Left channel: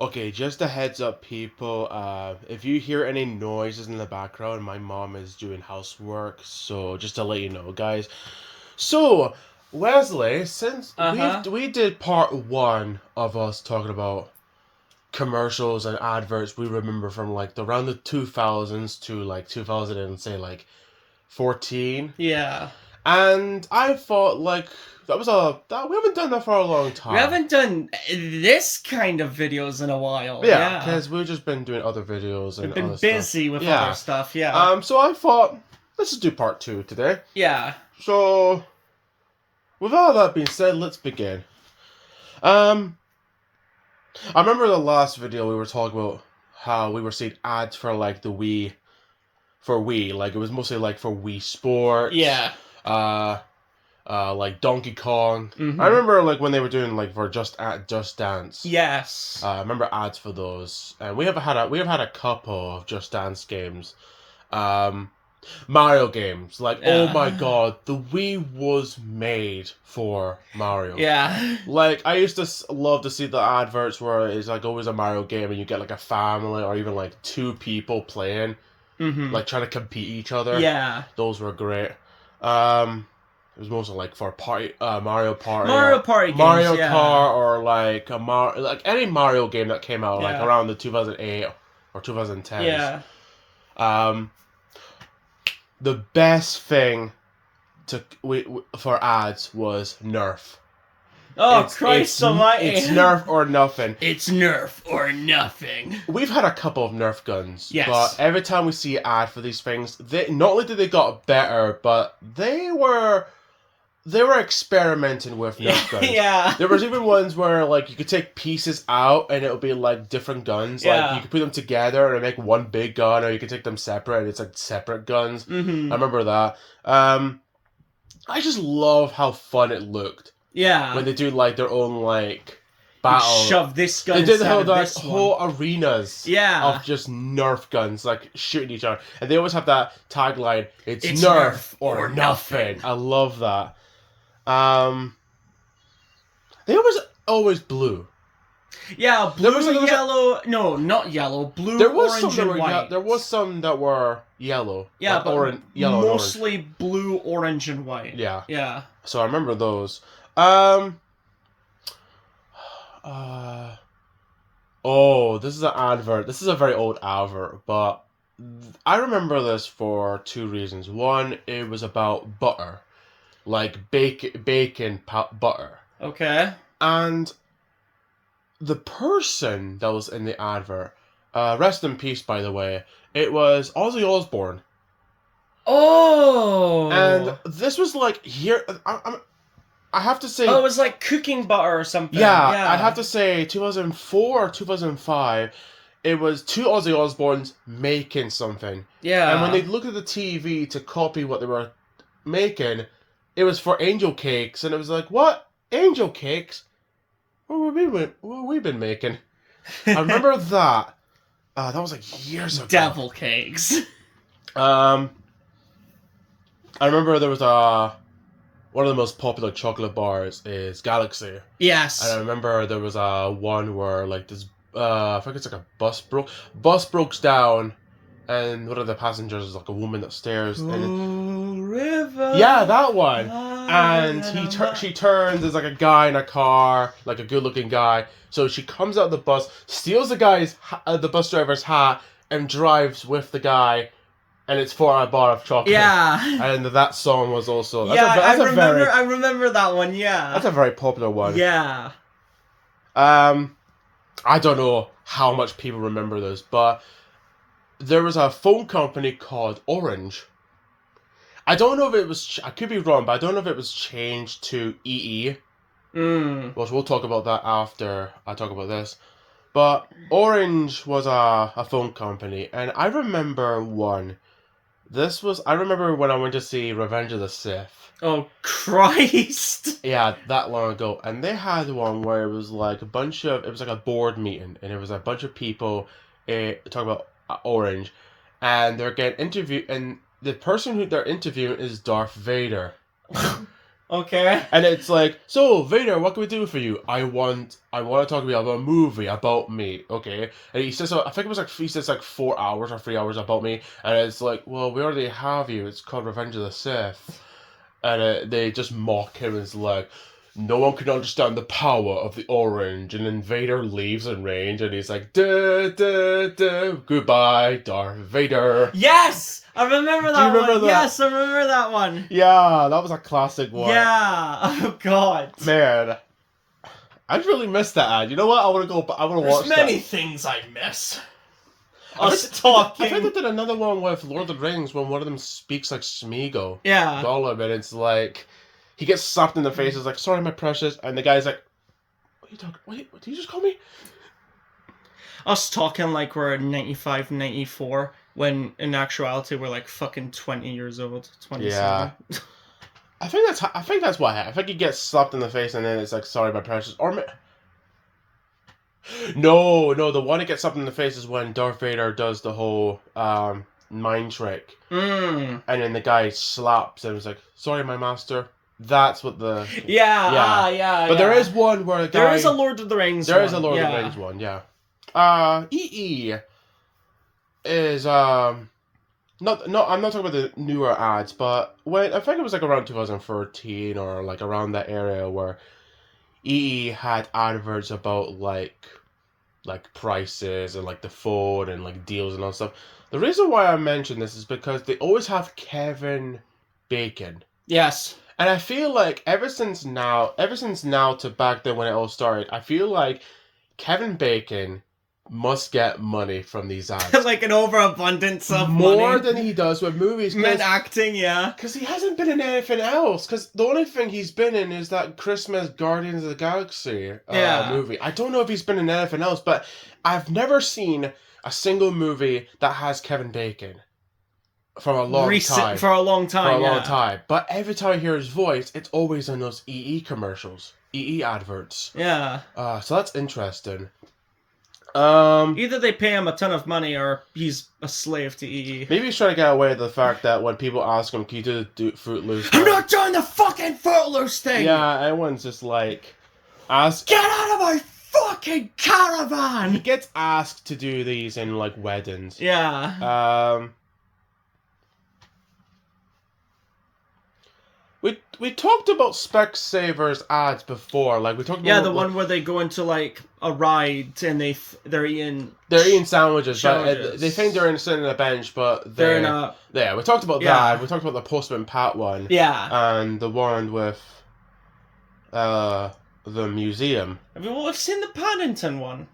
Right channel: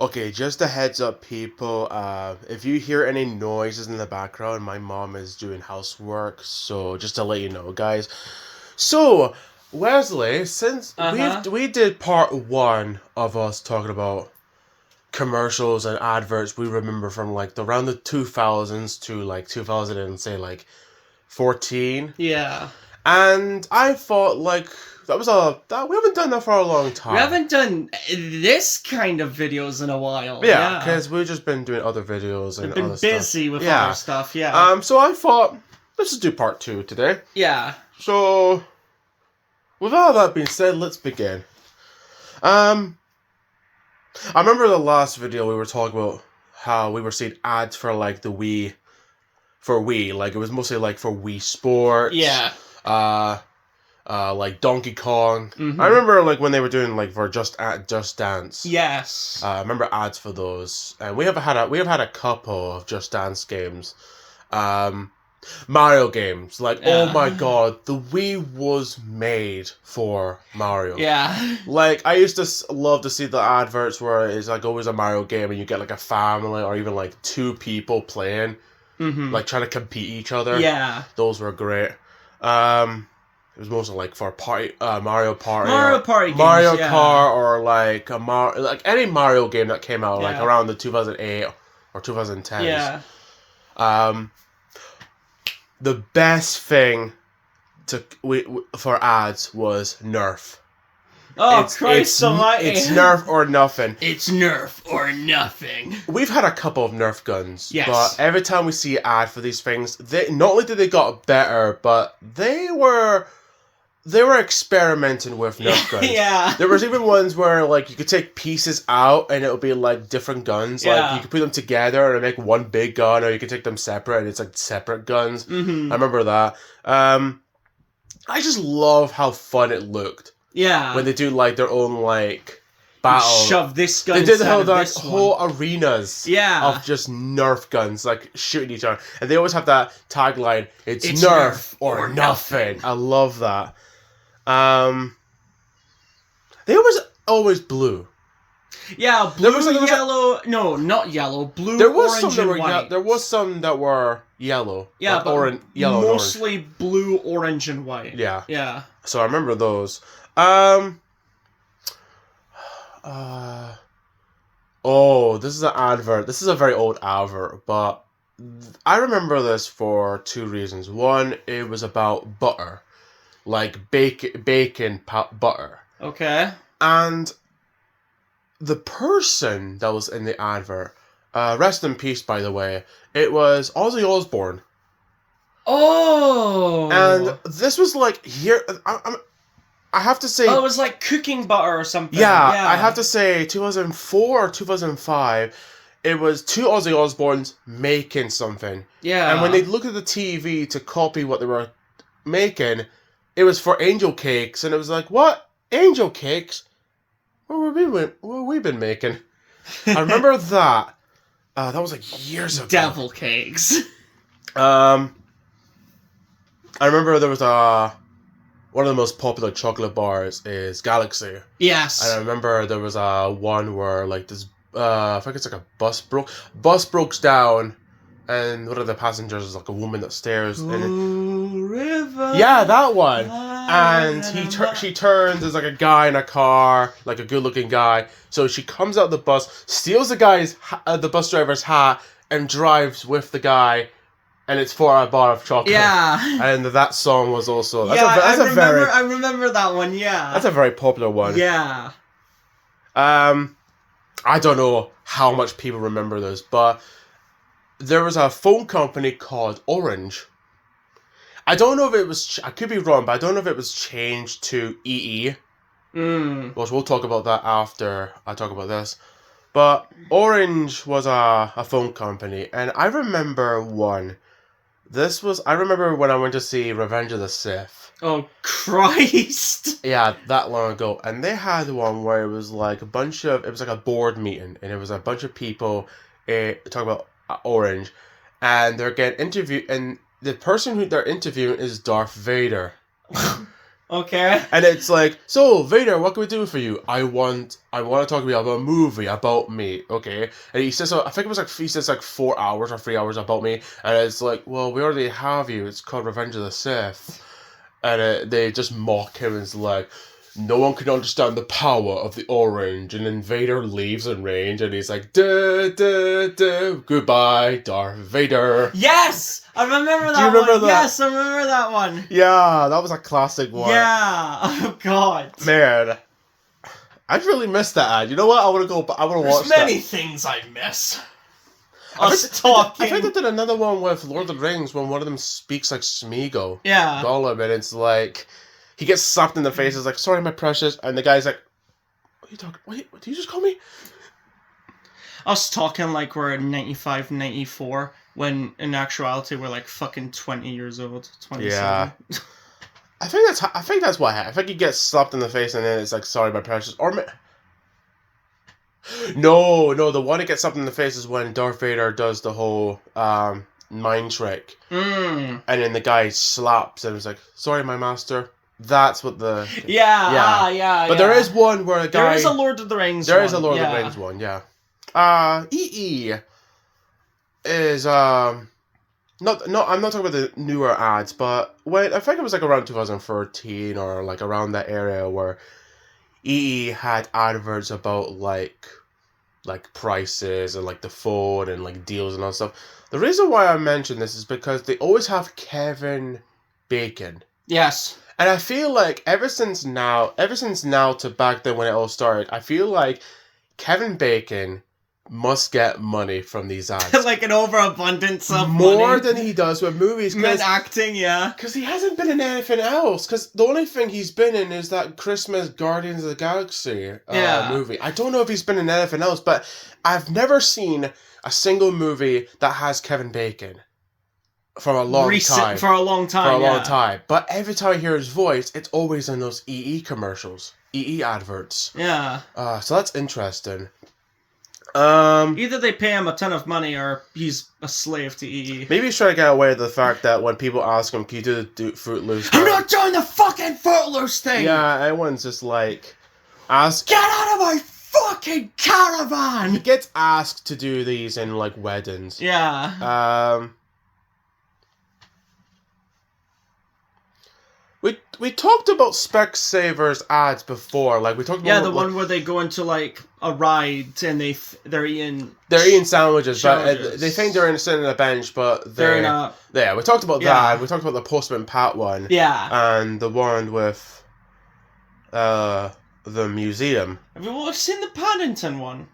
Okay, just a heads up, people. If you hear any noises in the background, my mom is doing housework, so just to let you know, guys. So, Wesley, since Uh-huh. we did part one of us talking about commercials and adverts we remember from like around the 2000s to like 2000 and say like 14, Yeah. and I thought like that we haven't done that for a long We time. haven't done this kind of videos in a while. Yeah, Yeah. because we've just been doing other videos We've and been other stuff. busy with other Yeah. stuff. Yeah. So I thought let's just do part two today. Yeah. So with all that being said, let's begin. Um, I remember the last video we were talking about how we were seeing ads for like the Wii, for Wii. Like it was mostly like for Wii Sports. Yeah. Uh, like Donkey Kong. I Mm-hmm. remember like when they were doing like for Just Dance. Yes. I remember ads for those, and we have had a couple of Just Dance games. Mario games, like oh my Yeah. god, the Wii was made for Mario. Yeah. Like I used to love to see the adverts where it's like always a Mario game and you get like a family or even like two people playing, Mm-hmm. like trying to compete each other. Yeah. Those were great. It was mostly like for Mario Party, Mario Party games. Mario Yeah. Kart, or like like any Mario game that came out like Yeah. around the 2008 or 2010s. Yeah. The best thing for ads was Nerf. Oh, Christ almighty. It's Nerf or nothing. It's Nerf or nothing. We've had a couple of Nerf guns, Yes. but every time we see an ad for these things, they not only did they got better, but they were experimenting with Nerf guns. Yeah. There was even ones where like you could take pieces out and it would be like different guns. Yeah. Like you could put them together and make one big gun, or you could take them separate and it's like separate guns. Mm-hmm. I remember that. I just love how fun it looked Yeah. when they do like their own like battle. Shove this gun They did inside of like this whole one. arenas Yeah. of just Nerf guns, like shooting each other, and they always have that tagline: "It's It's Nerf Nerf or or nothing." nothing. I love that. They always blue. Yeah, blue, was like- yellow. No, not yellow. Blue, There was orange, some that and were white. there was some that were yellow. Yeah, like but yellow, and orange. mostly blue, orange, and white. Yeah. Yeah. So I remember those. Oh, this is an advert. This is a very old advert, but I remember this for two reasons. One, it was about butter, like bacon butter, Okay. and the person that was in the advert, rest in peace, by the way, it was Ozzy Osbourne, Oh. and this was like here. I have to say. Oh, it was like cooking butter or something. Yeah, Yeah. I have to say 2004 or 2005, it was two Ozzy Osbournes making something. Yeah. And when they looked at the TV to copy what they were making, it was for angel cakes, and it was like, what? Angel cakes? What have we been making? I remember that. That was like years ago. Devil cakes. I remember there was one of the most popular chocolate bars is Galaxy. Yes. And I remember there was one where like this I think it's like a bus broke down, and one of the passengers is like a woman that stares and River. yeah, that one. And she turns, there's like a guy in a car, like a good looking guy. So she comes out of the bus, steals the bus driver's hat, and drives with the guy, and it's for a bar of chocolate. Yeah. And that song was also I remember that one. Yeah. that's a very popular one. Yeah. I don't know how much people remember this, but there was a phone company called Orange. I don't know if it was, I could be wrong, but I don't know if it was changed to EE. Which we'll talk about that after I talk about this. But Orange was a phone company, and I remember one. I remember when I went to see Revenge of the Sith. Oh, Christ. Yeah, that long ago. And they had one where it was like it was like a board meeting, and it was a bunch of people talking about Orange, and they're getting interviewed, and the person who they're interviewing is Darth Vader. Okay. And it's like, so Vader, what can we do for you? I want to talk to you about a movie about me, okay? And he says, I think it was like he says like 4 hours or 3 hours about me, and it's like, well, we already have you. It's called Revenge of the Sith, and they just mock him and it's like, no one can understand the power of the orange. And then Vader leaves in range, and he's like, duh, duh, duh, goodbye, Darth Vader. Yes! I remember that remember one. that? Yes, I remember that one. Yeah, that was a classic one. Yeah. Oh, God. Man, I'd really miss that ad. You know what? I want to go. I want to watch There's many that. things I miss. I Us think talking. they did another one with Lord of the Rings when one of them speaks like Smeagol. Yeah. Gollum, and it's like he gets slapped in the face. It's like, sorry, my precious, and the guy's like, what are you talking? Wait, what did you just call me? Us talking like we're 95, 94, when in actuality we're like fucking 20 years old, 27. Yeah. I think that's what happened. I think he gets slapped in the face, and then it's like, sorry, my precious, or. No, the one that gets slapped in the face is when Darth Vader does the whole mind trick. Mm. And then the guy slaps and it's like, sorry, my master. That's what the... Yeah, yeah. But there is one where a guy... There is a Lord of the Rings There one. is a Lord of the Rings one, yeah. EE is, I'm not talking about the newer ads, but when I think it was like around 2013 or like around that area where EE had adverts about like prices and like the phone and like deals and all that stuff. The reason why I mention this is because they always have Kevin Bacon. Yes. And I feel like ever since now to back then when it all started, I feel like Kevin Bacon must get money from these ads. Like an overabundance of more money. than he does with movies. Men acting, yeah. Because he hasn't been in anything else. Because the only thing he's been in is that Christmas Guardians of the Galaxy movie. I don't know if he's been in anything else, but I've never seen a single movie that has Kevin Bacon. For a long time. For a long time. But every time I hear his voice, it's always in those EE commercials. EE adverts. Yeah. So that's interesting. Either they pay him a ton of money or he's a slave to EE. Maybe he's trying to get away with the fact that when people ask him, can you do Fruit Loose? I'm not doing the fucking Footloose thing! Yeah, everyone's just like... Get out of my fucking caravan! He gets asked to do these in, like, weddings. Yeah. We talked about Specsavers ads before. Like, we talked about... Yeah, the one where they go into, like, a ride and they're eating... They're eating sandwiches. Sandwiches. But they think they're sitting on a bench, but they're in a... Yeah, we talked about that. We talked about the Postman Pat one. Yeah. And the one with the museum. Have you seen the Paddington one?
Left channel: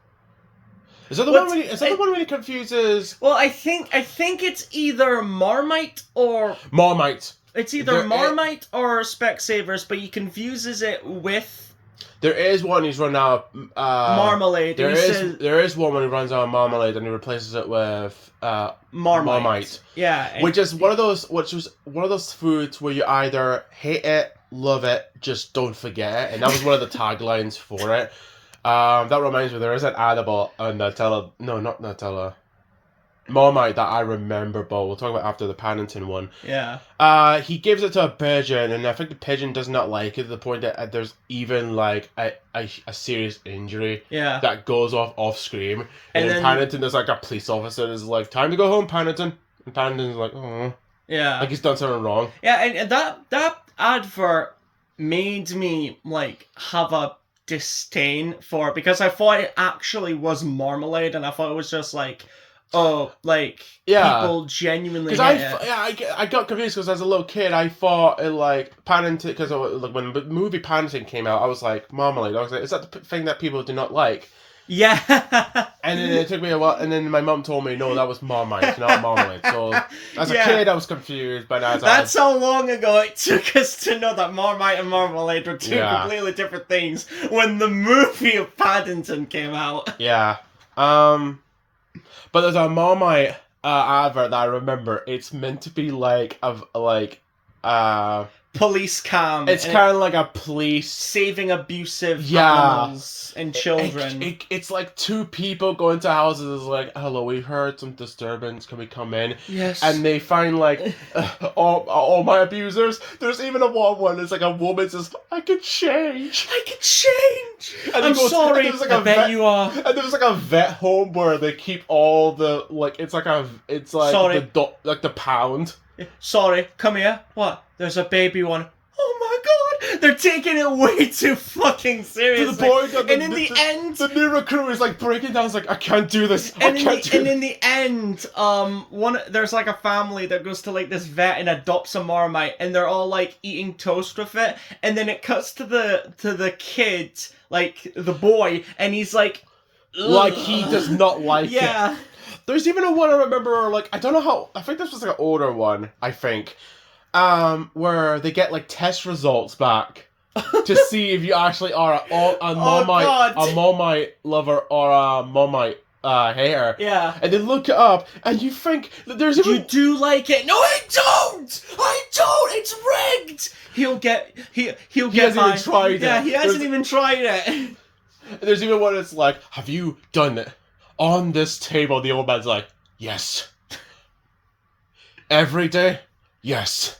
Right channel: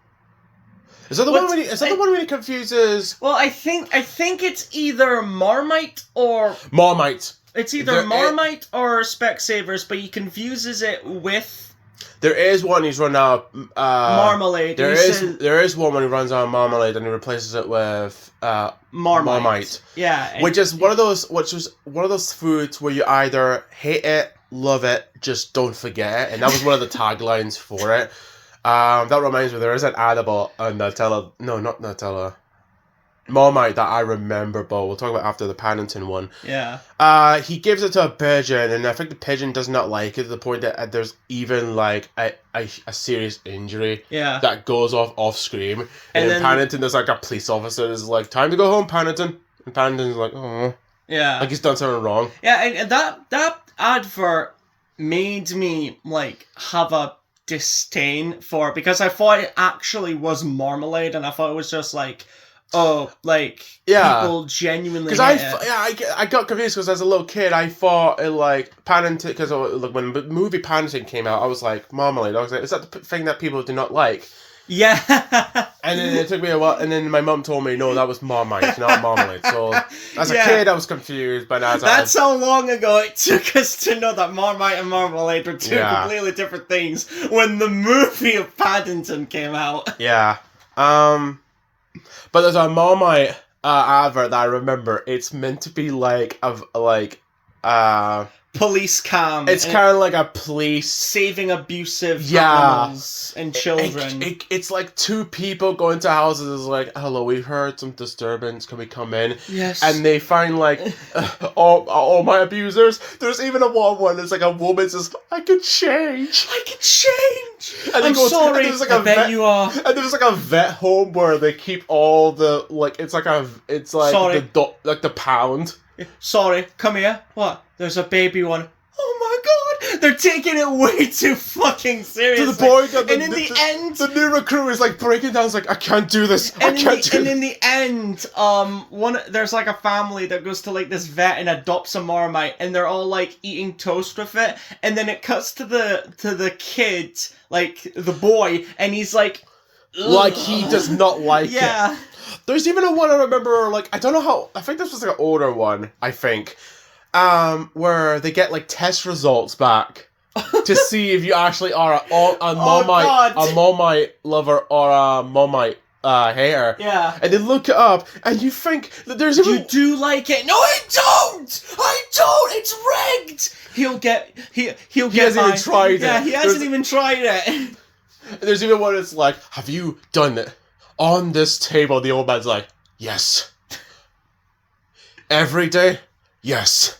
Is that the one where he confuses... Well, I think it's either Marmite or... Marmite. It's either Marmite or Specsavers, but he confuses it with... There is one he's run out of... marmalade. There is one when he runs out of marmalade and he replaces it with Marmite. Yeah. Which was one of those foods where you either hate it, love it, just don't forget it. And that was one of the taglines for it. That reminds me, there is an ad about Nutella... No, not Nutella. Marmite that I remember, but we'll talk about after the Paddington one. Yeah. He gives it to a pigeon, and I think the pigeon does not like it to the point that there's even like a serious injury. Yeah. That goes off screen. And then Paddington, there's like a police officer that's like, time to go home, Paddington. And Paddington's like, oh. Yeah. Like he's done something wrong. Yeah, and that advert made me like have a disdain for it because I thought it actually was marmalade, and I thought it was just like, people genuinely hate it. I got confused because as a little kid I thought it like Paddington, because like when the movie Paddington came out I was like, marmalade. I was like, is that the thing that people do not like? Yeah. And then it took me a while, and then my mum told me, no, that was Marmite, not marmalade. So as a kid I was confused, but that's how long ago it took us to know that Marmite and marmalade were two completely different things when the movie of Paddington came out. Yeah. But there's a Marmite advert that I remember. It's meant to be like the police cam. It's kind of like a police saving abusive animals and children. It's like two people go into houses. It's like, hello, we've heard some disturbance. Can we come in? Yes. And they find like all my abusers. There's even a one that's like a woman says, I could change. I could change. And I'm sorry. Like I bet you are. And there's like a vet home where they keep all the like it's like Sorry. the pound. Sorry, come here. What? There's a baby one. Oh my god! They're taking it way too fucking seriously. To the point that and in the end, the new recruit is like breaking down. It's like, I can't do this. And in the end, there's like a family that goes to like this vet and adopts a Marmite, and they're all like eating toast with it, and then it cuts to the kid, like the boy, and he's like he does not like it. There's even a one I remember, like, I don't know how, I think this was like an older one, I think, where they get like test results back to see if you actually are a Marmite lover or a Marmite hater. Yeah. And they look it up, and you think that there's even... You do like it. No, I don't! It's rigged! He'll get He hasn't even tried it. Yeah, he hasn't even tried it. There's even one that's like, have you done it? On this table, the old man's like, yes. Every day? Yes.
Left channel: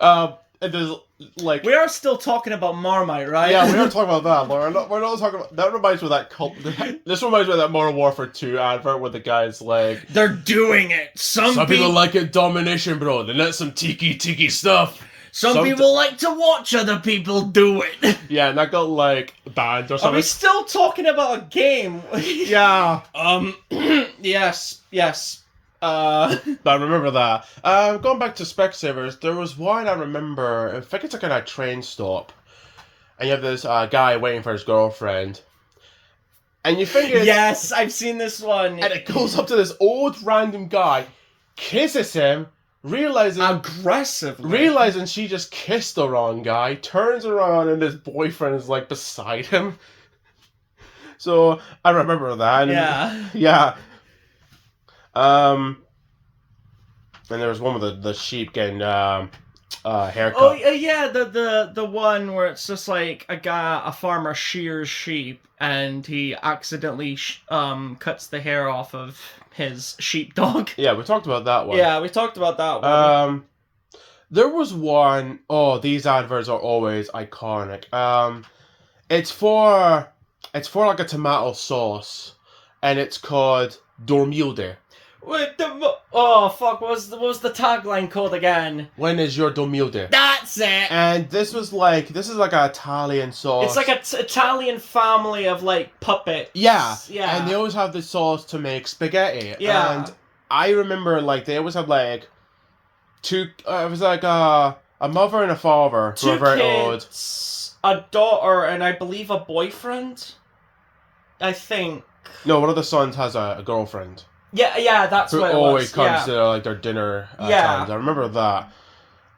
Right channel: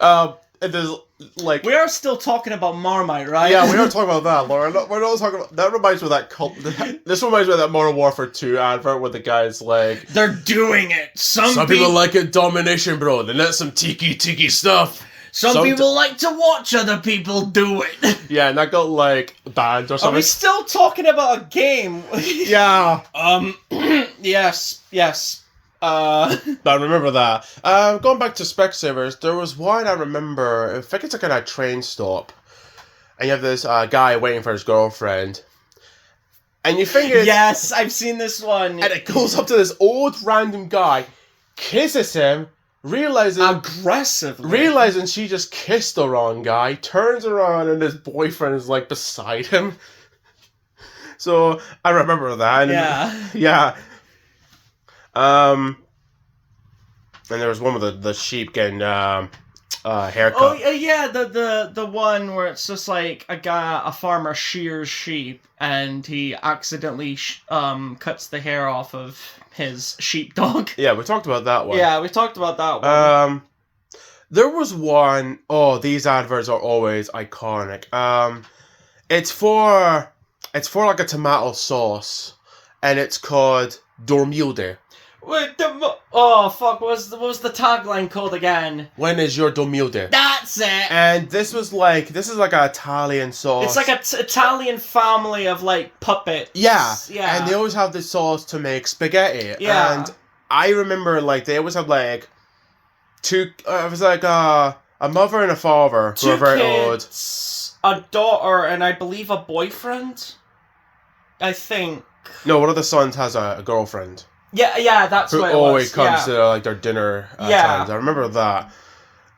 And there's like... We are still talking about Marmite, right? Yeah, we are talking about that, Lauren. We're not talking about... That reminds me of that cult... This reminds me of that Modern Warfare 2 advert where the guy's like... They're doing it. Some people like it domination, bro. They let some tiki stuff. Some people like to watch other people do it. Yeah, and that got like banned or something. Are we still talking about a game? Yeah. Yes. But I remember that. Going back to Specsavers, there was one I remember. I think it's like at a train stop, and you have this guy waiting for his girlfriend, and you think yes, I've seen this one, and it goes up to this old random guy, kisses him. Realizing she just kissed the wrong guy, turns around and his boyfriend is like beside him. So I remember that. Yeah. And there was one with the sheep getting haircut. Oh yeah, the one where it's just like a farmer shears sheep and he accidentally cuts the hair off of his sheepdog. Yeah, we talked about that one. Yeah, we talked about that one. There was one. Oh, these adverts are always iconic. It's for like a tomato sauce, and it's called Dormilde. Wait, oh fuck! What was the tagline called again? When is your Dormilde? That's it. And this is like an Italian sauce. It's like an Italian family of like puppets. Yeah. Yeah. And they always have this sauce to make spaghetti. Yeah. And I remember like they always had like two. It was like a mother and a father who were very old. A daughter and I believe a boyfriend. I think. No, one of the sons has a girlfriend. Yeah, that's what it was. Who always comes to like their dinner times. I remember that.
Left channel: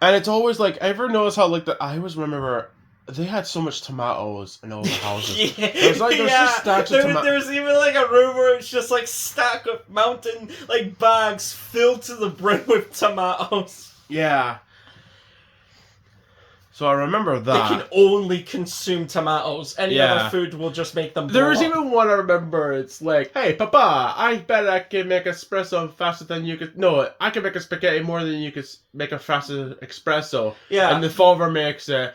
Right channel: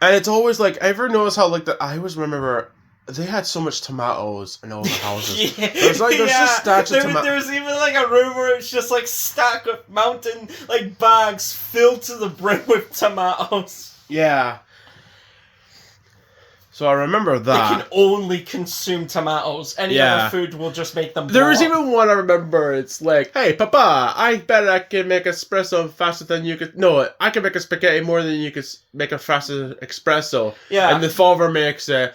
And it's always like, I ever noticed how like I always remember they had so much tomatoes in all the houses. There's just stacks of tomatoes. There was even like a room where it's just like stacked with mountain like bags filled to the brim with tomatoes. Yeah. So I remember that. They can only consume tomatoes. Any other food will just make them blow There was up. even one I remember, it's like, hey, Papa, I bet I can make espresso faster than you could... No, I can make a spaghetti more than you could make a faster espresso. Yeah. And the father makes it,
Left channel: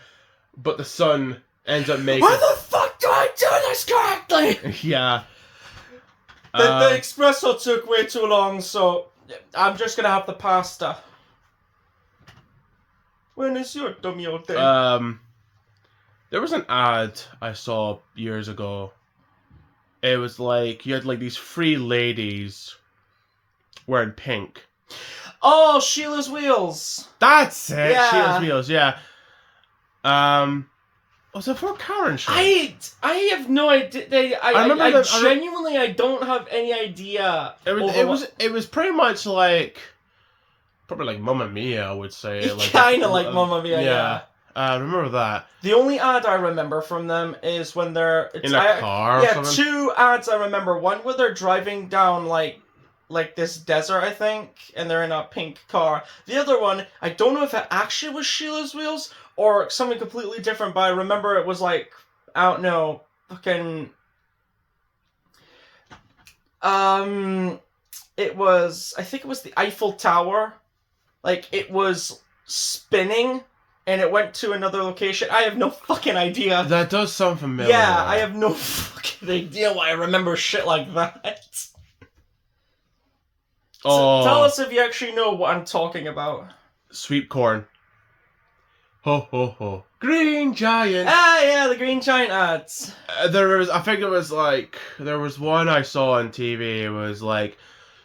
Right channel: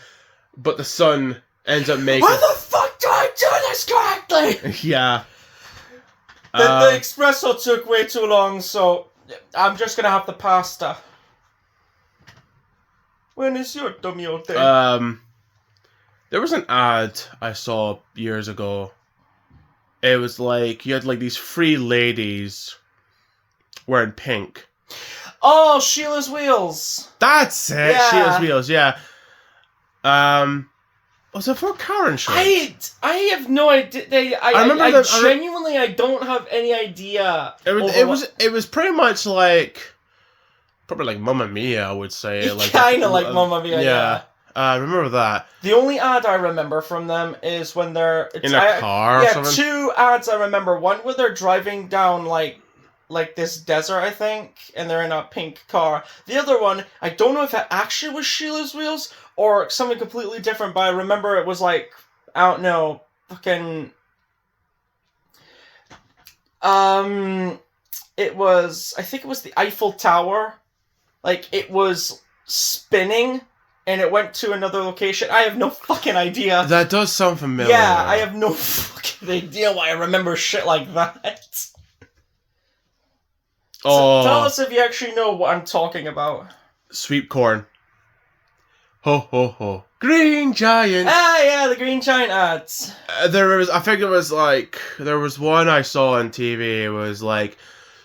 but the son ends up making... How the fuck do I do this correctly? Yeah. The espresso took way too long, so I'm just gonna have the pasta. When is your Dormilde? There was an ad I saw years ago. It was like, you had like these three ladies wearing pink. Oh, Sheila's Wheels. That's it. Yeah. Sheila's Wheels, yeah. Was it for Karen show? I have no idea. I genuinely I don't have any idea. It was pretty much like, probably like Mamma Mia, I would say. Like kind of like Mamma Mia. Yeah. I remember that. The only ad I remember from them is when they're in a car. Yeah, two ads I remember. One where they're driving down like like this desert, I think, and they're in a pink car. The other one, I don't know if it actually was Sheila's Wheels or something completely different, but I remember it was like, I don't know, fucking... It was, I think it was the Eiffel Tower. Like, it was spinning, and it went to another location. I have no fucking idea. That does sound familiar. Yeah, I have no fucking idea why I remember shit like that. Oh. So tell us if you actually know what I'm talking about. Sweet corn. Ho ho ho. Green Giant. Ah, yeah, the Green Giant ads. There was one I saw on TV. It was like,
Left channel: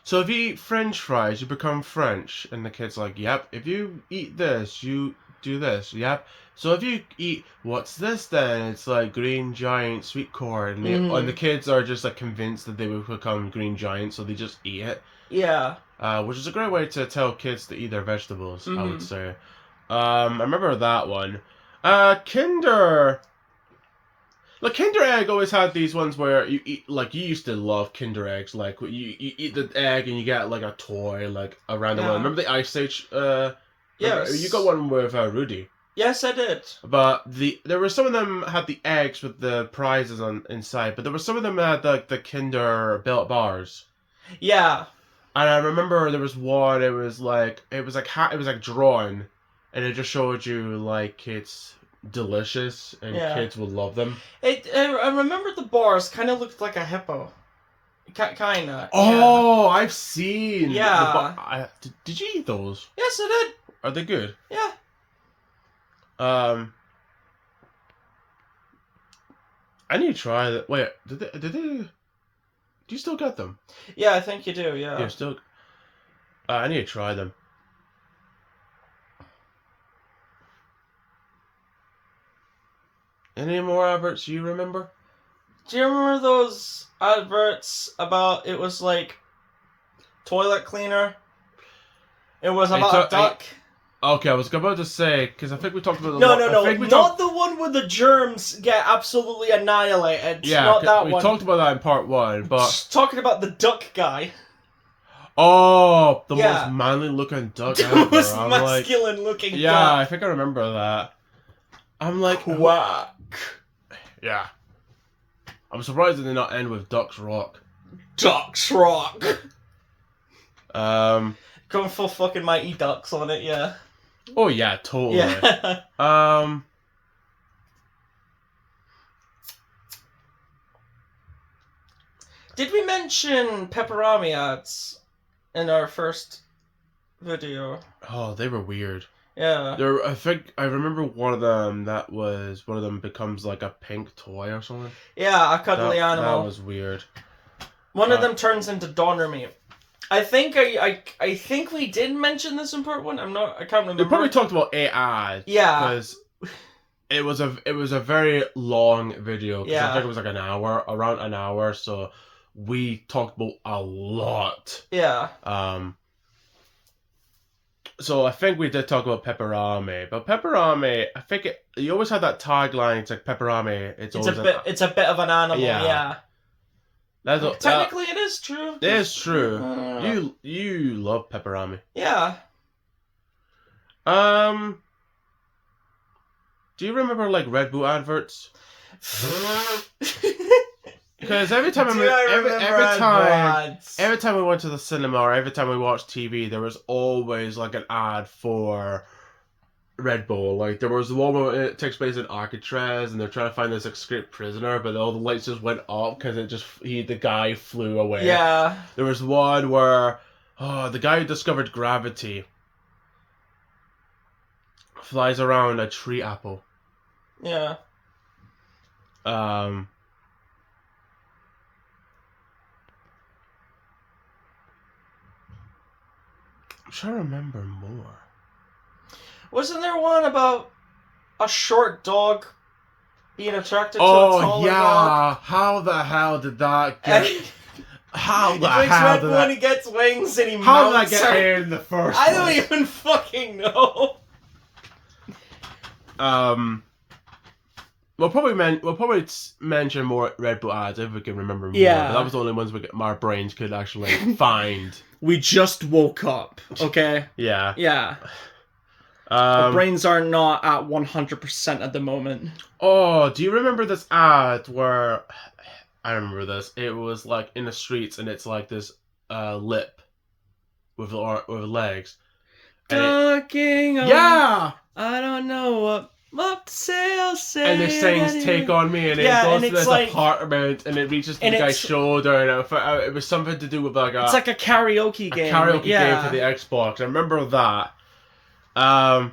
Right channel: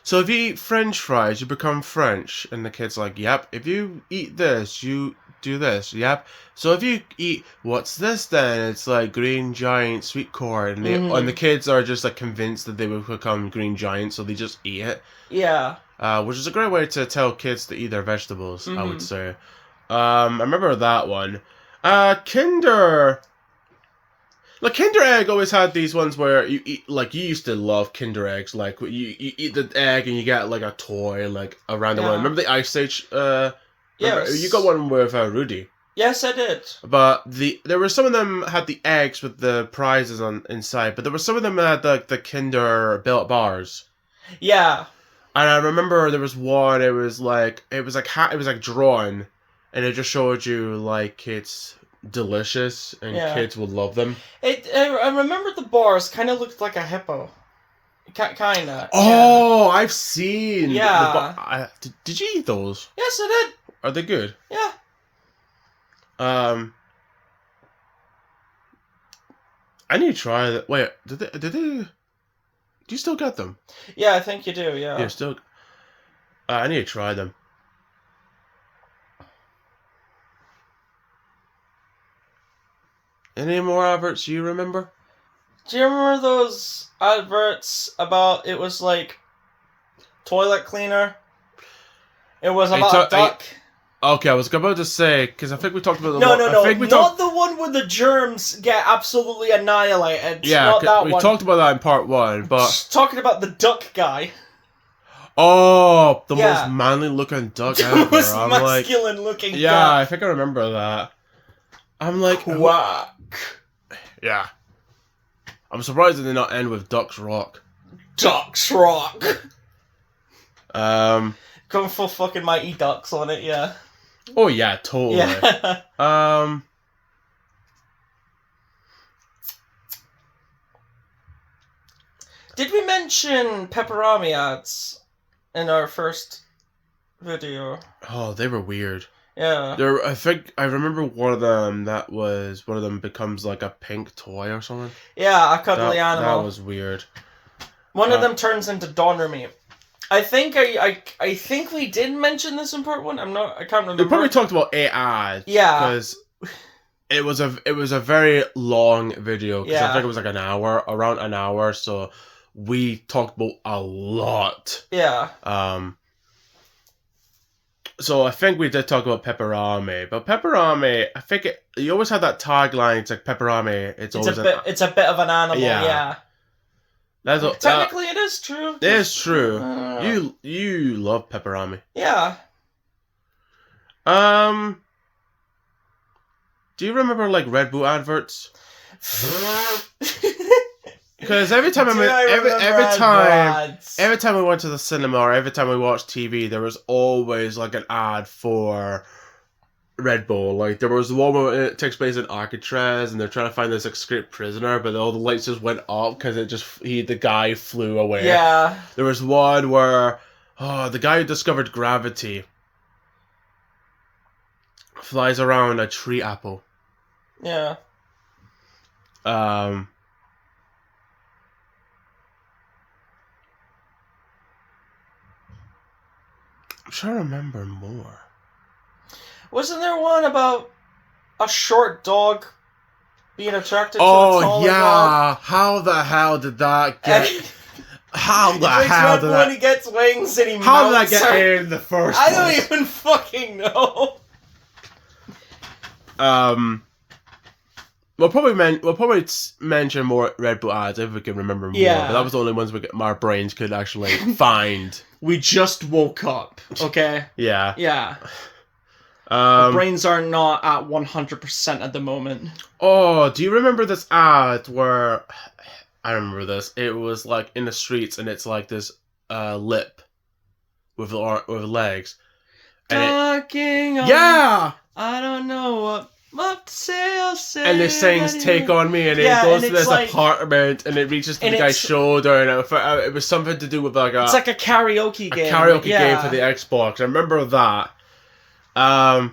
so if you eat French fries, you become French. And the kid's like, yep. If you eat this, you do this. Yep. So if you eat, what's this then? It's like Green Giant sweet corn. And the kids are just like convinced that they will become Green Giant, so they just eat it. Yeah. Which is a great way to tell kids to eat their vegetables, I would say. I remember that one. Kinder... Like, Kinder Egg always had these ones where you eat, like, you used to love Kinder Eggs. Like, you eat the egg and you get, like, a toy, like, a random one. Remember the Ice Age, Yes. You got one with Rudy. Yes, I did. But there were some of them had the eggs with the prizes inside, but there were some of them that had the Kinder Built bars. Yeah. And I remember there was one, it was like drawn, and it just showed you, like, it's delicious, and kids would love them. I remember the bars kind of looked like a hippo. Kind of. Oh, yeah. I've seen. Yeah. Did you eat those? Yes, I did. Are they good? Yeah. I need to try that. Wait, did they? Do you still get them? Yeah, I think you do. Yeah. You're still. I need to try them. Any more adverts you remember? Do you remember those adverts about, it was like toilet cleaner? It was about a duck. Okay, I was about to say, because I think we talked about the No. Not the one where the germs get absolutely annihilated. Yeah, not that we one. talked about that in part 1, but... Just talking about the duck guy. Oh, the most manly looking duck ever. The most masculine looking duck. Yeah, I think I remember that. I'm like... Quack. Yeah. I'm surprised they did not end with Duck's Rock. Duck's Rock. Going for fucking Mighty Ducks on it, yeah. Oh yeah, totally. Yeah. Did we mention Pepperami ads in our first video? Oh, they were weird. Yeah. I think I remember one of them becomes like a pink toy or something. Yeah, a cuddly animal. That was weird. One of them turns into Donner Meat. I think I think we did mention this in part 1. I can't remember. We probably talked about 8 ads. Yeah. Because it was a very long video. Yeah. I think it was like around an hour. So we talked about a lot. Yeah. So I think we did talk about Pepperami, but Pepperami, I think you always had that tagline. It's like Pepperami. It's a bit of an animal. Yeah. Technically, it is true. It is true. You love Pepperami. Yeah. Do you remember like Red Bull adverts? Because every time every time we went to the cinema or every time we watched TV, there was always like an ad for Red Bull. Like there was the one where it takes place in Alcatraz and they're trying to find this escaped prisoner, but all the lights just went up because the guy flew away. Yeah. There was one where the guy who discovered gravity flies around a tree apple. Yeah. I'm trying to remember more. Wasn't there one about a short dog being attracted to a taller dog? How the hell did that get... How the hell did that... when he gets wings and he How mounts did that get in the first I don't even fucking know. We'll probably mention more Red Bull ads if we can remember more. Yeah. But that was the only ones our brains could actually find. We just woke up, okay? Yeah. Yeah. Our brains are not at 100% at the moment. Oh, do you remember this ad where... I remember this. It was like in the streets and it's like this lip with legs. Talking on... Yeah! I don't know what to say, I'll say. And this sings "Take on Me," and it goes to this apartment, and it reaches the guy's shoulder, and it was something to do with like it's like a karaoke game. A karaoke game for the Xbox. I remember that. Oh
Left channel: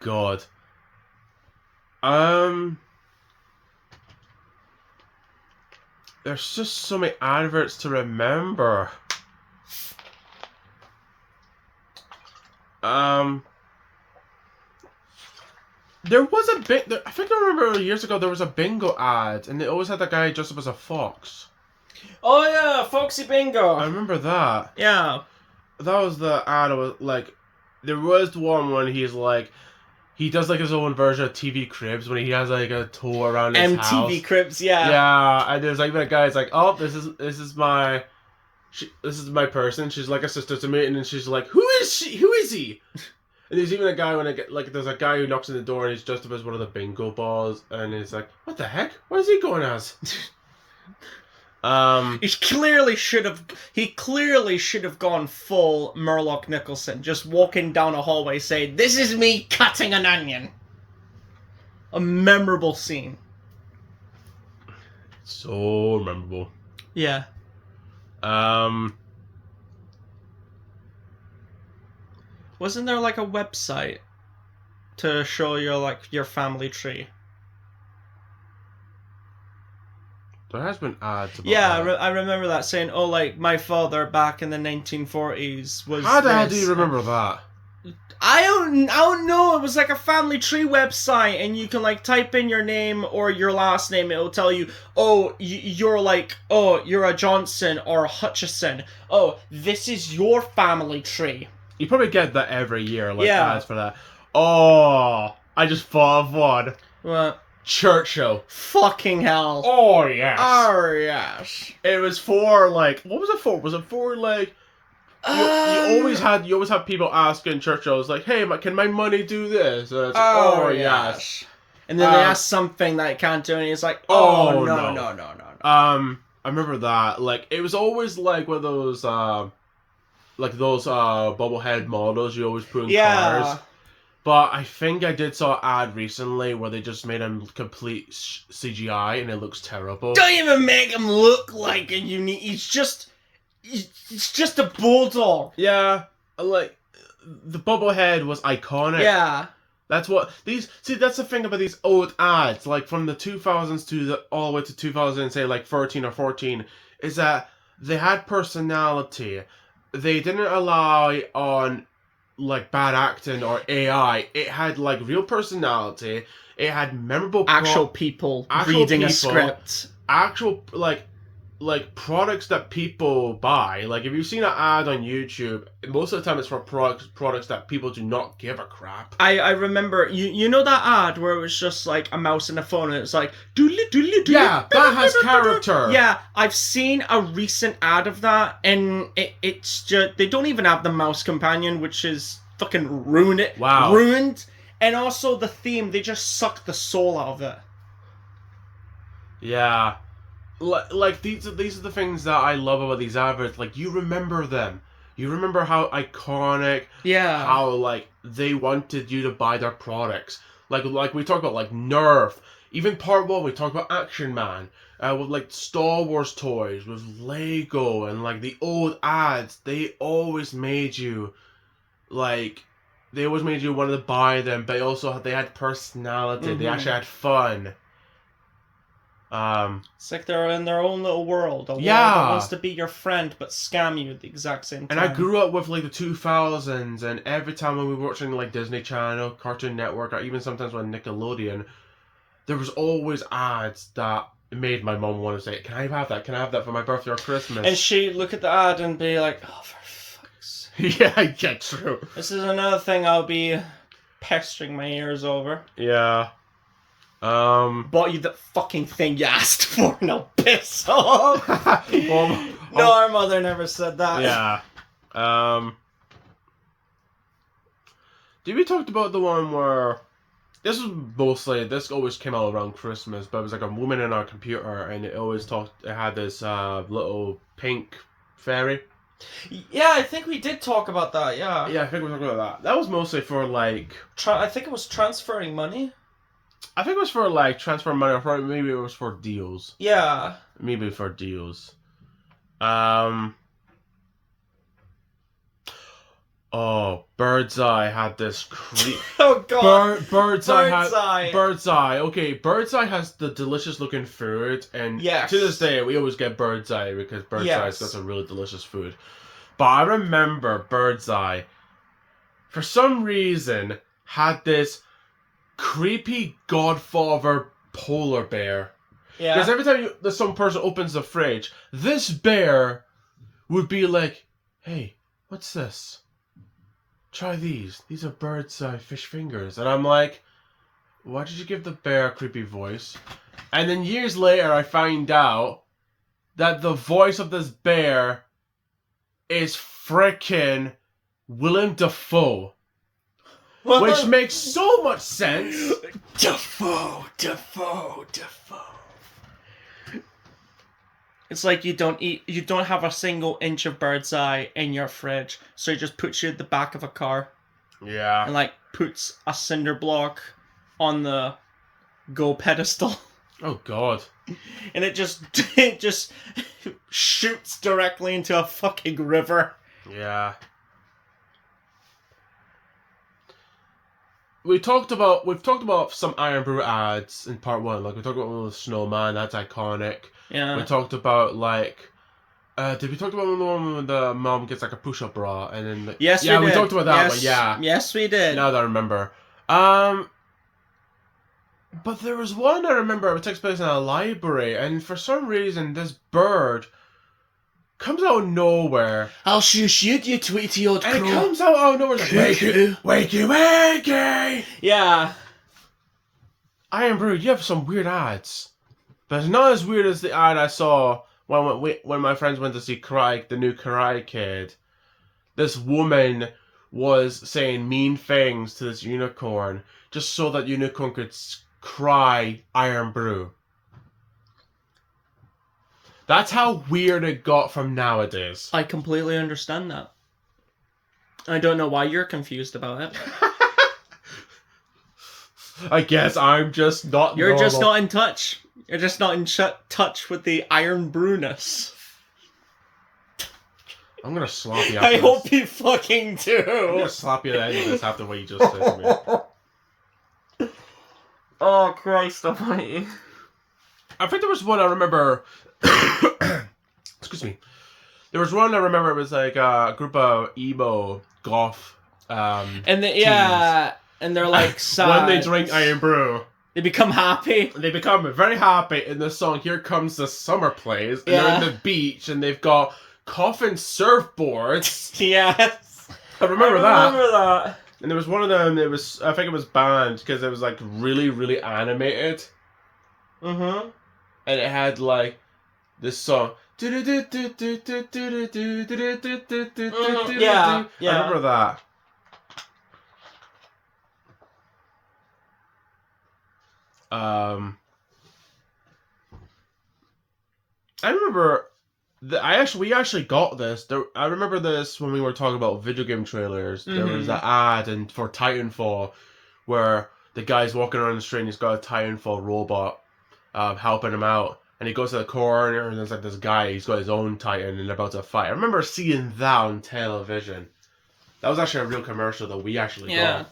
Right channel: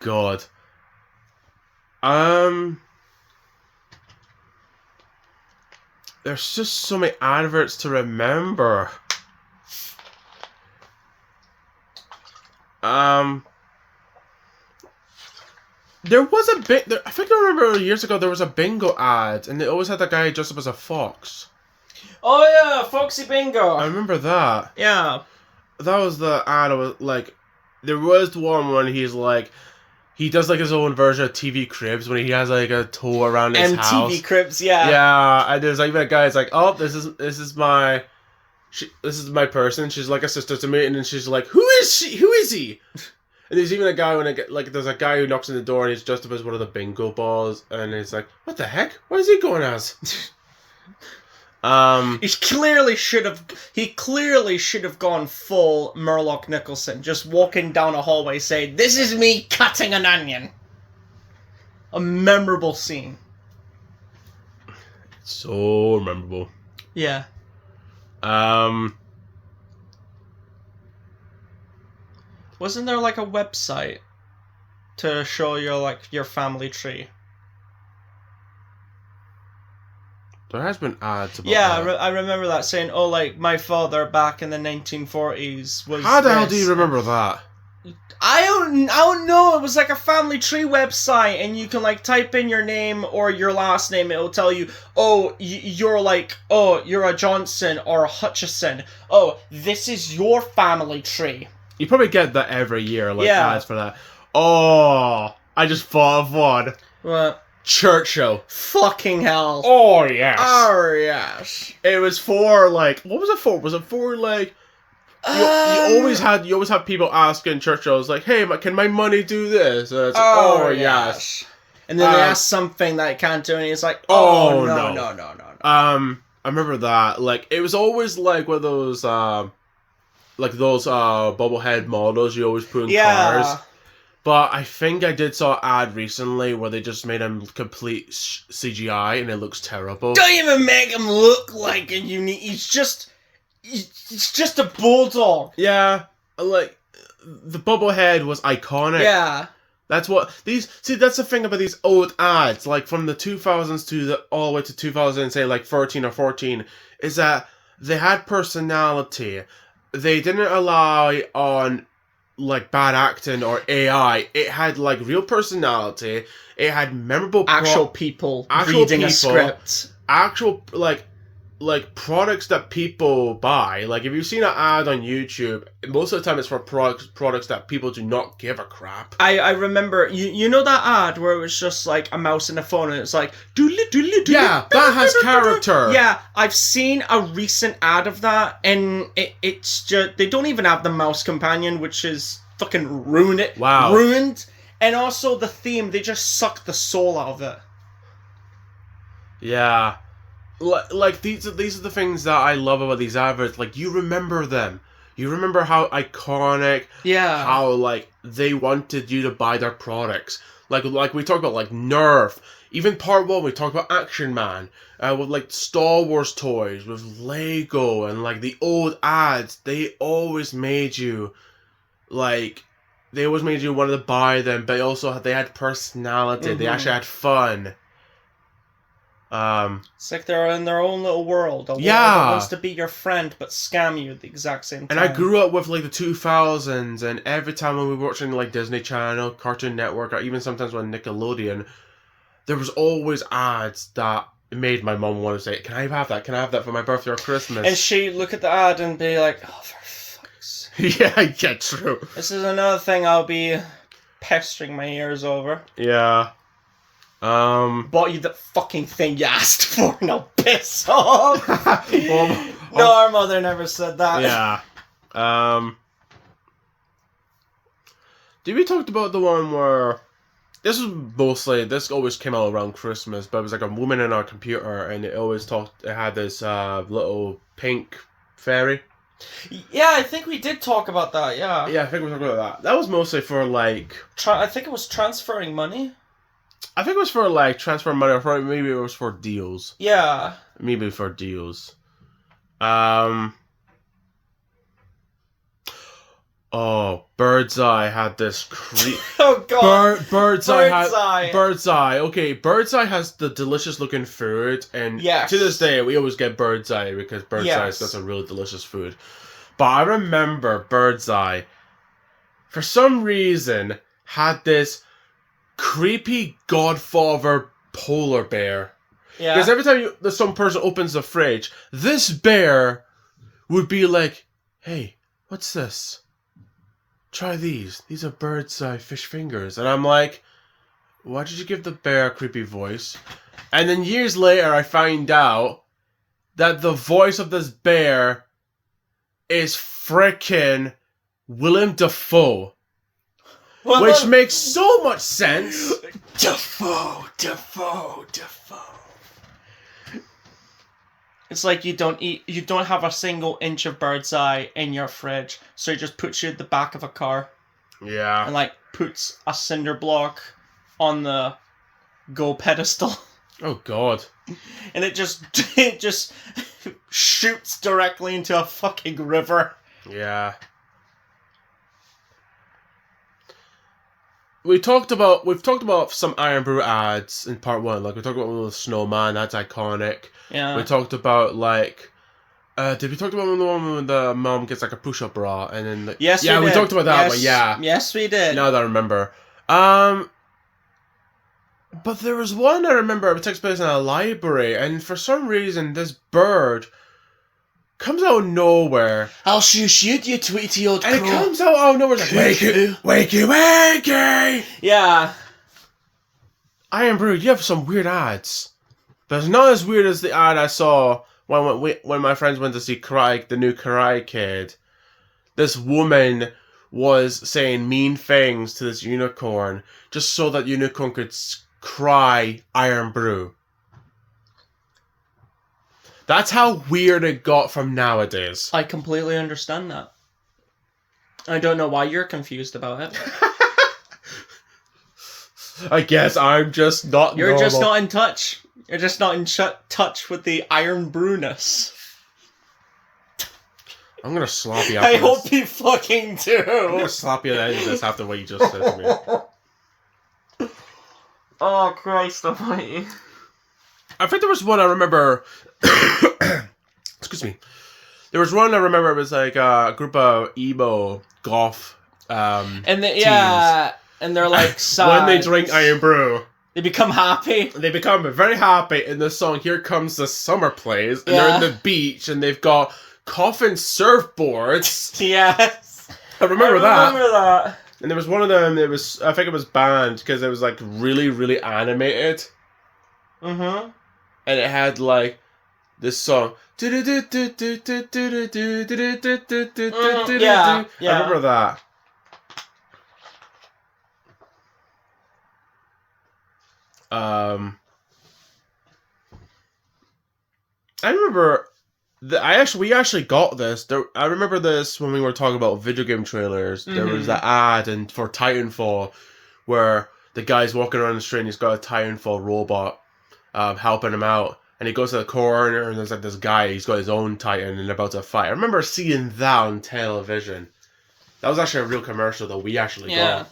god. There's just so many adverts to remember. There was a I think I remember years ago there was a bingo ad, and it always had that guy dressed up as a fox. Oh yeah, Foxy Bingo. I remember that. Yeah. That was the ad. I was like, there was the one when he's like, he does like his own version of TV Cribs when he has like a tour around his house. MTV Cribs, yeah. Yeah, and there's like that guy. It's like, oh, this is my person. She's like a sister to me, and then she's like, who is she? Who is he? And there's even a guy there's a guy who knocks on the door and he's dressed up as one of the bingo balls, and it's like, what the heck? What is he going as? He clearly should have gone full Murloc Nicholson, just walking down a hallway saying, "This is me cutting an onion." A memorable scene. So memorable. Yeah. Wasn't there like a website to show your family tree? There has been ads about that. I remember that saying, oh, like, my father back in the 1940s was How the hell do you remember that? I don't know. It was like a family tree website, and you can like type in your name or your last name. It'll tell you, oh, you're a Johnson or a Hutchison. Oh, this is your family tree. You probably get that every year, ads for that. Oh, I just thought of one. What? Churchill. Fucking hell. Oh, yes. Oh, yes. It was for, what was it for? Was it for, you always had people asking Churchill's, hey, can my money do this? And it's oh, yes. And then they ask something that it can't do, and he's like, oh, no. I remember that. It was always, one of those, those bobblehead models you always put in cars. But I think I did saw an ad recently where they just made him complete CGI and it looks terrible. Don't even make him look like a unique. It's just a bulldog. Yeah, the bobblehead was iconic. Yeah. That's what that's the thing about these old ads, from the 2000s all the way to 2000, say 13 or 14, is that they had personality. They didn't rely on bad acting or AI. It had real personality. It had memorable people reading a script. Actual products that people buy. If you've seen an ad on YouTube, most of the time it's for products that people do not give a crap. I remember you know that ad where it was just a mouse and a phone and it's doodly doodly doodly. Yeah, that has character. Yeah, I've seen a recent ad of that, and it's just they don't even have the mouse companion, which is fucking ruined it. Wow. Ruined. And also the theme, they just suck the soul out of it. Yeah. These are the things that I love about these adverts. You remember them. You remember how iconic. Yeah. How they wanted you to buy their products. We talk about Nerf. Even part 1 we talk about Action Man. With Star Wars toys, with Lego, and the old ads. They always made you want to buy them, but also they had personality. Mm-hmm. They actually had fun. It's they're in their own little world. A world that wants to be your friend but scam you at the exact same time. And I grew up with the 2000s, and every time when we were watching Disney Channel, Cartoon Network, or even sometimes on Nickelodeon, there was always ads that made my mom want to say, "Can I have that? Can I have that for my birthday or Christmas?" And she'd look at the ad and be like, "Oh, for fuck's sake." Yeah, true. This is another thing I'll be pestering my ears over. Yeah. Bought you the fucking thing you asked for, now piss off! Well, No, our mother never said that. yeah. Did we talk about the one where this always came out around Christmas, but it was like a woman in our computer, and it had this little pink fairy. Yeah, I think we did talk about that, yeah. Yeah, I think we talked about that. That was mostly for like... I think it was transferring money. I think it was for like transfer money, or maybe it was for deals. Yeah. Maybe for deals. Oh, Birdseye had this Oh god. Birdseye. Okay, Birdseye has the delicious looking food, and yes. to this day we always get Birdseye because Birdseye's got some really delicious food. But I remember Birdseye, for some reason, had this creepy Godfather polar bear. Yeah. Because every time some person opens the fridge, this bear would be like, "Hey, what's this? Try these. These are Birdseye fish fingers." And I'm like, why did you give the bear a creepy voice? And then years later, I find out that the voice of this bear is frickin' Willem Dafoe. Which makes so much sense. Dafoe. It's like you don't have a single inch of Birdseye in your fridge, so he just puts you at the back of a car. Yeah. And like puts a cinder block on the go pedestal. Oh god. And it just shoots directly into a fucking river. Yeah. We've talked about some Iron Brew ads in part 1. Like we talked about one with Snowman, that's iconic. Yeah. We talked about like did we talk about the one when the mom gets like a push-up bra and then Yes, we did. we talked about that one, yeah. Yes, we did. Now that I remember. But there was one I remember, it takes place in a library, and for some reason this bird comes out of nowhere. I'll shoot you tweety old crow. And it comes out of nowhere like, wakey! Yeah. Iron Brew, you have some weird ads. But it's not as weird as the ad I saw when my friends went to see the new Karate Kid. This woman was saying mean things to this unicorn just so that unicorn could cry Iron Brew. That's how weird it got from nowadays. I completely understand that. I don't know why you're confused about it. I guess I'm just not You're normal. just not in touch. You're just not in touch with the Iron Brewness. I'm gonna slap you. I hope you fucking do. I'm gonna slap you at the end of this after what you just said to me. Oh, Christ almighty. I think there was one I remember... Excuse me. There was one I remember, it was like a group of emo goth and teens. and they're like sad. When they drink Iron Brew, they become happy. they become very happy in the song Here Comes the Summer plays, and Yeah. they're in the beach, and they've got coffin surfboards. Yes. I remember that. And there was one of them, I think it was banned, because it was like really, really animated. Mm-hmm. And it had like this song. Yeah. I remember that. I remember we actually got this. I remember this when we were talking about video game trailers. Mm-hmm. There was an ad for Titanfall where the guy's walking around the street and he's got a Titanfall robot helping him out. And he goes to the corner and there's like this guy, he's got his own Titan and they're about to fight. I remember seeing that on television. That was actually a real commercial that we actually got.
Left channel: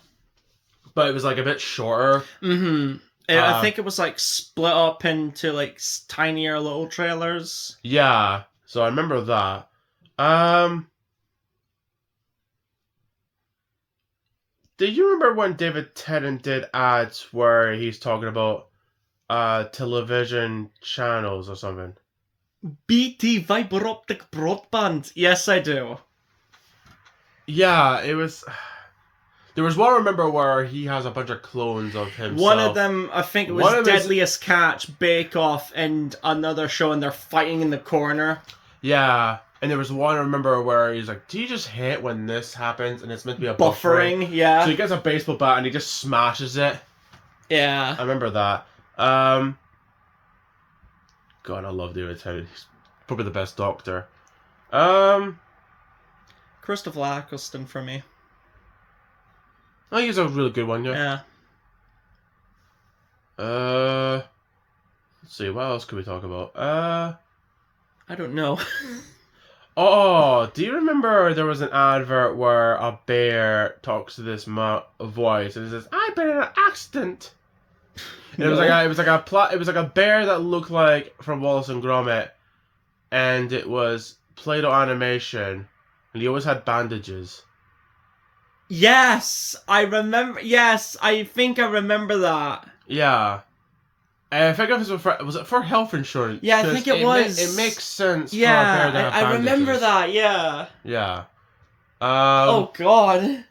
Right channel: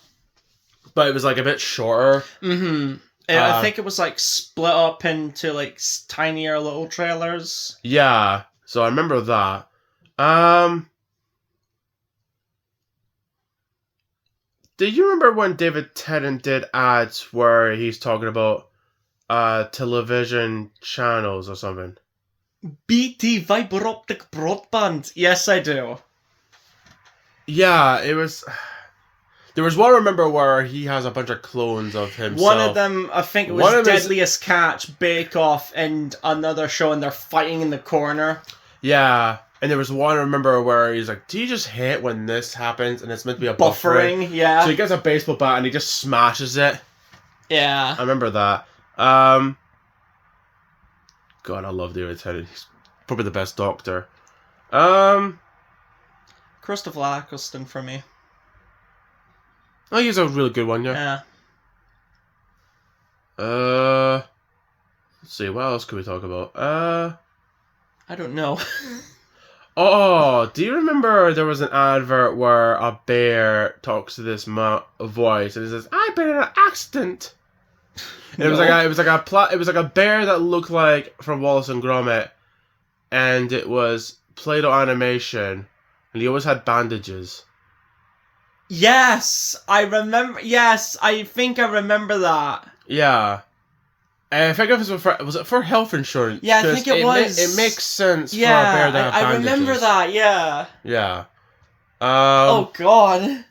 But it was like a bit shorter. Mm-hmm. I think it was like split up into like tinier little trailers. Yeah, so I remember that. Do you remember when David Tennant did ads where he's talking about television channels or something? BT fiber optic broadband. Yes, I do. Yeah, it was... There was one I remember where he has a bunch of clones of himself. One of them, I think it One was of his- Deadliest Catch, Bake Off, and another show, and they're fighting in the corner. Yeah. And there was one I remember where he's like, do you just hate when this happens? And it's meant to be a Buffering, yeah. So he gets a baseball bat and he just smashes it. Yeah. I remember that. God, I love David Tennant. He's probably the best Doctor. Christopher Eccleston for me. Oh, he's a really good one, yeah. Yeah. Let's see, what else could we talk about? I don't know. Oh, do you remember there was an advert where a bear talks to this voice and it says, "I've been in an accident." And No. it was like a bear that looked like from Wallace and Gromit, and it was Play-Doh animation, and he always had bandages. Yes, I remember. Yes, I think I remember that. Yeah. I think it was it for health insurance? Yeah, I think it was. It makes sense. Yeah, for a bear to have I remember bandages. that. Yeah. Yeah. Oh God.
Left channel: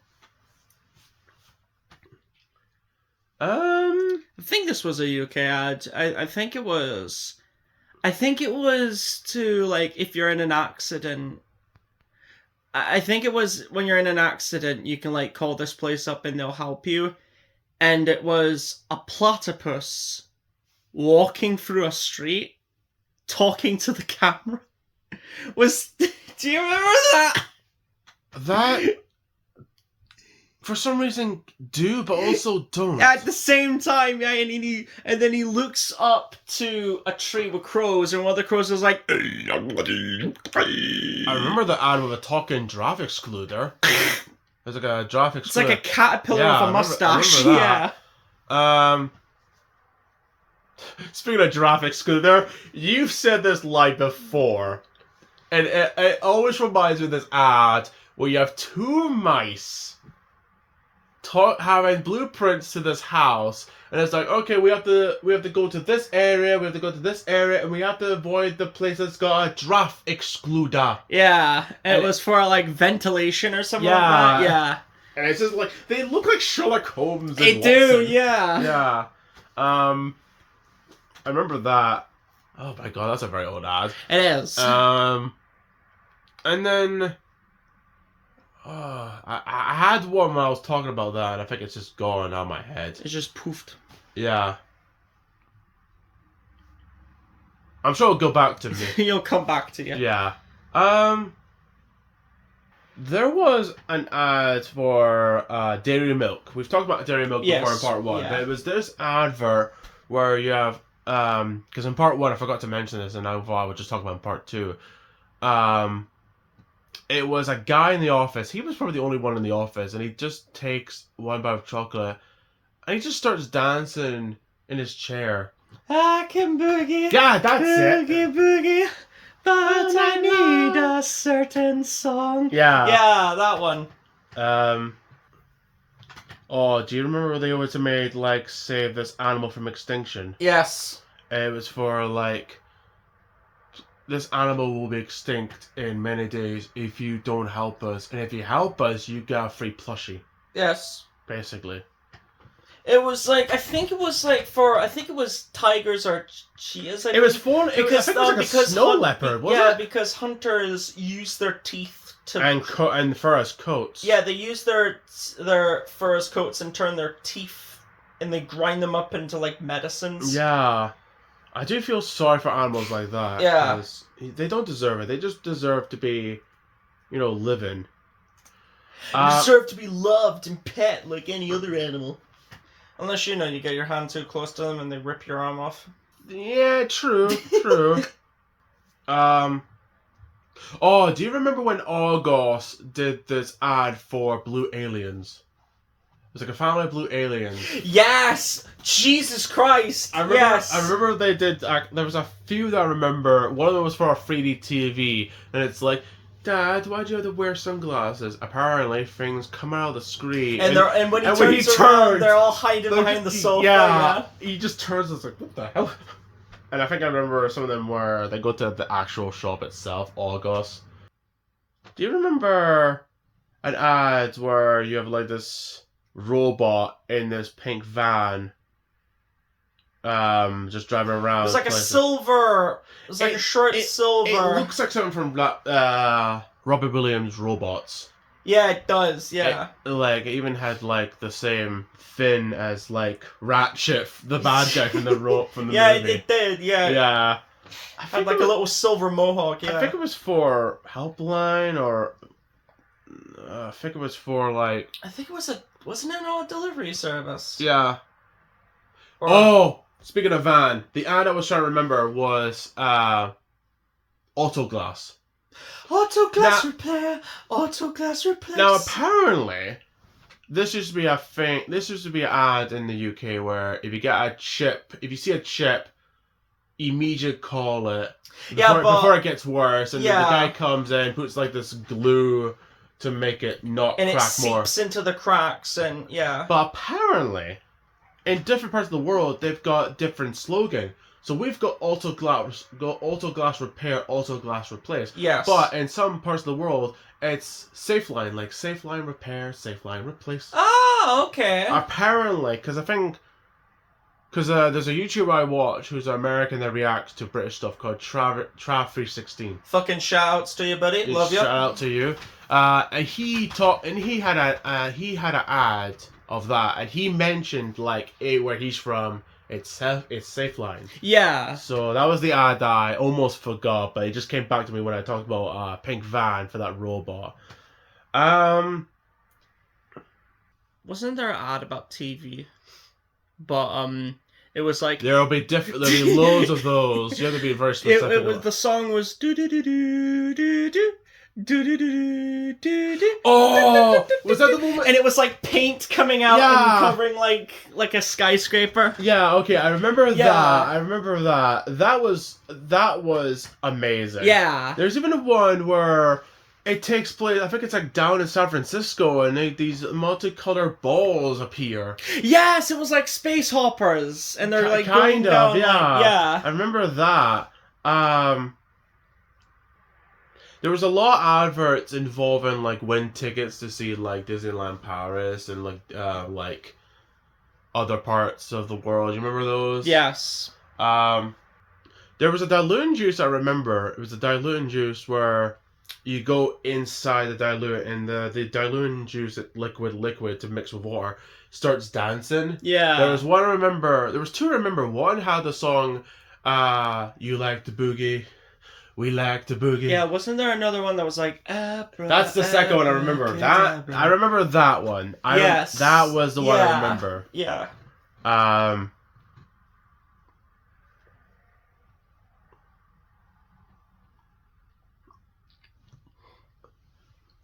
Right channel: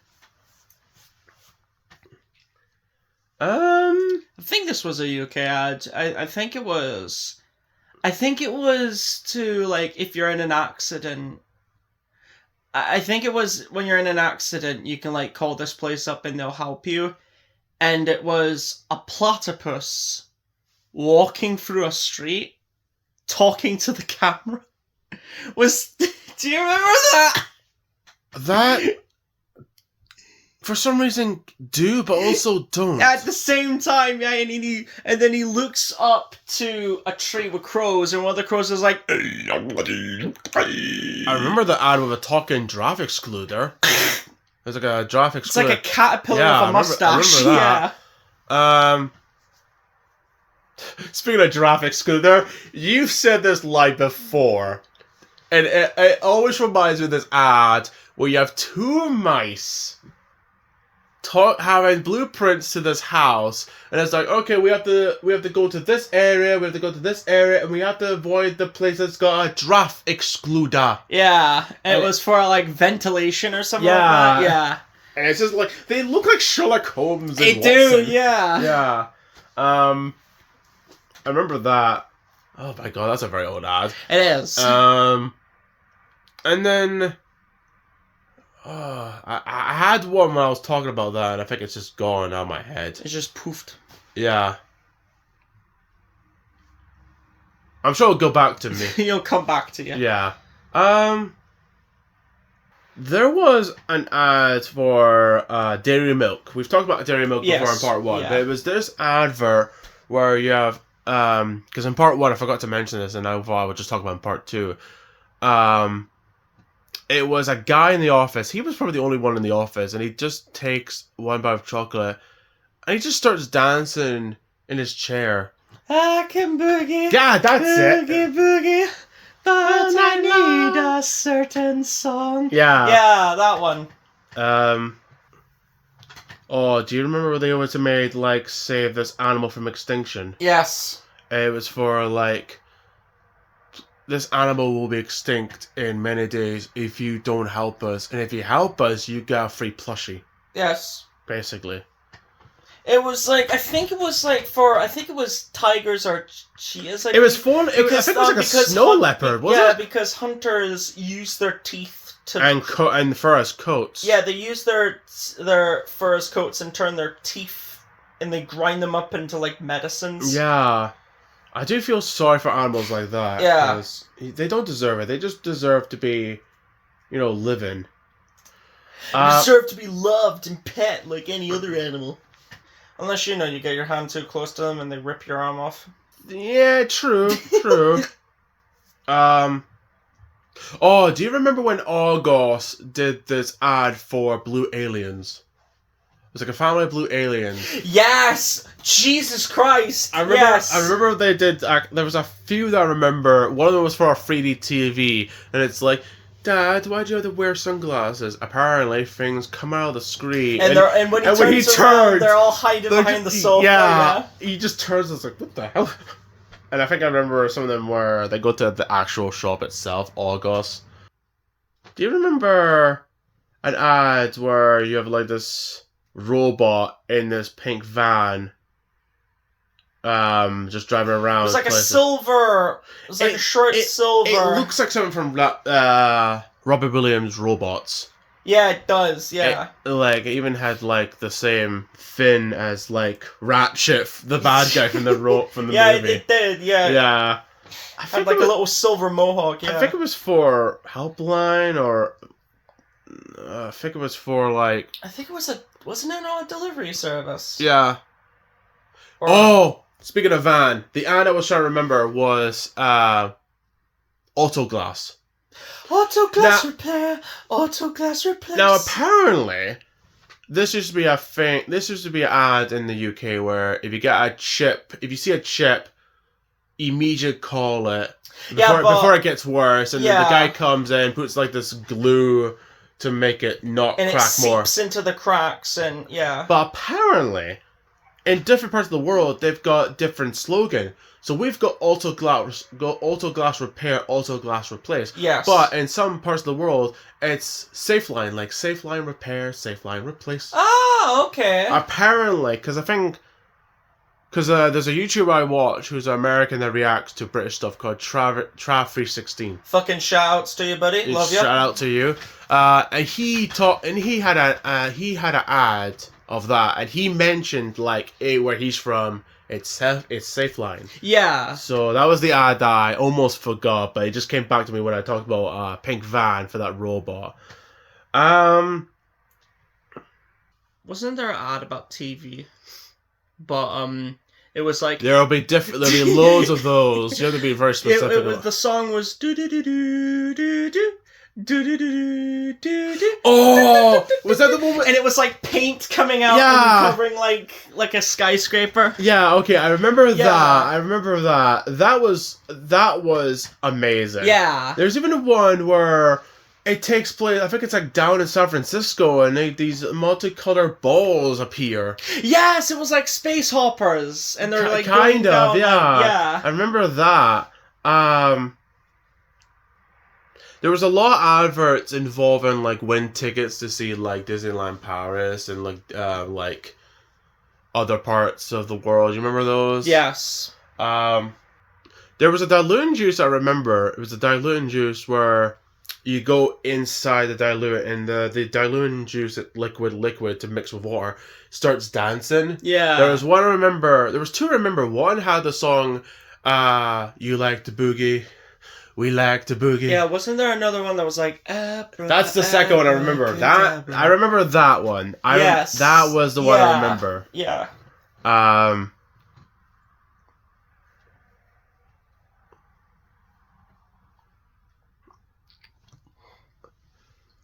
I think this was a UK ad. I think it was. I think it was to, like, if you're in an accident. I think it was when you're in an accident, you can, like, call this place up and they'll help you. And it was a platypus walking through a street, talking to the camera. Do you remember that? That, for some reason, do, but also don't. At the same time, yeah, and then he looks up to a tree with crows, and one of the crows is like, I remember the ad with a talking giraffe excluder. There's like a giraffe excluder. it's like a caterpillar Yeah, with a mustache. I remember Yeah. that. Speaking of giraffe excluder, you've said this line before, and it always reminds me of this ad where you have two mice having blueprints to this house, and it's like, okay, we have to go to this area, we have to go to this area, and we have to avoid the place that's got a giraffe excluder. Yeah, and it was for, like, ventilation or something like that. Yeah. And it's just like, they look like Sherlock Holmes and They Watson. do, yeah. Yeah. I remember that. Oh my god, that's a very old ad. It is. And then I had one when I was talking about that, and I think it's just gone out of my head. It just poofed. Yeah. I'm sure it'll go back to me. He'll come back to you. Yeah. There was an ad for dairy milk. We've talked about dairy milk before in part one, but it was this advert where you have because in part one I forgot to mention this, and I thought I would just talk about in part two. It was a guy in the office. He was probably the only one in the office, and he just takes one bite of chocolate, and he just starts dancing in his chair. I can boogie. Yeah, that's it. Boogie, but I need a certain song. Yeah. Yeah, that one. Oh, do you remember where they always made, like, save this animal from extinction? Yes. It was for, like, this animal will be extinct in many days if you don't help us. And if you help us, you get a free plushie. Yes. Basically. It was like, I think it was tigers or cheetahs. It was for, I think it was like a snow leopard, wasn't it? Yeah, because hunters use their teeth to... And fur as coats. Yeah, they use their fur as coats and turn their teeth, and they grind them up into, like, medicines. Yeah. I do feel sorry for animals like that. Yeah. 'Cause they don't deserve it. They just deserve to be, living. Deserve to be loved and pet like any other animal. Unless, you get your hand too close to them and they rip your arm off. Yeah, true. Oh, do you remember when August did this ad for Blue Aliens? It was like a family of blue aliens. Yes! Jesus Christ! I remember, yes! I remember they did. There was a few that I remember. One of them was for a 3D TV, and it's like, Dad, why'd you have to wear sunglasses? Apparently, things come out of the screen. And when he turns around, they're all hiding behind the sofa. Yeah, he just turns and it's like, what the hell? And I think I remember some of them where they go to the actual shop itself, August. Do you remember an ad where you have like this robot in this pink van, just driving around. It was like places. a silver. It was like a short silver. It looks like something from Robbie Williams' Robots. Yeah, it does. Yeah. It even had like the same fin as like Ratchet, the bad guy from the yeah, movie. it did. Yeah. Yeah. I had like a little silver mohawk. Yeah. I think it was for Helpline or. I think it was for like. I think it was wasn't it on a delivery service? Yeah. Or, speaking of van, the ad I was trying to remember was Autoglass. Autoglass repair. Autoglass replace. Now apparently, this used to be a thing. This used to be an ad in the UK where if you see a chip, immediately call it before it gets worse, and then the guy comes in, puts like this glue to make it not and crack more. And it seeps into the cracks, and yeah. But apparently, in different parts of the world, they've got different slogan. So we've got autoglass repair, autoglass replace. Yes. But in some parts of the world, it's Safeline, like Safeline repair, Safeline replace. Oh, okay. Apparently, because there's a YouTuber I watch who's an American that reacts to British stuff called Trav316. Fucking shout outs to you, buddy. Love you. Shout out to you. And he had an ad of that, and he mentioned like where he's from. It's Safeline. Yeah. So that was the ad that I almost forgot, but it just came back to me when I talked about pink van for that robot. Wasn't there an ad about TV? But it was like there'll be loads of those. You have to be very specific. It was the song was do do do do do do. Oh, was that the moment? And it was like paint coming out and covering like a skyscraper. Yeah, okay, I remember that. I remember that. That was amazing. Yeah. There's even one where it takes place. I think it's like down in San Francisco, and these multicolored balls appear. Yes, it was like space hoppers, and they're like going down. Yeah. I remember that. There was a lot of adverts involving like win tickets to see like Disneyland Paris and like other parts of the world. You remember those? Yes. There was a diluting juice I remember. It was a diluting juice where you go inside the diluent and the diluting juice, liquid to mix with water, starts dancing. Yeah. There was one I remember. There was two I remember. One had the song You Like to Boogie. We like to boogie. Yeah, wasn't there another one that was like That's the second one I remember. I remember that one. Yes. That was the one I remember. Yeah.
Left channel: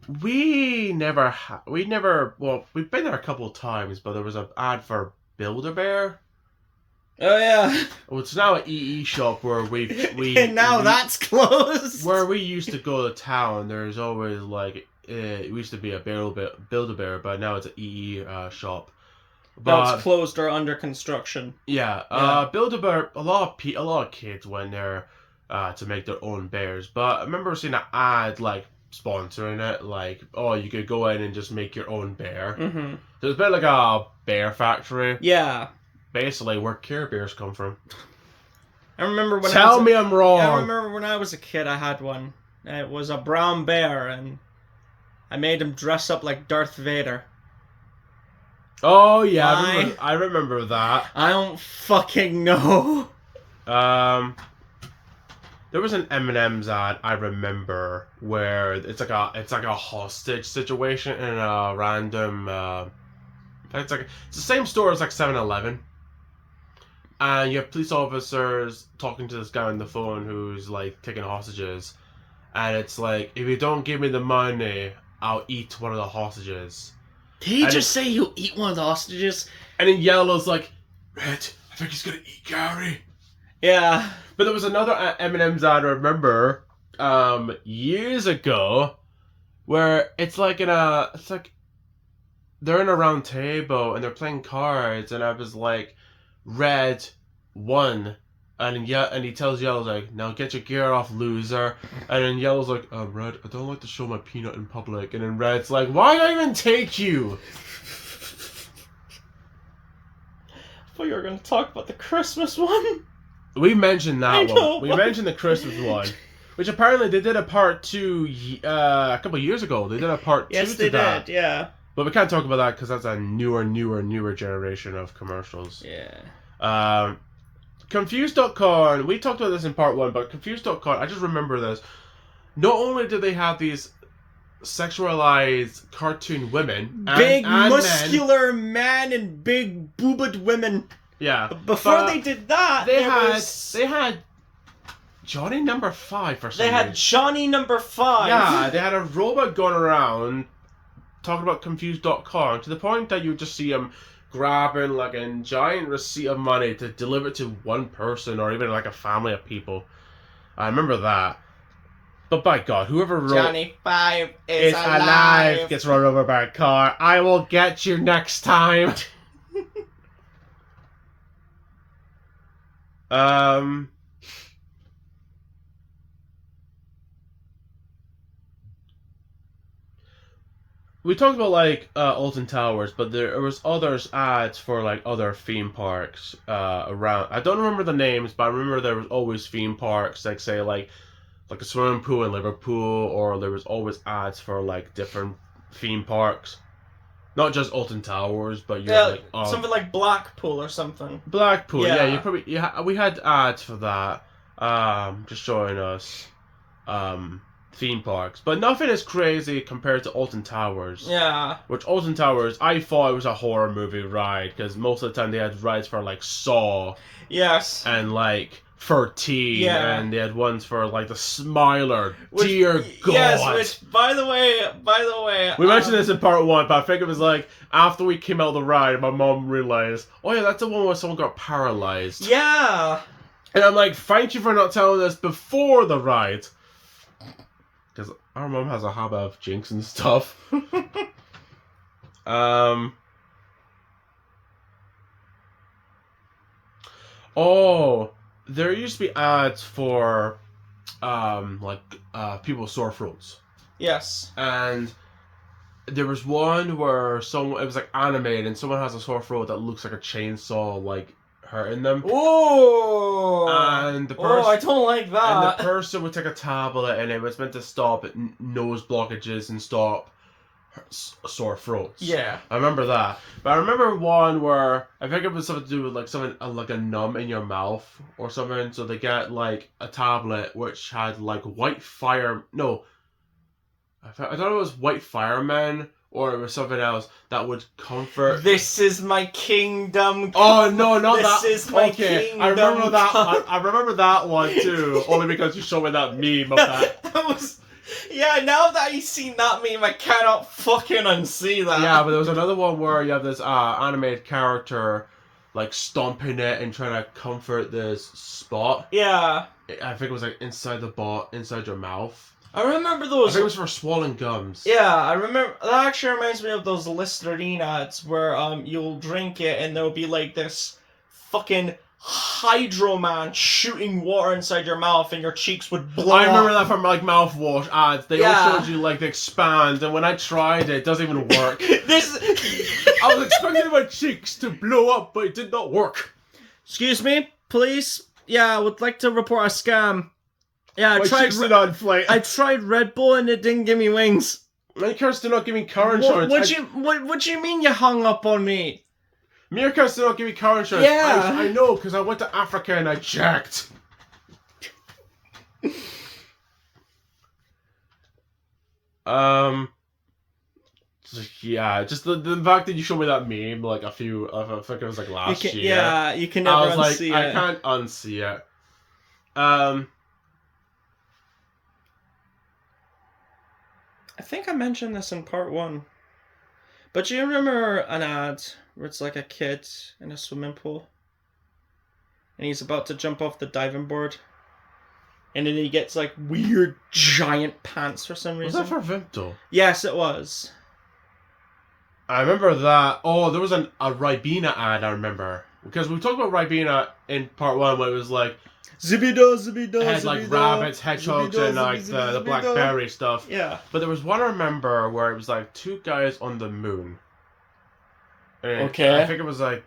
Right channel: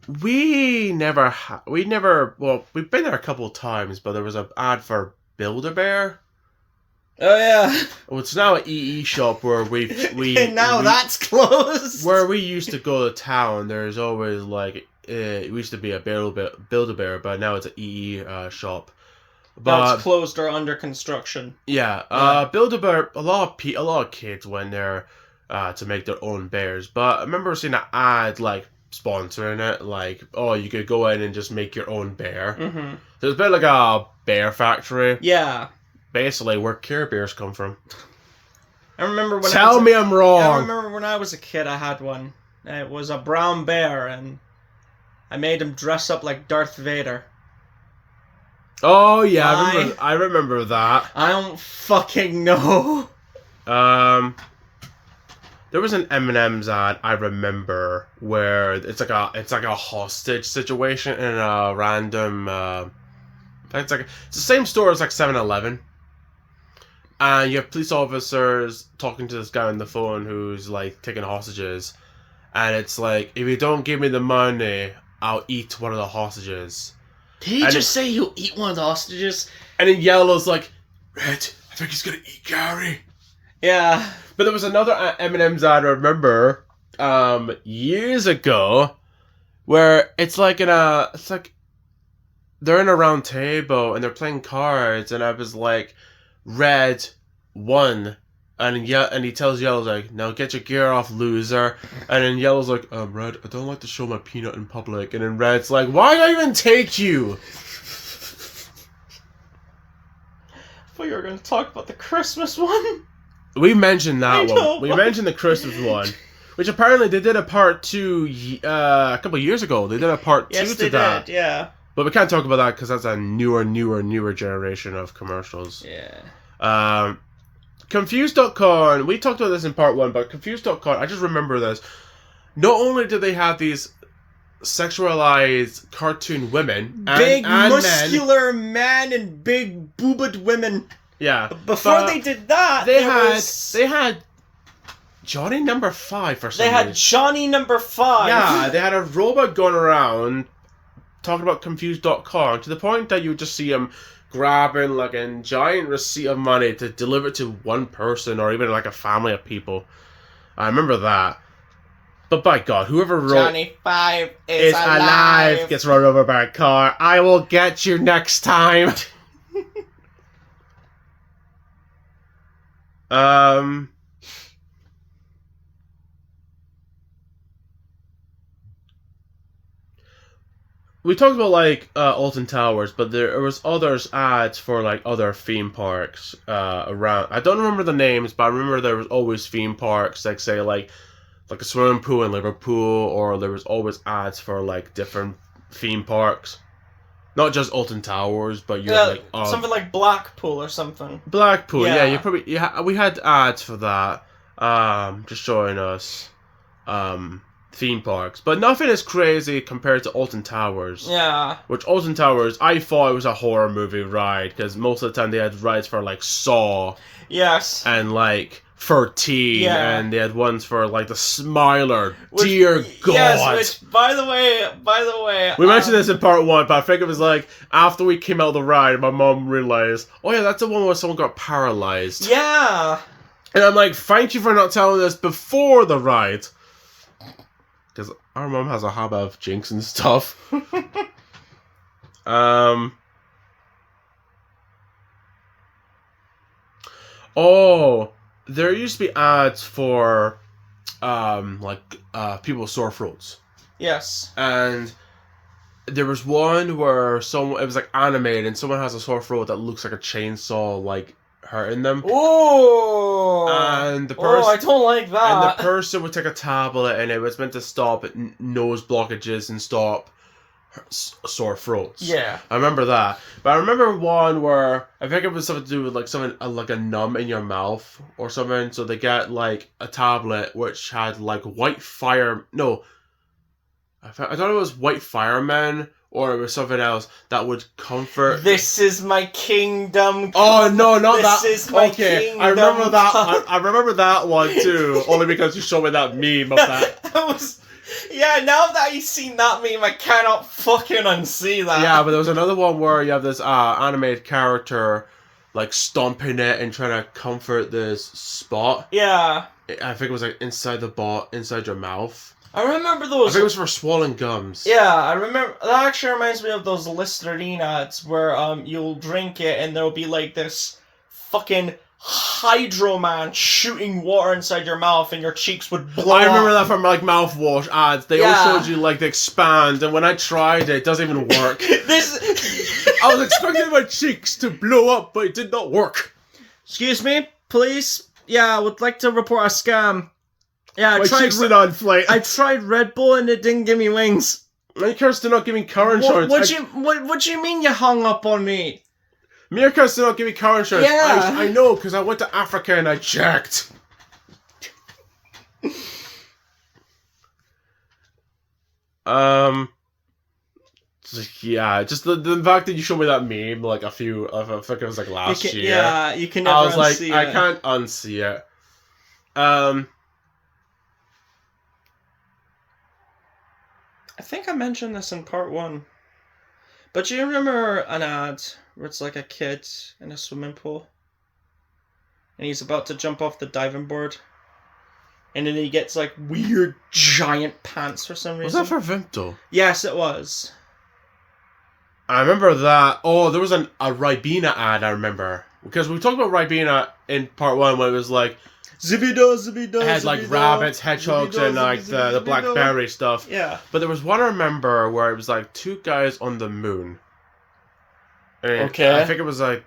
We've been there a couple of times, but there was an ad for Build-A-Bear. Oh yeah. Well, it's now an EE shop where we and now that's closed. Where we used to go to town, there's always like it used to be a Build-A-Bear, but now it's an EE shop. But it's closed or under construction. Yeah. Build-A-Bear. A lot of kids went there to make their own bears. But I remember seeing an ad like sponsoring it, like you could go in and just make your own bear. Mm-hmm. So it's a bit like a bear factory. Yeah. Basically, where Care Bears come from. I remember when I'm wrong. I remember when I was a kid, I had one. It was a brown bear, and I made him dress up like Darth Vader. Oh yeah, I remember that. I don't fucking know. There was an M&M's ad I remember where it's like a hostage situation in a random. It's the same store as like 7-Eleven. And you have police officers talking to this guy on the phone who's like taking hostages, and it's like, if you don't give me the money, I'll eat one of the hostages. Did he just say he'll eat one of the hostages? And then Yellow's like, Red, I think he's gonna eat Gary. Yeah. But there was another M&M's ad I remember years ago where it's like they're in a round table and they're playing cards, and I was like, Red won, and he tells Yellow like, now get your gear off, loser. And then Yellow's like, Red, I don't like to show my peanut in public. And then Red's like, why did I even take you? thought you were going to talk about the Christmas one. We mentioned that I know, one. We but- mentioned the Christmas one, which apparently they did a part 2 a couple of years ago. They did a part 2 Yes, to they that. did, yeah. But we can't talk about that because that's a newer generation of commercials. Yeah. Confused.con, we talked about this in part 1, but Confused.con, I just remember this. Not only did they have these sexualized cartoon women, Big, and muscular men and big boobed women. yeah. Before but they did that, they they had Johnny Number 5 for some They had reason. Johnny Number 5. Yeah, they had a robot going around talking about Confused.com to the point that you would just see him grabbing like a giant receipt of money to deliver it to one person or even like a family of people. I remember that. But by God, whoever wrote Johnny 5 is alive. gets run over by a car. I will get you next time. We talked about like Alton Towers, but there was others ads for like other theme parks around. I don't remember the names, but I remember there was always theme parks, like say like a swimming pool in Liverpool, or there was always ads for like different theme parks, not just Alton Towers, but you had, like something like Blackpool or something. Blackpool. Yeah, Yeah. you probably we had ads for that. Just showing us theme parks, but nothing is crazy compared to Alton Towers. Yeah. Which Alton Towers, I thought it was a horror movie ride because most of the time they had rides for like Saw. Yes. And like 13, Yeah. and they had ones for like the Smiler. Dear God. Yes, which by the way, we mentioned this in part 1, but I think it was like after we came out of the ride, my mom realized, oh yeah, that's the one where someone got paralyzed. Yeah. And I'm like, thank you for not telling us before the ride. Because our mom has a habit of jinxing stuff. Oh, there used to be ads for people's sore throats. Yes. And there was one where it was like animated and someone has a sore throat that looks like a chainsaw like hurting them. Ooh. And the person, I don't like that. And the person would take a tablet and it was meant to stop nose blockages and stop sore throats. Yeah. I remember that. But I remember one where I think it was something to do with like something like a numb in your mouth or something. So they get like a tablet which had like white fire. No, I thought it was white firemen or it was something else that would comfort. This is my kingdom. Oh no, not that. This is my okay, kingdom. I remember that. I remember that one too. Only because you showed me that meme of that. That was. Yeah, now that I've seen that meme, I cannot fucking unsee that. Yeah, but there was another one where you have this animated character like stomping it and trying to comfort this spot. Yeah. I think it was like inside inside your mouth. I remember I those. think it was for swollen gums. Yeah, I remember. That actually reminds me of those Listerine ads where you'll drink it and there'll be like this fucking Hydro Man shooting water inside your mouth and your cheeks would blow. I remember that from like mouthwash ads. They all Yeah. showed you like they expand, and when I tried it, it doesn't even work. This. I was expecting my cheeks to blow up, but it did not work. Excuse me, please. Yeah, I would like to report a scam. Yeah, My cheeks did not inflate. I tried Red Bull and it didn't give me wings. Meerkats did not give me car insurance. What do you mean you hung up on me? Meerkats did not give me car insurance. Yeah. I know, because I went to Africa and I checked. Yeah, just the fact that you showed me that meme like I think it was like last year. Yeah, you can never I was like, unsee I it. can't unsee it. I think I mentioned this in part 1. But do you remember an ad where it's like a kid in a swimming pool? And he's about to jump off the diving board. And then he gets like weird giant pants for some Was reason. that for Vimto? Yes, it was. I remember that. Oh, there was a Ribena ad, I remember. Because we talked about Ribena in part 1 when it was like Zibido, zibido, it had like rabbits, hedgehogs, and like the blackberry stuff. Yeah. But there was one I remember where it was like 2 guys on the moon. And Okay. I think it was like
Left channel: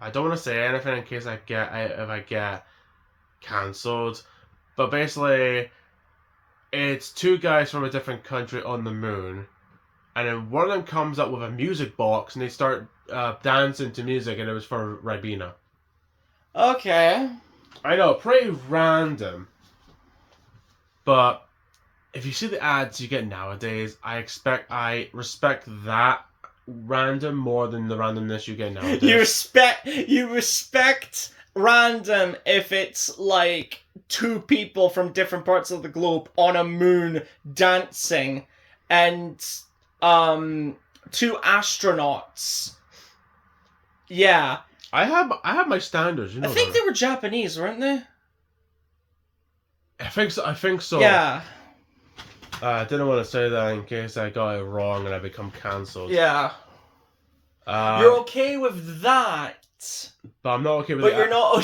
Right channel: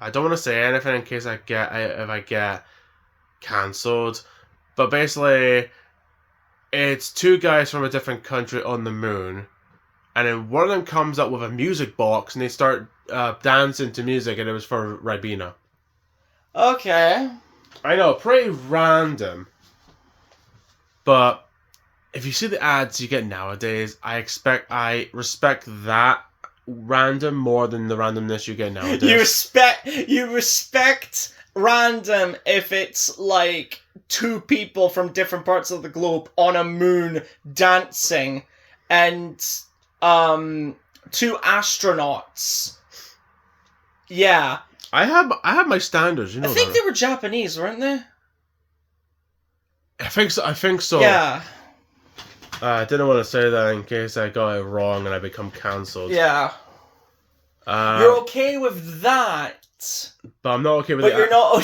I don't want to say anything in case if I get cancelled, but basically, it's two guys from a different country on the moon, and then one of them comes up with a music box, and they start dancing to music, and it was for Ribena. Okay. I know, pretty random, but if you see the ads you get nowadays, I respect that random more than the randomness you get nowadays. You respect random if it's like two people from different parts of the globe on a moon dancing, and two astronauts. Yeah. I have my standards, you know. I think that. they were Japanese, weren't they? I think so. Yeah. I didn't want to say that in case I got it wrong and I become cancelled. Yeah. You're okay with that, but I'm not okay with. But you're not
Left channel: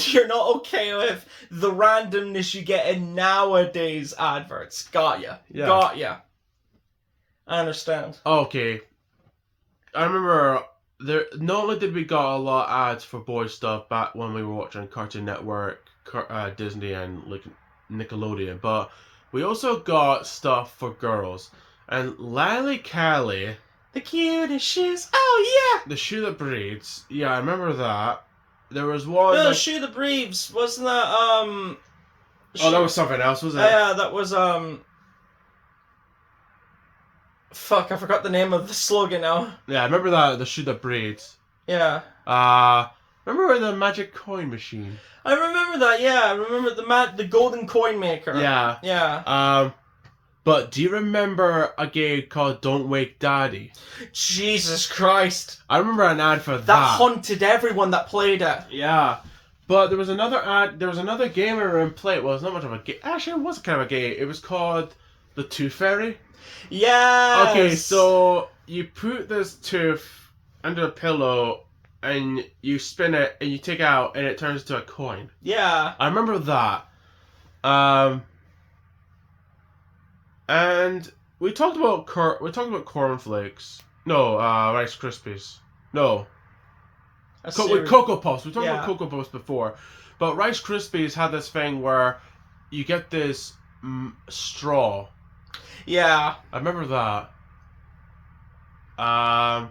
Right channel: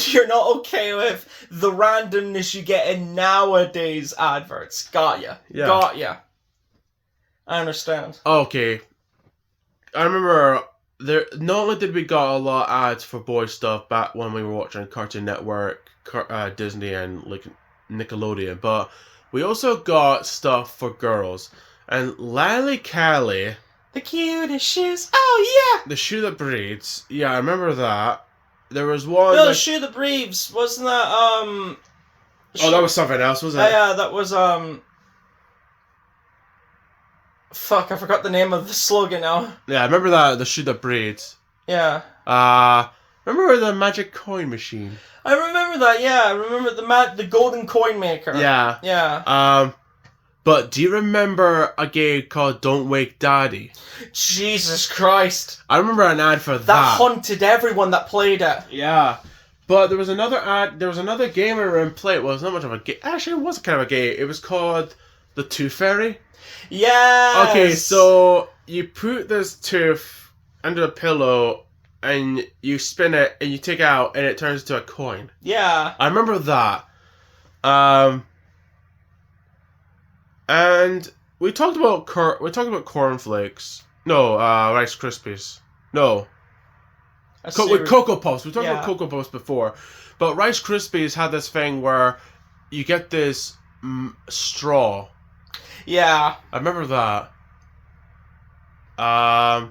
okay with the randomness you get in nowadays adverts. Got ya. Yeah. Got ya. I understand. Okay. I remember not only did we got a lot of ads for boy stuff back when we were watching Cartoon Network, Disney, and like Nickelodeon, but we also got stuff for girls. And Lally Callie, the cutest shoes. Oh yeah. The shoe that breathes. Yeah, I remember that. There was one. No, the shoe that breathes. Wasn't that Oh, that was something else, was it? Yeah, that was Fuck, I forgot the name of the slogan now. Yeah, I remember that, the shoe that breathes. Yeah. Remember the magic coin machine? I remember that, yeah. I remember the golden coin maker. Yeah. Yeah. But do you remember a game called Don't Wake Daddy? Jesus Christ. I remember an ad for that. That haunted everyone that played it. Yeah. But there was another ad, there was another game I remember playing. Well, it was not much of a game. Actually, it was kind of a game. It was called The Tooth Fairy. Yes. Okay, so you put this tooth under a pillow and you spin it and you take it out and it turns into a coin. Yeah. I remember that. And we talked about cornflakes. No, Rice Krispies. No. With Cocoa Puffs. We talked about Cocoa Puffs before. But Rice Krispies had this thing where you get this straw. Yeah. I remember that. I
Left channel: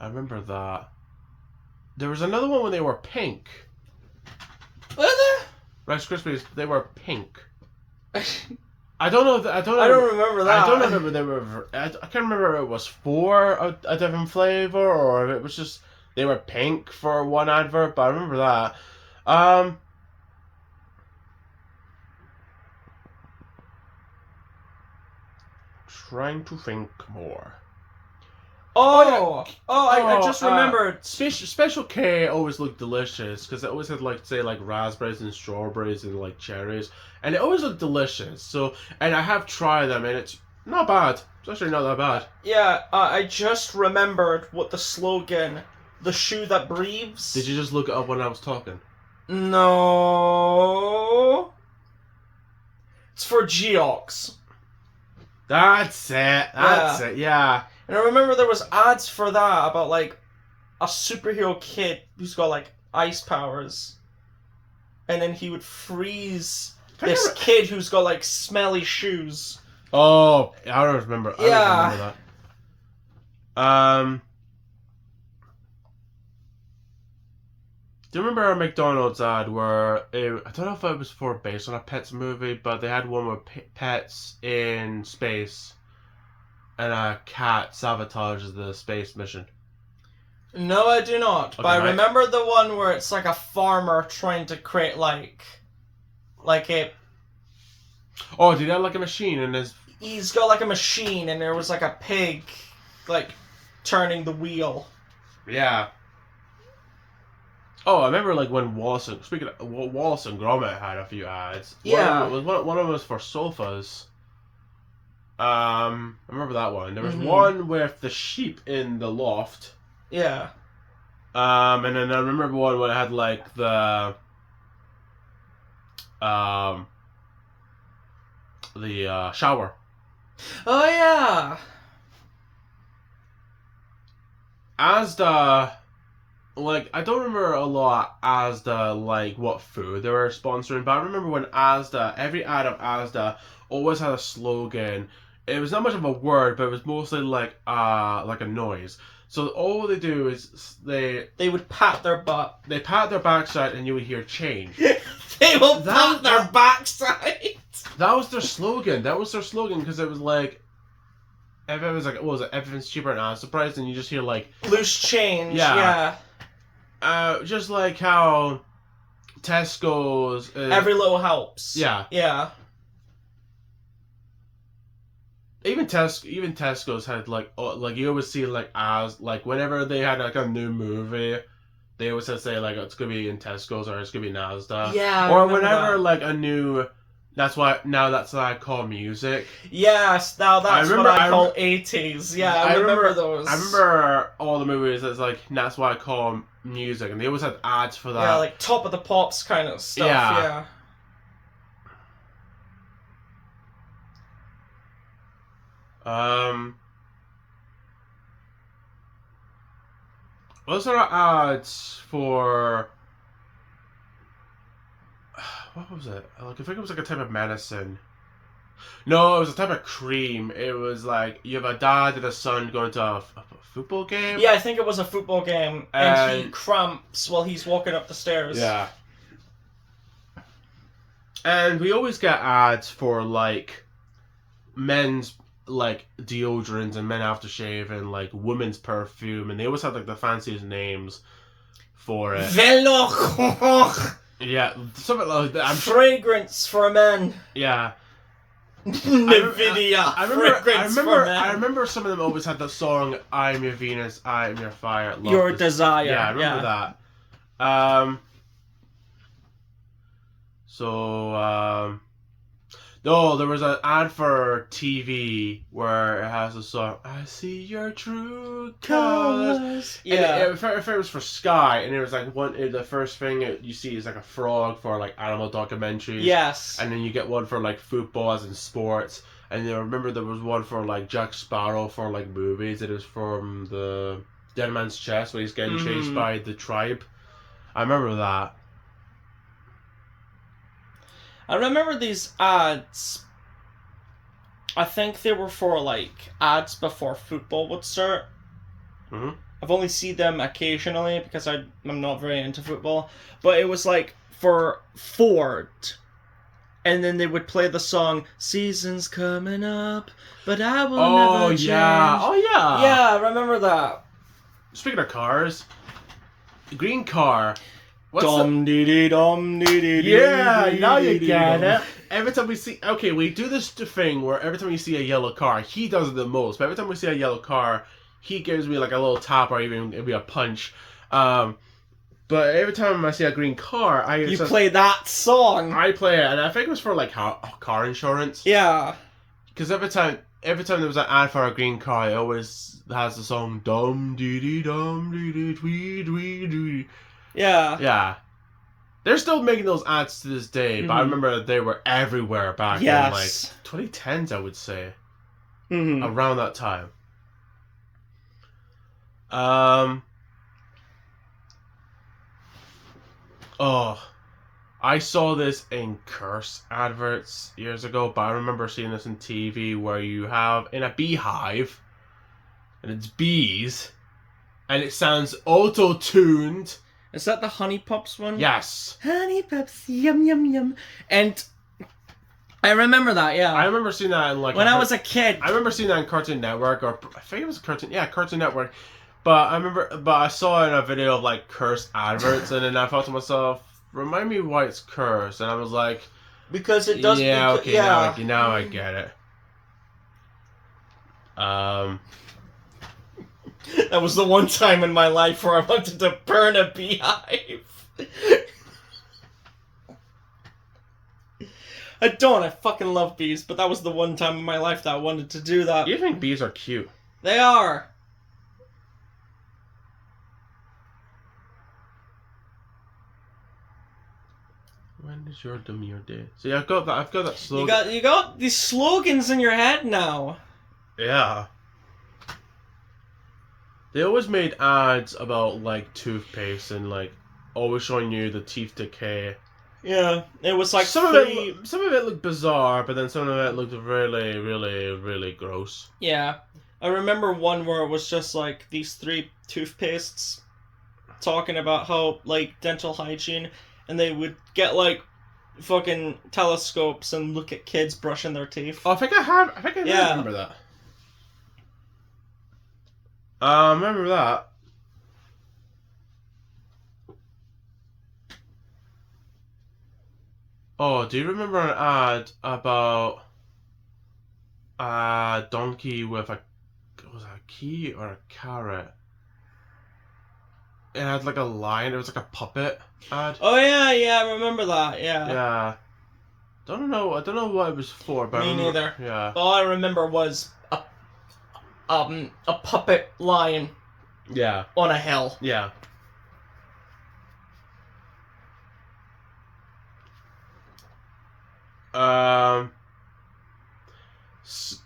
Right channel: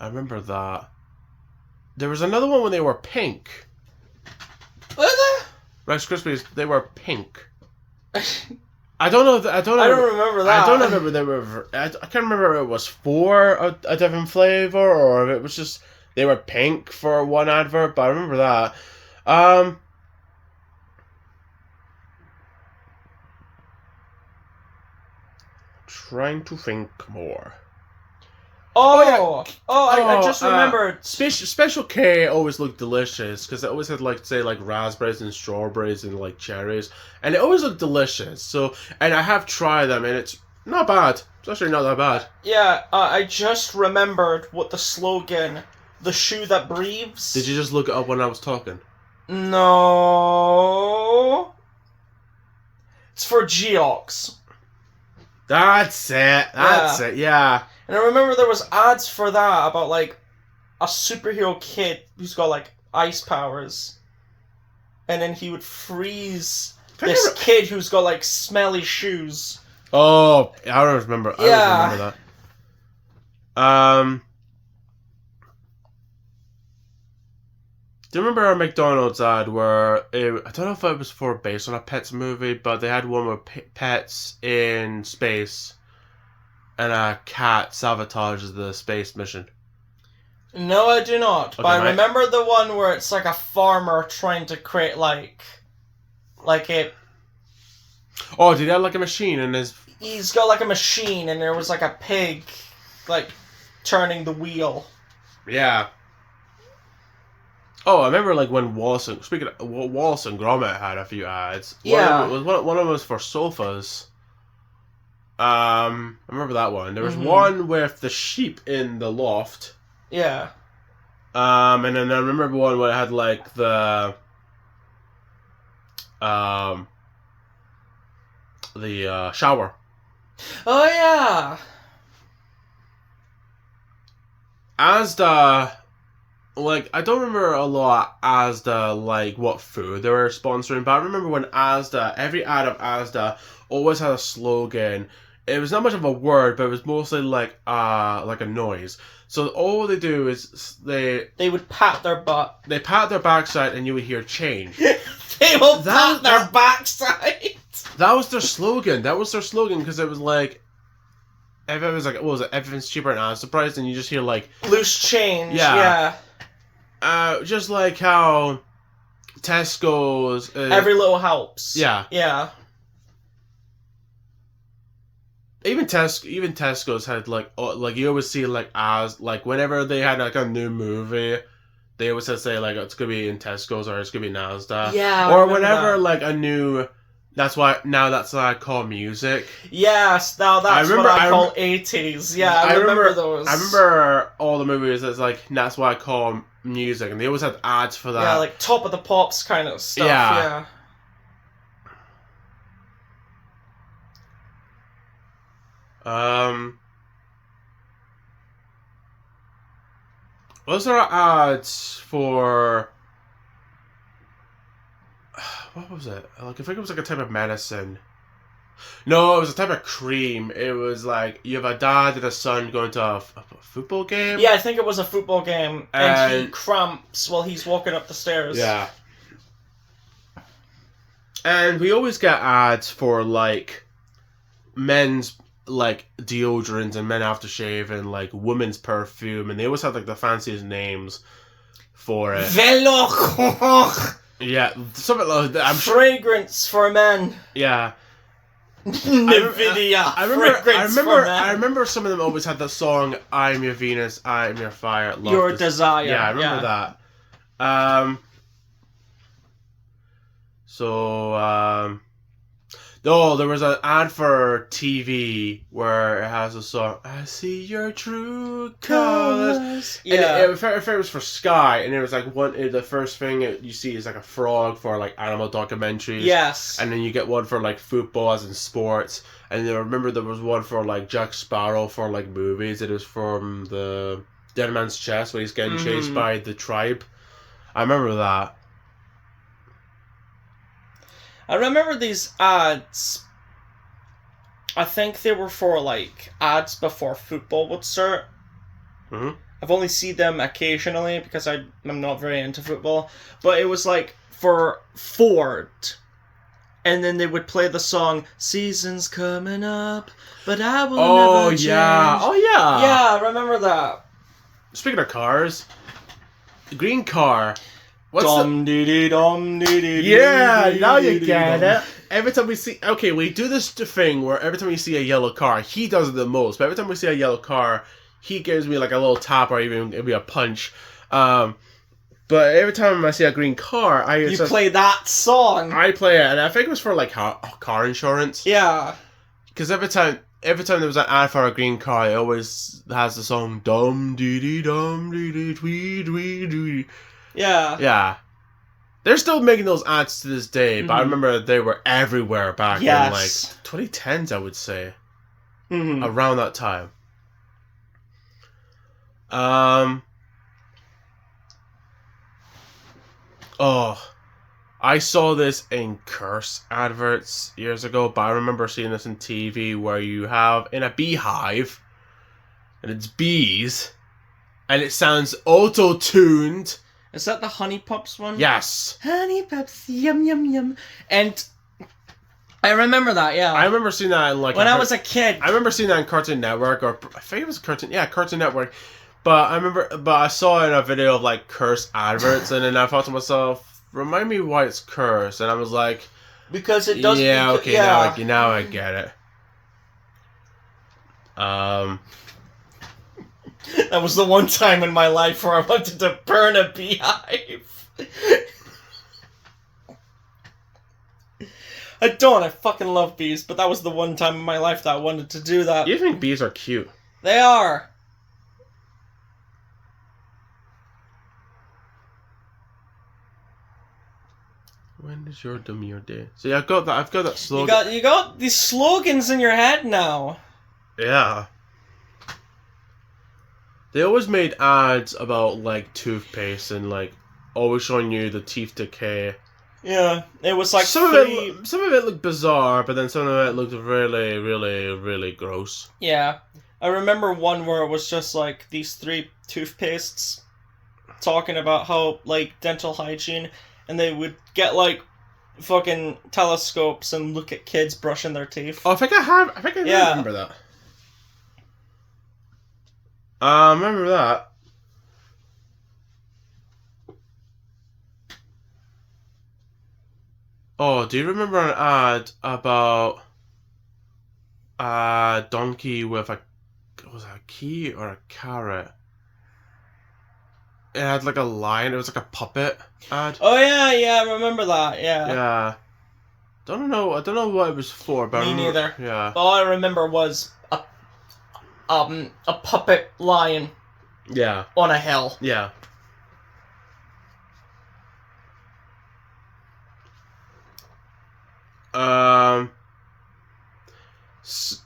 remember that. There was another one when they were pink. Were there? Rice Krispies, they were pink. I don't know. I don't remember that. I don't remember they were. I can't remember if it was for a different flavor or if it was just they were pink for one advert. But I remember that. Trying to think more. I just remembered. Special K always looked delicious because it always had like raspberries and strawberries and like cherries, and it always looked delicious. So, and I have tried them, and it's not bad. It's actually not that bad. Yeah, I just remembered what the slogan, the shoe that breathes. Did you just look it up when I was talking? No. It's for Geox. That's it. That's it. Yeah. And I remember there was ads for that about like a superhero kid who's got like ice powers, and then he would freeze this kid who's got like smelly shoes. Oh, I don't remember. I don't remember that. Do you remember a McDonald's ad where I don't know if it was based on a Pets movie, but they had one where pets in space and a cat sabotages the space mission? No, I do not. Okay, but I remember the one where it's like a farmer trying to create like a... Oh, did he have like a machine in his... He's got like a machine and there was like a pig like turning the wheel. Yeah. Oh, I remember like when Wallace and Gromit had a few ads. Yeah. One of them was for sofas. I remember that one. There was one with the sheep in the loft. Yeah. And then I remember one where it had like the shower. Oh yeah. Asda, like, I don't remember a lot Asda, like, what food they were sponsoring, but I remember when Asda, every ad of Asda always had a slogan. It was not much of a word, but it was mostly like a noise. So all they do is They would pat their butt. they pat their backside and you would hear change. They will pat their backside. That was their slogan. That was their slogan because it was like, if it was like, what was it? Everything's cheaper and Asda price, and you just hear like Loose change. Yeah. Just like how Tesco's. Every little helps. Yeah. Yeah. Even Tesco's had like you always see like as like whenever they had like a new movie, they always say like it's gonna be in Tesco's or it's gonna be in Asda. Yeah. Or whenever like a new. That's what I call music. Yes, now that's what I call 80s. Yeah, I remember those. I remember all the movies that's like, that's what I call music, and they always had ads for that. Yeah, like Top of the Pops kind of stuff, yeah. Was there ads for... What was it? Like, I think it was like a type of medicine. No, it was a type of cream. It was like, you have a dad and a son going to a football game. Yeah, I think it was a football game. And he cramps while he's walking up the stairs. Yeah. And we always get ads for, like, men's, like, deodorants and men aftershave and, like, women's perfume. And they always have, like, the fanciest names for it. Velour. Yeah, something like that. Fragrance for men. Yeah. Nvidia. Fragrance for men. I remember some of them always had the song "I'm Your Venus, I'm Your Fire, Love Your This." Desire. Yeah, I remember that. No, there was an ad for TV where it has a song, "I see your true colors." Yeah. And if it was for Sky, and it was like the first thing you see is like a frog for like animal documentaries. Yes. And then you get one for like football as in sports. And I remember there was one for like Jack Sparrow for like movies. It is from the Dead Man's Chest where he's getting chased by the tribe. I remember that. I remember these ads. I think they were for like ads before football would start. Mm-hmm. I've only seen them occasionally because I'm not very into football. But it was like for Ford. And then they would play the song, "Season's coming up, but I will never change." Oh, yeah. Yeah, I remember that. Speaking of cars, the green car. Dum dee dee dum dee dee. Yeah, now you get it. Every time we see... Okay, we do this thing where every time we see a yellow car, he does it the most. But every time we see a yellow car, he gives me like a little tap or even maybe a punch. But every time I see a green car, You play that song. I play it, and I think it was for like car insurance. Yeah. Because every time there was an ad for a green car, it always has the song dum dee dee dum dee dee twee twee twee. Yeah. Yeah. They're still making those ads to this day, but I remember they were everywhere back in like 2010s, I would say. Around that time. I saw this in Curse adverts years ago, but I remember seeing this in TV where you have in a beehive, and it's bees, and it sounds auto-tuned. Is that the Honey Pups one? Yes. Honey Pups, yum yum yum. And I remember that, yeah. I remember seeing that in like... When I was a kid. I remember seeing that in Cartoon Network, or I think it was Cartoon Network. But I saw it in a video of like Curse adverts, and then I thought to myself, remind me why it's Curse, and I was like... Because it does... Yeah, okay, yeah. Now I get it. That was the one time in my life where I wanted to burn a beehive. I fucking love bees, but that was the one time in my life that I wanted to do that. You think bees are cute? They are. When is your demure day? See, I've got that slogan. You got these slogans in your head now. Yeah. They always made ads about like toothpaste and like always showing you the teeth decay. Yeah, it was like Some three... of it looked bizarre, but then some of it looked really, really, really gross. Yeah. I remember one where it was just like these 3 toothpastes talking about how, like, dental hygiene, and they would get, like, fucking telescopes and look at kids brushing their teeth. Oh, I think I Yeah. remember that. I remember that. Oh, do you remember an ad about a donkey with was it a key or a carrot? It had like a lion. It was like a puppet ad. Oh, yeah, I remember that, yeah. Yeah. I don't know what it was for, but Me neither. Yeah. All I remember was a puppet lion Yeah. on a hill. Yeah.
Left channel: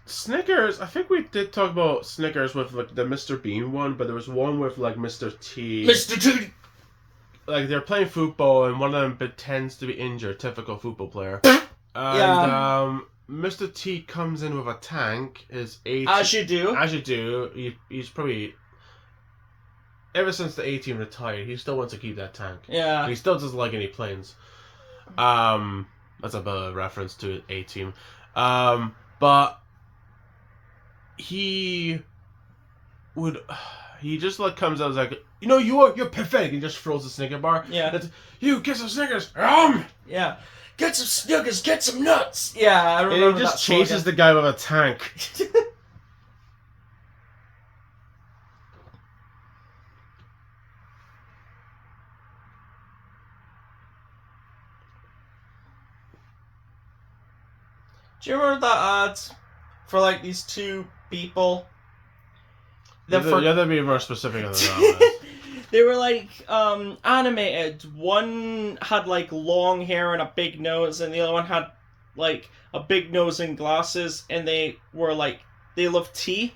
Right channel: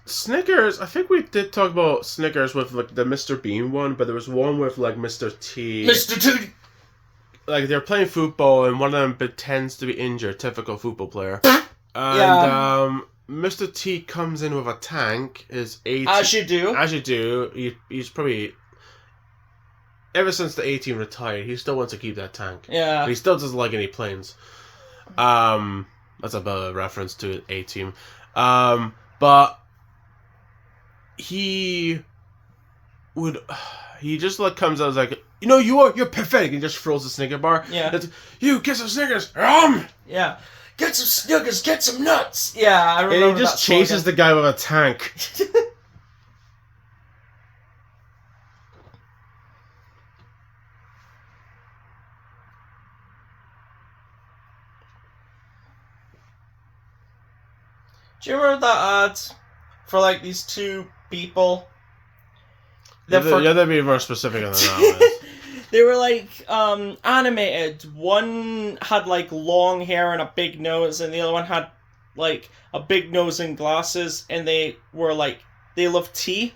Snickers. I think we did talk about Snickers with like the Mr. Bean one, but there was one with like Mr. T. Mr. Tootie! Like they're playing football and one of them pretends to be injured, typical football player. And Mr. T comes in with a tank. Is 18. As you do. As you do. He's probably ever since the 18 retired. He still wants to keep that tank. Yeah. But he still doesn't like any planes. That's a better reference to A-Team. But he just like comes out as like, you know, you're pathetic, and just throws a Snicker bar. Yeah. It's, you get some Snickers. Yeah. Get some Snickers, get some nuts. Yeah, I remember. And he just chases the guy with a tank. Do you remember that ad for like these 2 people? You have to be more specific on that. They were like animated. One had like long hair and a big nose, and the other one had like a big nose and glasses, and they were like, they loved tea.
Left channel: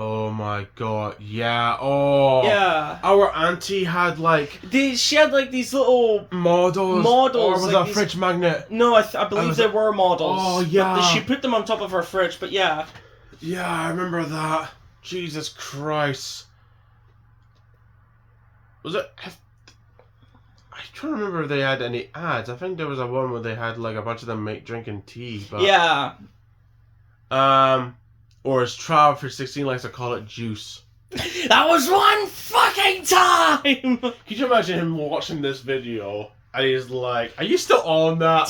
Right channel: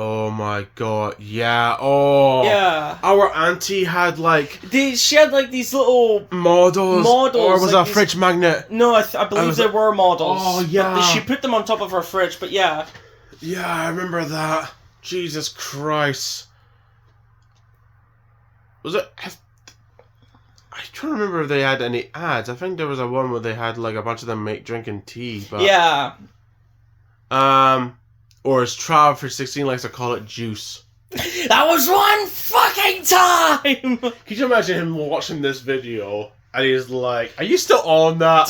Oh my god, yeah. Oh. Yeah. Our auntie had like... She had like these little... Models. Or was like it a fridge magnet? No, I believe they were models. Oh, yeah. But she put them on top of her fridge, but yeah. Yeah, I remember that. Jesus Christ. Was it... I can't remember if they had any ads. I think there was a one where they had like a bunch of them drinking tea, but... Yeah. Or as Trav for 16 likes to call it, juice. That was one fucking time! Can you imagine him watching this video and he's like, are you still on that?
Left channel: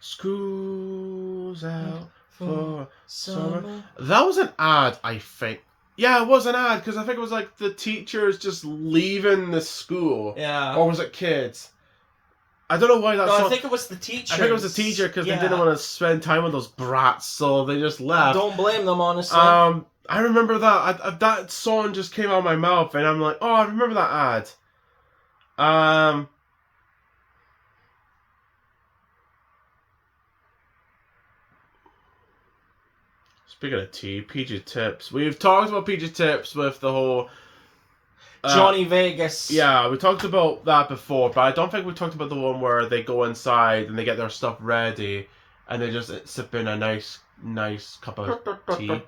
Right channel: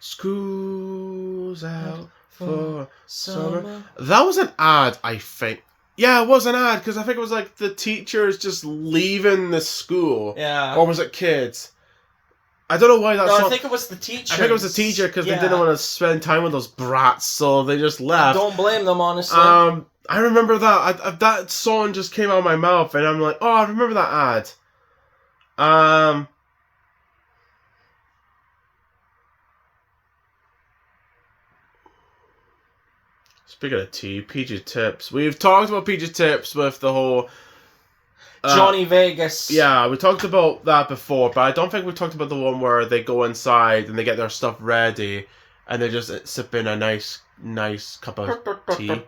School's out for summer. That was an ad, I think. Yeah, it was an ad, because I think it was like the teachers just leaving the school. Yeah. Or was it kids? I don't know why that No, I think it was the teacher. I think it was the teacher, because they didn't want to spend time with those brats, so they just left. Don't blame them, honestly. I remember that. That song just came out of my mouth, and I'm like, oh, I remember that ad. Speaking of tea, PG Tips. We've talked about PG Tips with the whole... Johnny Vegas. Yeah, we talked about that before, but I don't think we talked about the one where they go inside and they get their stuff ready and they just sip in a nice cup of tea.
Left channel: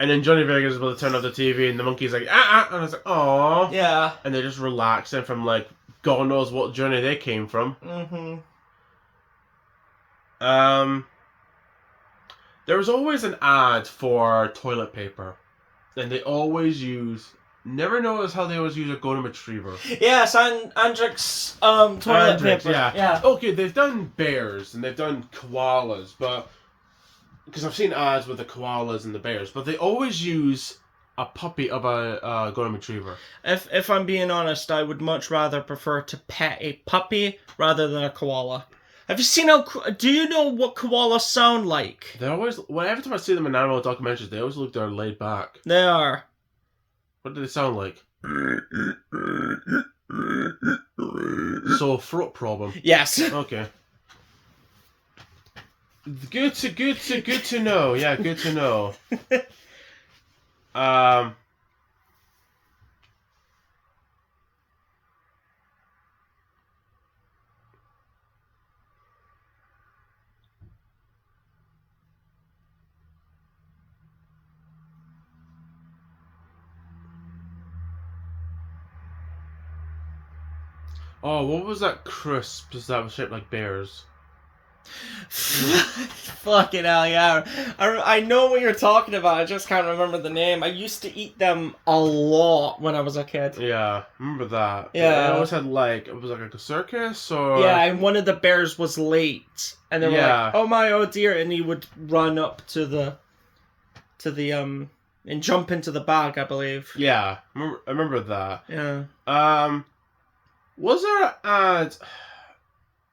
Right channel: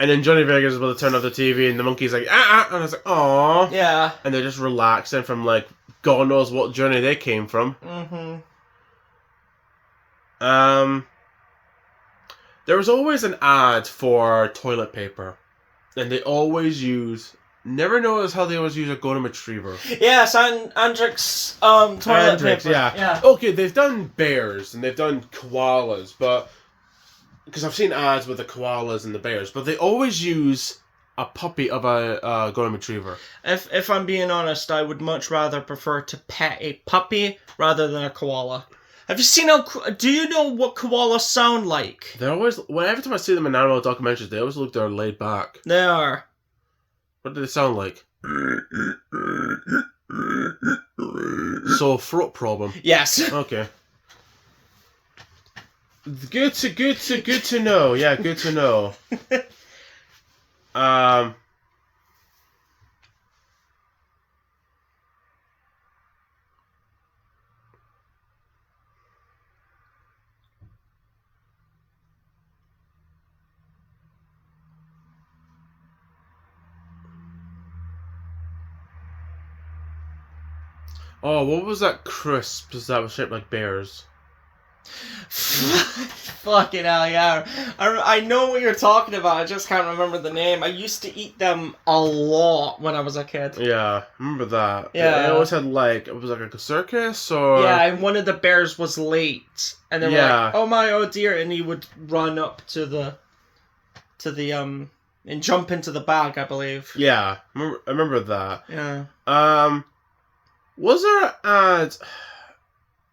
And then Johnny Vegas is able to turn off the TV and the monkey's like, and I was like, aww. Yeah. And they're just relaxing from like, God knows what journey they came from. There was always an ad for toilet paper. And they always use... Never noticed how they always use a golden retriever. Yes, Andrix toilet paper. Yeah. Okay, they've done bears and they've done koalas, but... Because I've seen ads with the koalas and the bears, but they always use a puppy of a golden retriever. If I'm being honest, I would much rather prefer to pet a puppy rather than a koala. Have you seen how? Do you know what koalas sound like? They're always, every time I see them in animal documentaries, they always look they're laid back. They are. What do they sound like? So throat problem. Yes. Okay. Good to know. Yeah, good to know. Oh, what was that crisps that was shaped like bears? Fucking hell, yeah. I know what you're talking about. I just can't remember the name. I used to eat them a lot when I was a kid. Yeah, remember that. Yeah. They always had like, it was like a circus or... Yeah, and one of the bears was late. And they were like, oh my, oh dear. And he would run up to the, and jump into the bag, I believe. Yeah, I remember that. Yeah. Was there an ad...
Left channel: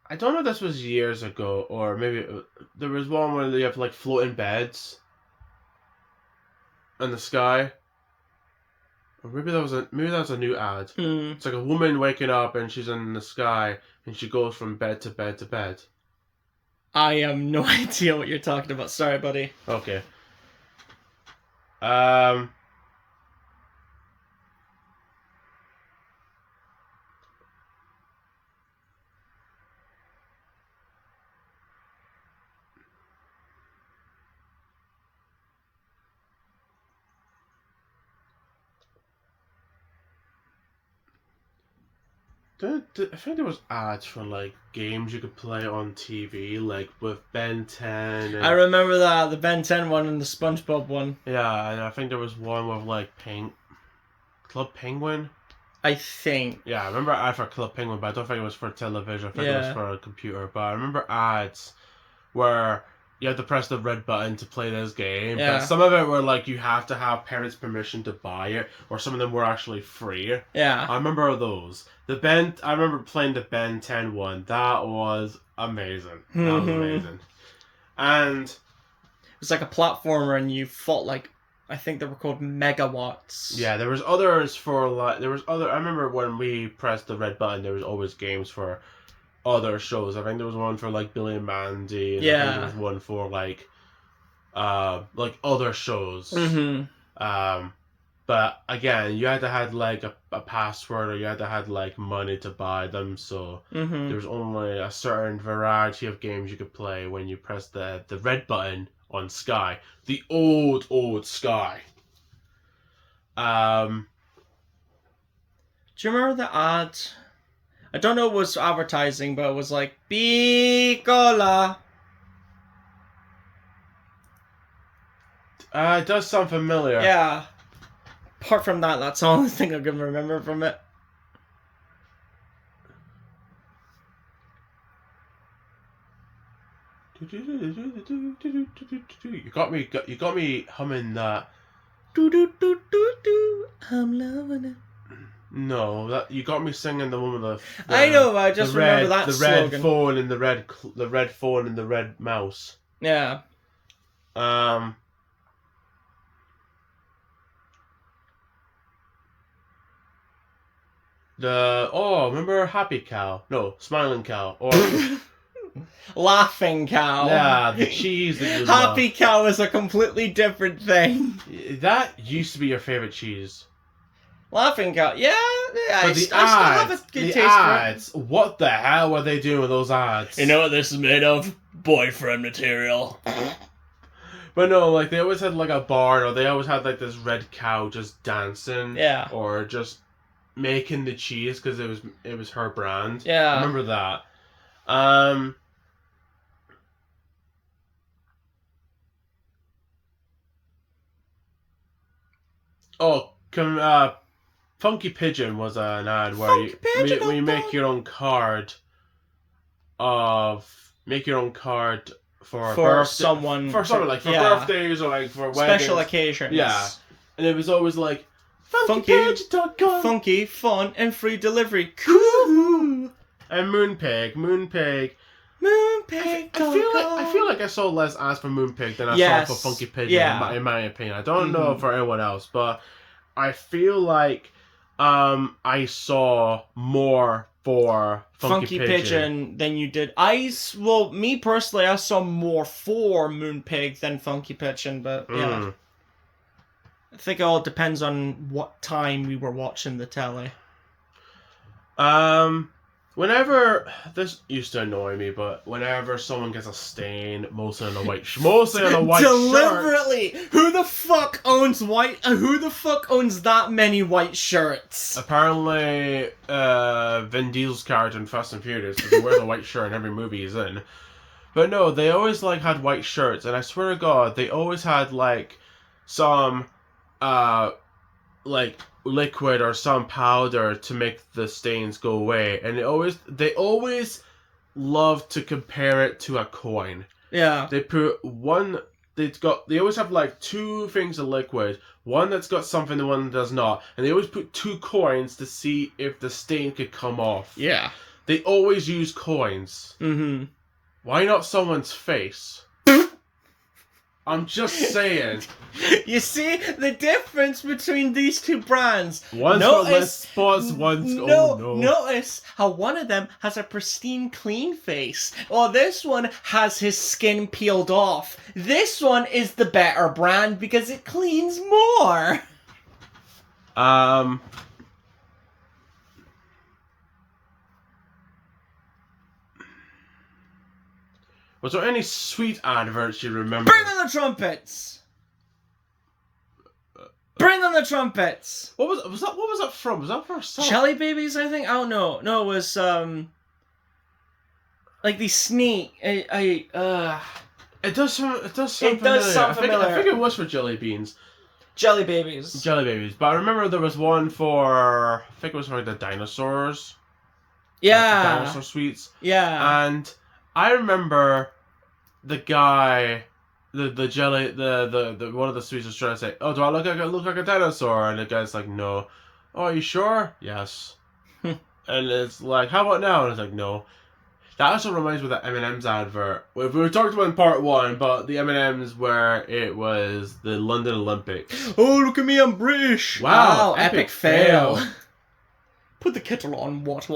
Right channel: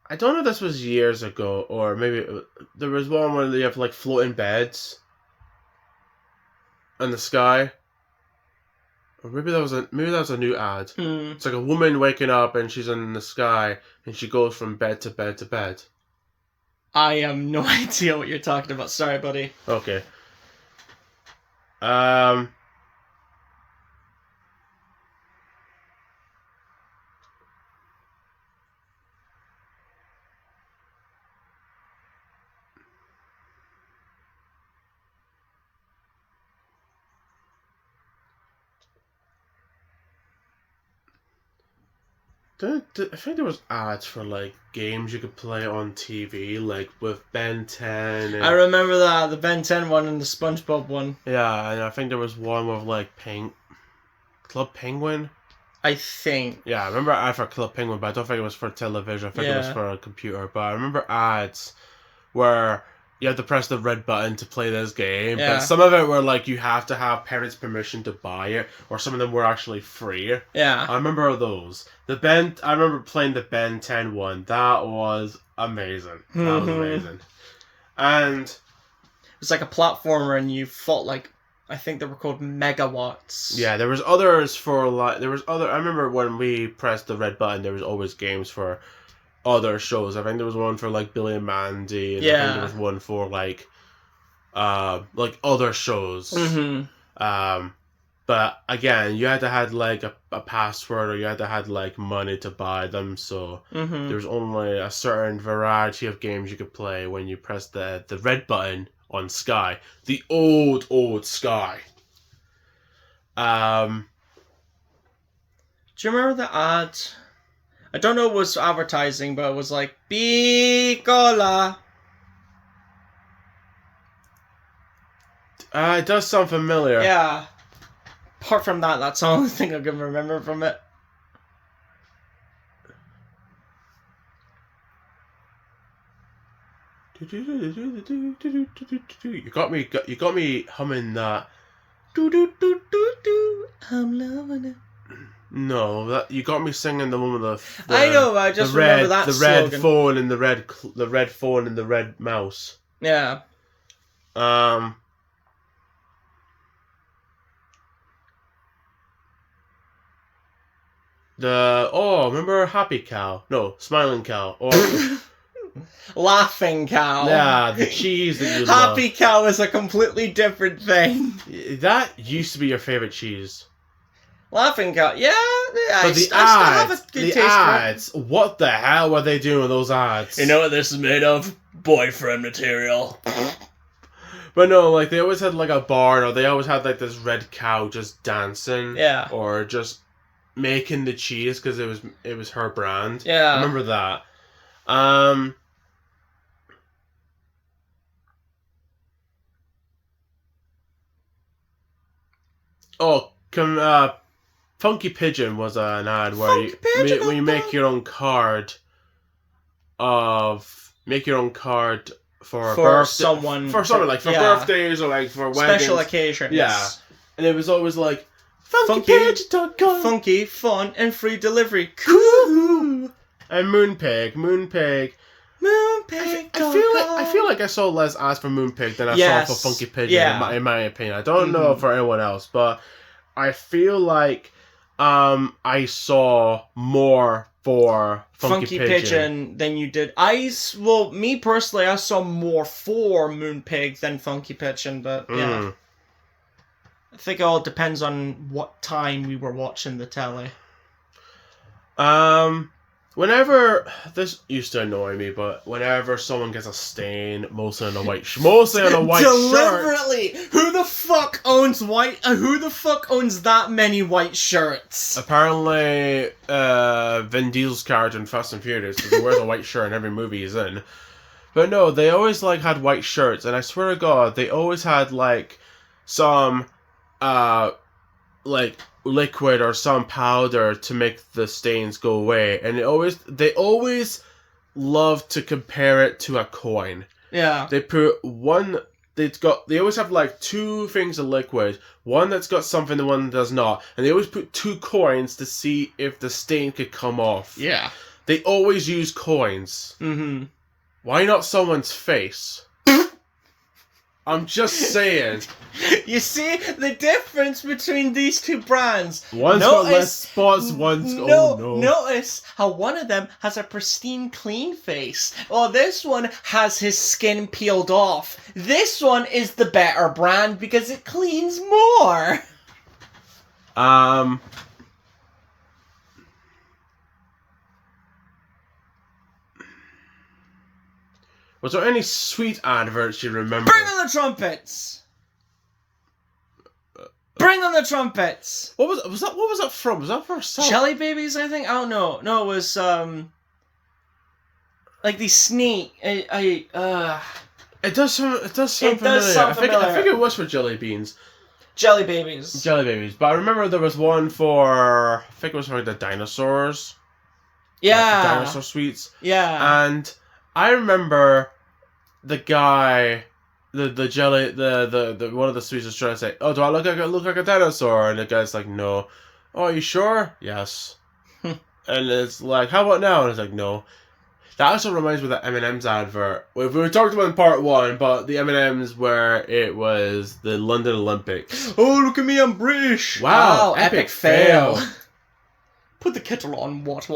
I don't know if this was years ago, or maybe there was one where you have like floating beds in the sky. Or maybe that was a new ad. It's like a woman waking up and she's in the sky and she goes from bed to bed to bed. I have no idea what you're talking about. Sorry, buddy. Okay. I think there was ads for like games you could play on TV, like with Ben 10. And, I remember that, the Ben 10 one and the SpongeBob one. Yeah, and I think there was one with like Club Penguin. I think. Yeah, I remember an ad for Club Penguin, but I don't think it was for television. I think it was for a computer. But I remember ads where you have to press the red button to play this game. Yeah. But some of it were like you have to have parents' permission to buy it, or some of them were actually free. Yeah. I remember those. I remember playing the Ben 10 one. That was amazing. That was amazing. And it was like a platformer, and you fought like, I think they were called megawatts. yeah, there was others for like I remember when we pressed the red button, there was always games for other shows. I think there was one for like Billy and Mandy, and I think there was one for like other shows. But again, you had to have like a password, or you had to have like money to buy them. So there was only a certain variety of games you could play when you press the red button on Sky, the old Sky. Do you remember the ad? I don't know what was advertising, but it was like Bicola. It does sound familiar. Yeah. Apart from that, that's the only thing I can remember from it. You got me humming that. I'm loving it. No, you got me singing the one with the I know. I just remember that the slogan. red phone and the red phone and the red mouse. Yeah. Remember Happy Cow? No, Smiling Cow. Or Laughing Cow. yeah, the cheese that you Happy Cow is a completely different thing. That used to be your favorite cheese. Laughing Cow, yeah. I still have a good taste ads, for it. What the hell were they doing with those ads? You know what this is made of? Boyfriend material. But no, like they always had like a barn, or they always had like this red cow just dancing. Yeah. Or just making the cheese because it was her brand. Yeah. I remember that. Funky Pigeon was an ad where you make your own card for someone like for birthdays or like for weddings. Special occasions. Yeah. And it was always like, Funky. funkypigeon.com. Funky, fun, and free delivery. Cool. And Moonpig. Moonpig. I feel like I saw less ads for Moonpig than I saw for Funky Pigeon, in my opinion. I don't know for anyone else, but I feel like I saw more for Funky Pigeon than you did. Me personally, I saw more for Moonpig than Funky Pigeon, but yeah. I think it all depends on what time we were watching the telly. Whenever, this used to annoy me, but whenever someone gets a stain, mostly on a white shirt. Deliberately! Who the fuck owns that many white shirts? Apparently, Vin Diesel's character in Fast and Furious, because he wears a white shirt in every movie he's in. But no, they always, like, had white shirts, and I swear to God, they always had, like, some, like, liquid or some powder to make the stains go away, and they always love to compare it to a coin. Yeah. They always have like two things of liquid, one that's got something and one that does not, and they always put two coins to see if the stain could come off. Yeah. They always use coins. Mm-hmm. Why not someone's face? I'm just saying. You see the difference between these two brands? One's got less spots, one's... oh no. Notice how one of them has a pristine, clean face, while this one has his skin peeled off. This one is the better brand because it cleans more. Was there any sweet adverts you remember? Bring on the trumpets! Bring on the trumpets! What was that from? Was that for a song? Jelly Babies, I think? I don't know. No, it was, like the snake. It does sound familiar. I think it was for Jelly Beans. Jelly Babies. Jelly Babies. But I remember there was one for... I think it was for the dinosaurs. Yeah. Like the dinosaur sweets. Yeah. And I remember the guy... The one of the sweets was trying to say, "Oh, do I look like a dinosaur?" And the guy's like, "No." "Oh, are you sure?" "Yes." And it's like, "How about now?" And it's like, "No." That also reminds me of that M&M's advert. We talked about in part 1, but the M&M's where it was the London Olympics. Oh, look at me, I'm British. Wow, epic fail. Put the kettle on, what?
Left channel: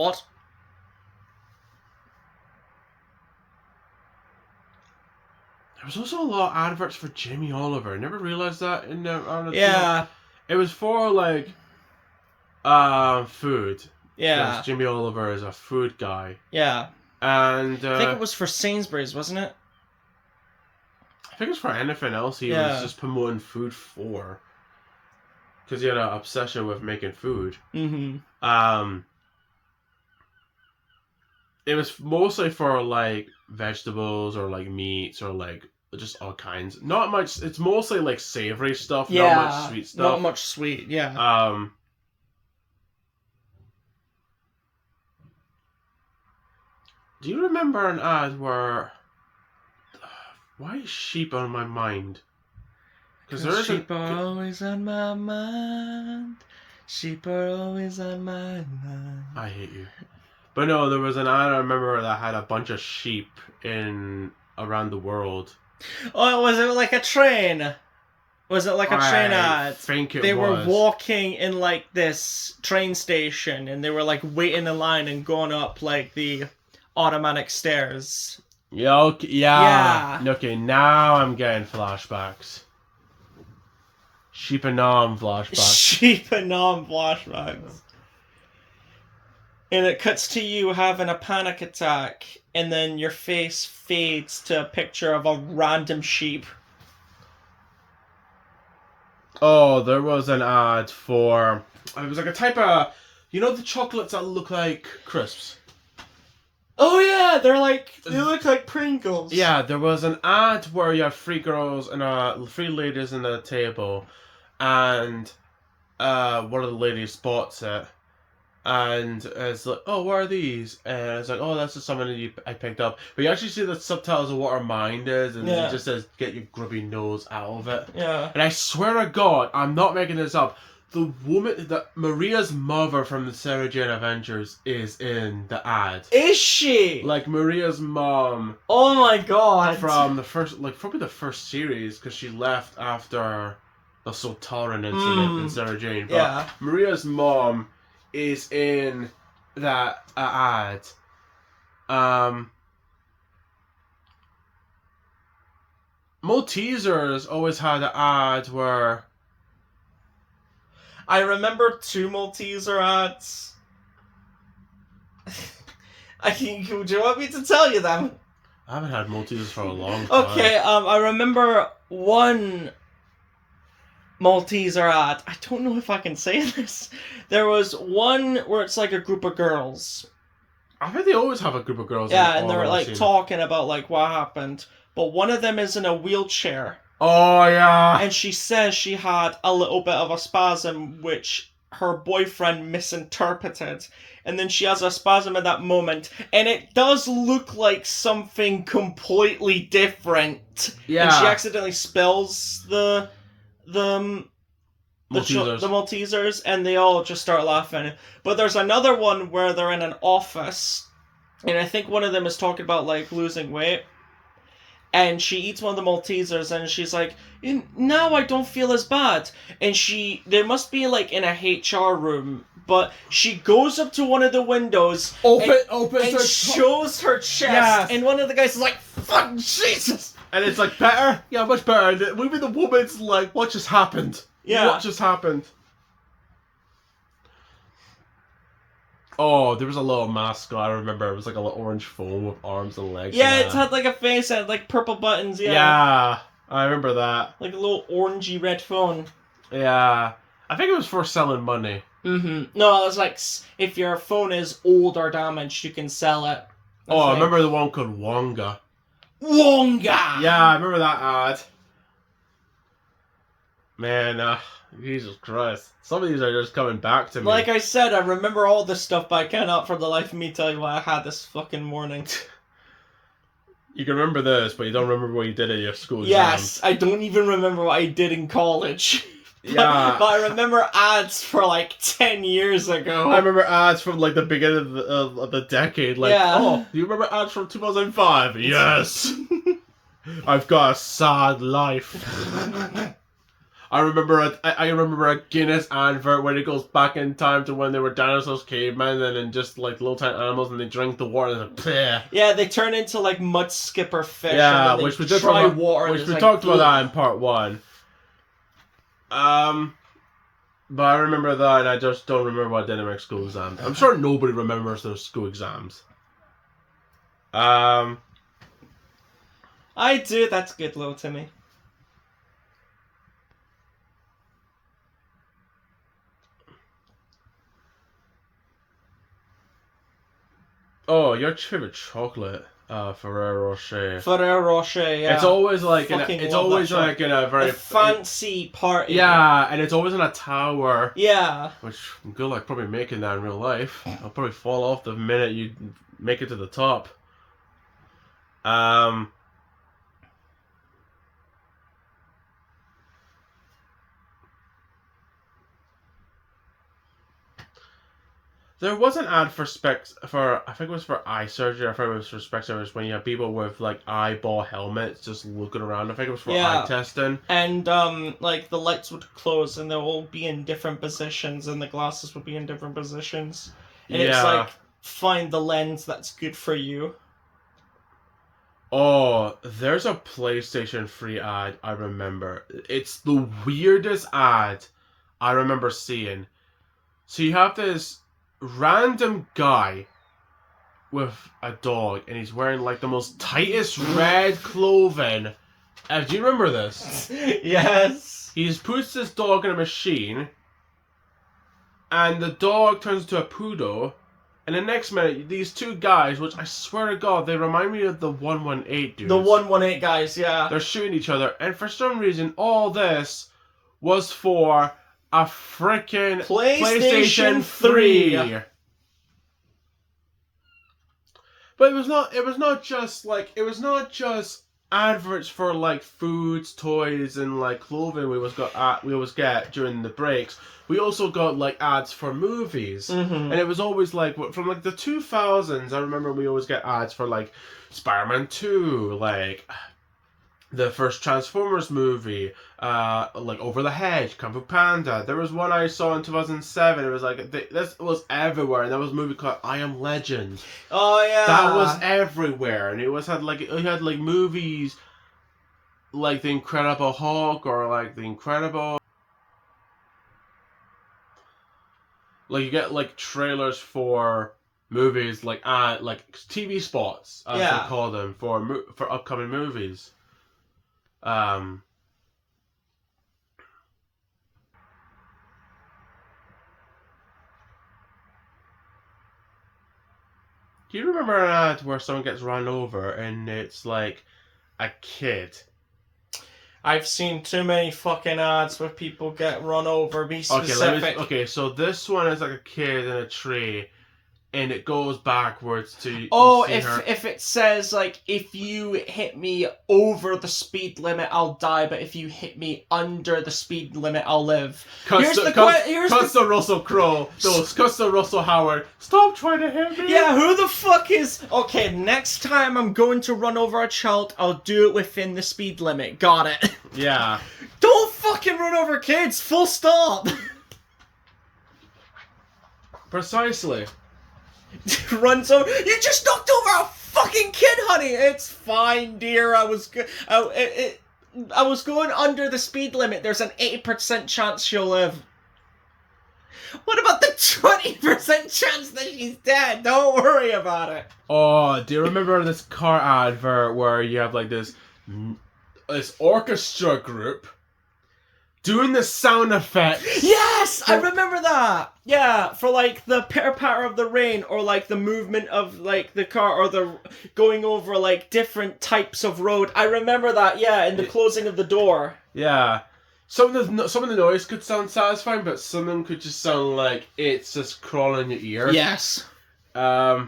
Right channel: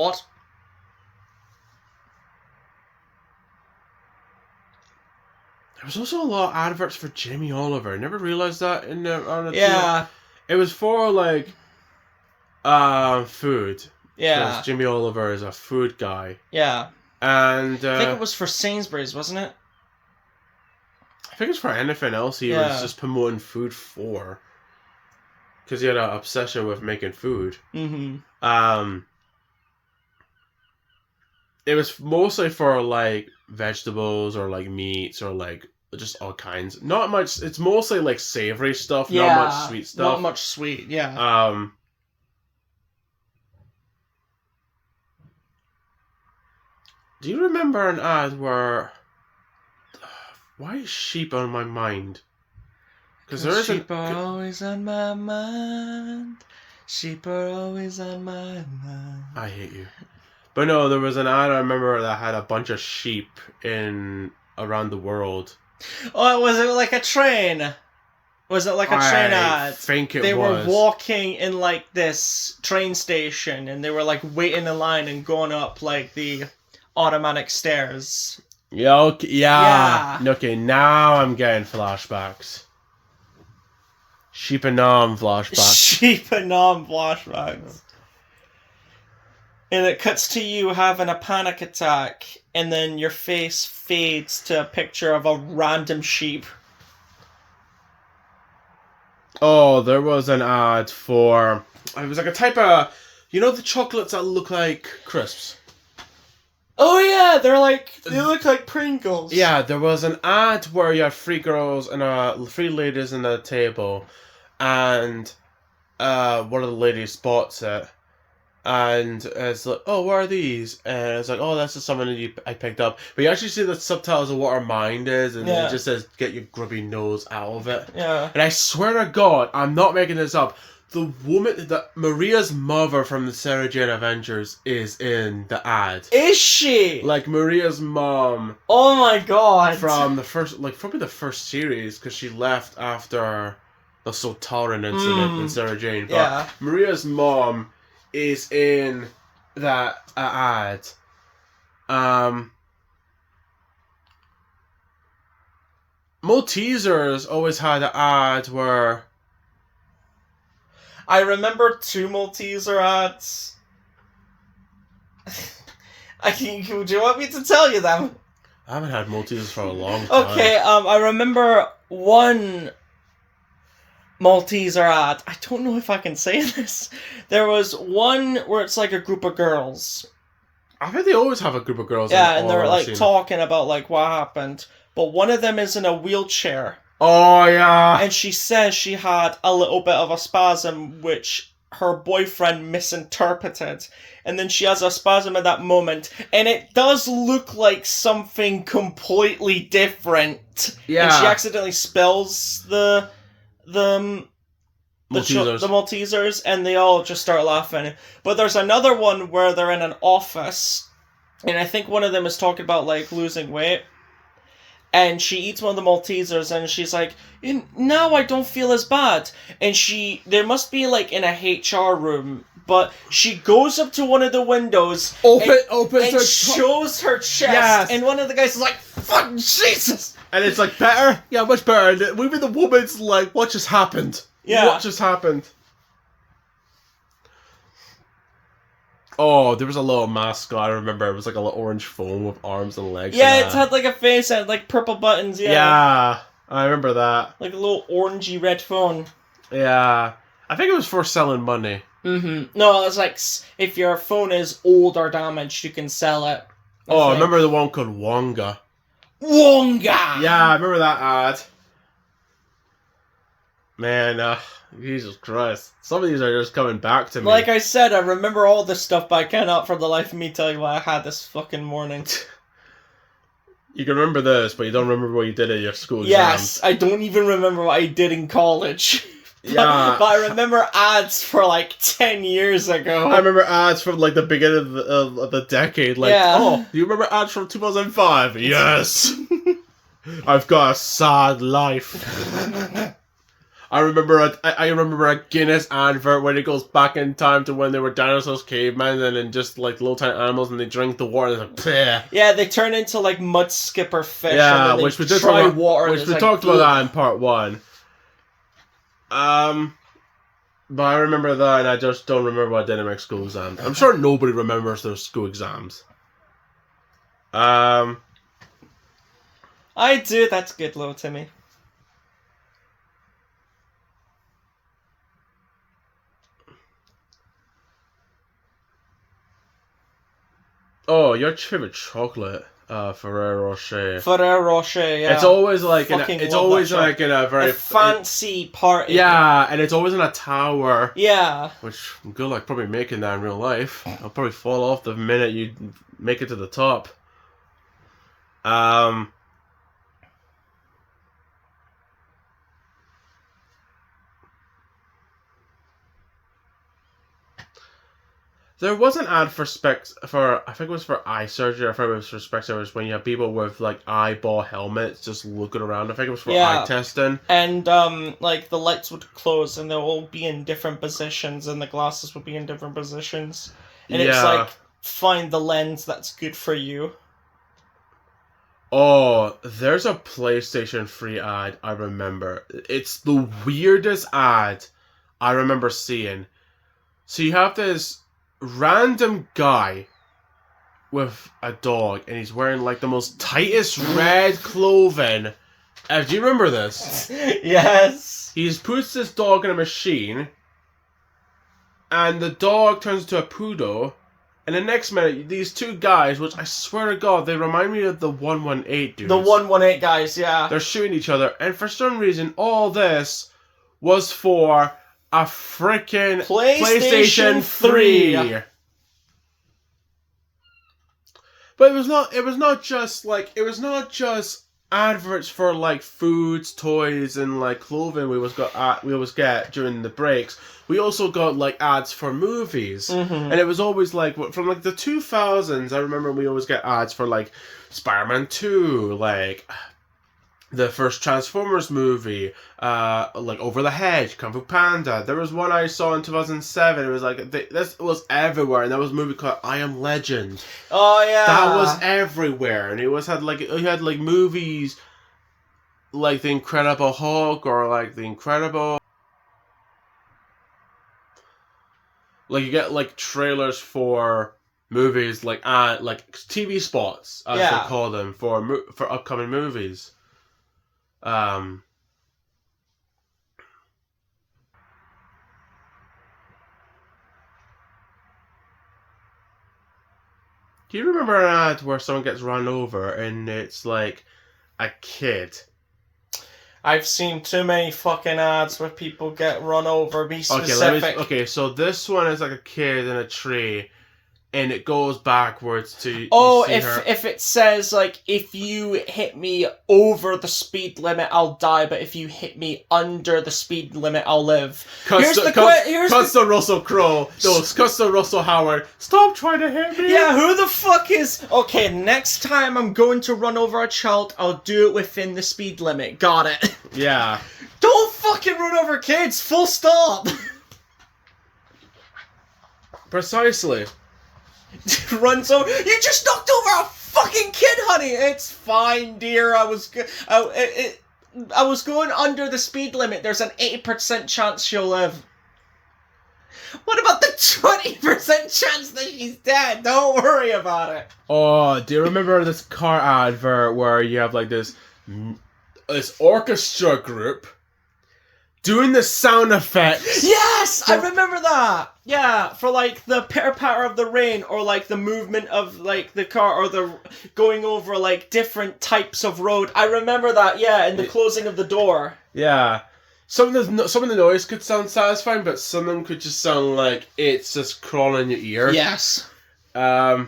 There was also a lot of adverts for Jamie Oliver. I never realised that on the Yeah. TV. It was for, like, food. Yeah. Jamie Oliver is a food guy. Yeah. And I think it was for Sainsbury's, wasn't it? I think it's for anything else he was just promoting food for. Because he had an obsession with making food. Mm-hmm. It was mostly for, like, vegetables or, like, meats or, like, just all kinds. Not much. It's mostly, like, savory stuff, not much sweet stuff. Not much sweet, yeah. Do you remember an ad where... why is sheep on my mind? Because sheep are always on my mind. Sheep are always on my mind. I hate you. But no, there was an ad I remember that had a bunch of sheep around the world. Oh, was it like a train? Was it like a train ad? I think it was. They were walking in like this train station and they were like waiting in line and going up like the automatic stairs. Yeah, okay, yeah. Okay, now I'm getting flashbacks. Sheep and Nom flashbacks. Sheep and Nom flashbacks. And it cuts to you having a panic attack, and then your face fades to a picture of a random sheep. Oh, there was an ad for... it was like a type of... You know the chocolates that look like crisps? Oh yeah, they look like Pringles. Yeah, there was an ad where you had 3 girls and 3 ladies in a table, and one of the ladies spots it, And it's like, oh, what are these? And it's like, oh, that's just something that I picked up. But you actually see the subtitles of what our mind is, and it just says, get your grubby nose out of it. Yeah. And I swear to God, I'm not making this up. The woman, Maria's mother from the Sarah Jane Adventures is in the ad. Is she? Like Maria's mom. Oh my God. From the first, like probably the first series, because she left after the Sultaran incident in Sarah Jane. But yeah. Maria's mom is in that ad. Maltesers always had an ad where I remember 2 Malteser ads. Do you want me to tell you them? I haven't had Maltesers for a long time. Okay, I remember 1 Malteser ad. I don't know if I can say this. There was one where it's like a group of girls. I think they always have a group of girls. Yeah, and they're like talking about like what happened. But one of them is in a wheelchair. Oh, yeah. And she says she had a little bit of a spasm, which her boyfriend misinterpreted. And then she has a spasm at that moment. And it does look like something completely different. Yeah. And she accidentally spills the Maltesers, and they all just start laughing. But there's another one where they're in an office, and I think one of them is talking about, like, losing weight. And she eats one of the Maltesers, and she's like, now I don't feel as bad. And there must be, like, in a HR room, but she goes up to one of the windows, and shows her chest, yes. And one of the guys is like, fuck, Jesus! And it's like, better? Yeah, much better. And maybe the woman's like, what just happened? Yeah. What just happened? Oh, there was a little mascot, I remember. It was like a little orange foam with arms and legs. Yeah, it had like a face and like purple buttons, yeah. Yeah, I remember that. Like a little orangey red phone. Yeah. I think it was for selling money. Mm-hmm. No, it was like, if your phone is old or damaged, you can sell it. I remember the one called Wonga. Wonga! Yeah, I remember that ad. Man, Jesus Christ. Some of these are just coming back to me. Like I said, I remember all this stuff, but I cannot for the life of me tell you what I had this fucking morning. You can remember this, but you don't remember what you did at your school exam. Yes, I don't even remember what I did in college. Yeah. But I remember ads for like 10 years ago. I remember ads from like the beginning of the decade. Like, oh, do you remember ads from 2005? Yes. I've got a sad life. I remember a Guinness advert when it goes back in time to when they were dinosaurs, cavemen, and then just like little tiny animals, and they drink the water. And it's like, bleh. Yeah, they turn into like mud skipper fish. Yeah, and then which we did try water. Which we talked about that in part 1. But I remember that, and I just don't remember what I did in my school exam. I'm sure nobody remembers their school exams. I do. That's good, little Timmy. Oh, your favorite chocolate, Ferrero Rocher. Ferrero Rocher, yeah. It's always like in a very fancy party. Yeah, and it's always in a tower. Yeah. Which good luck probably making that in real life. I'll probably fall off the minute you make it to the top. There was an ad for I think it was for eye surgery, I think it was for Specsavers, when you have people with like eyeball helmets just looking around. I think it was for eye testing. And like the lights would close and they'll all be in different positions and the glasses would be in different positions. And it's like, find the lens that's good for you. Oh, there's a PlayStation 3 ad I remember. It's the weirdest ad I remember seeing. So you have this random guy with a dog, and he's wearing like the most tightest red clothing. Do you remember this? Yes. He puts this dog in a machine, and the dog turns into a poodle. And the next minute, these two guys, which I swear to God, they remind me of the 118 dudes. The 118 guys, yeah. They're shooting each other, and for some reason, all this was for a freaking PlayStation 3. But it was not. It was not just like. It was not just adverts for like foods, toys, and like clothing. We always get during the breaks. We also got like ads for movies, and it was always like from like the 2000s. I remember we always get ads for like Spider-Man 2, like the first Transformers movie, like Over the Hedge, Kung Fu Panda. There was one I saw in 2007. It was like this was everywhere, and there was a movie called I Am Legend. Oh yeah, That was everywhere, and it had like movies like The Incredible Hulk or like The Incredible. Like you get like trailers for movies like TV spots as they call them for upcoming movies. Do you remember an ad where someone gets run over and it's like a kid? I've seen too many fucking ads where people get run over. Be specific. Okay, so this one is like a kid in a tree, and it goes backwards to. Oh, if it says like if you hit me over the speed limit, I'll die. But if you hit me under the speed limit, I'll live. Here's the Russell Crowe. Those cuts the Russell Howard. Stop trying to hit me. Yeah, who the fuck is? Okay, next time I'm going to run over a child, I'll do it within the speed limit. Got it. Yeah. Don't fucking run over kids. Full stop. Precisely. Runs over. You just knocked over a fucking kid, honey. It's fine, dear. I was going under the speed limit. There's an 80% chance she'll live. What about the 20% chance that she's dead? Don't worry about it. Oh, do you remember this car advert where you have like this orchestra group doing the sound effects? Yes, I remember that. Yeah, for like the pitter-patter of the rain, or like the movement of like the car, or the going over like different types of road. I remember that. Yeah, and the closing of the door. Yeah, some of the noise could sound satisfying, but some of them could just sound like it's just crawling in your ear. Yes. There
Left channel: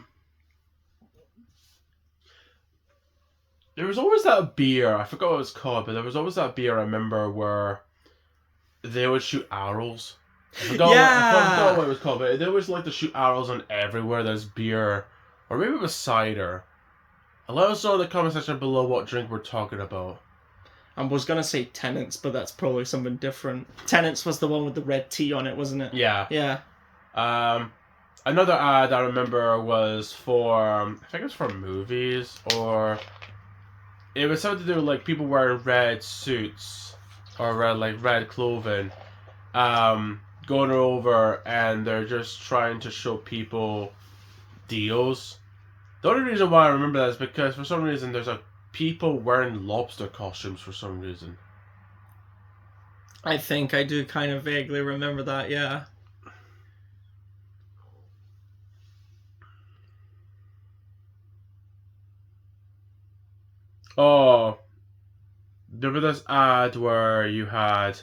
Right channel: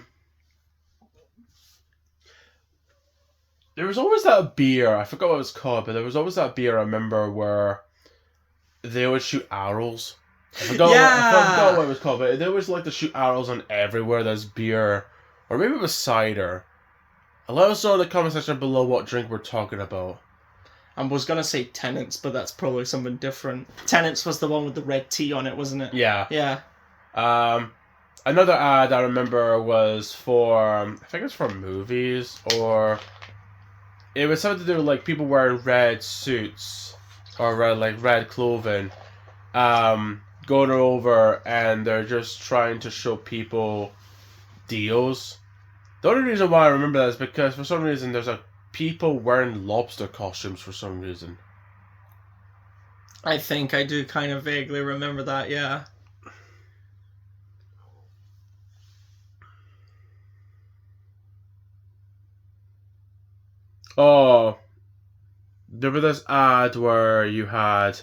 was always that beer. I forgot what it was called, but there was always that beer. I remember where they would shoot arrows. I forgot what it was called, but they always like to shoot arrows on everywhere there's beer. Or maybe it was cider. Let us know in the comment section below what drink we're talking about. I was gonna say Tenants, but that's probably something different. Tenants was the one with the red tea on it, wasn't it? Yeah. Yeah. Another ad I remember was for, I think it was for movies, or it was something to do with like people wearing red suits or red clothing, going over, and they're just trying to show people deals. The only reason why I remember that is because for some reason there's people wearing lobster costumes for some reason. I think I do kind of vaguely remember that, yeah. Oh, there was this ad where you had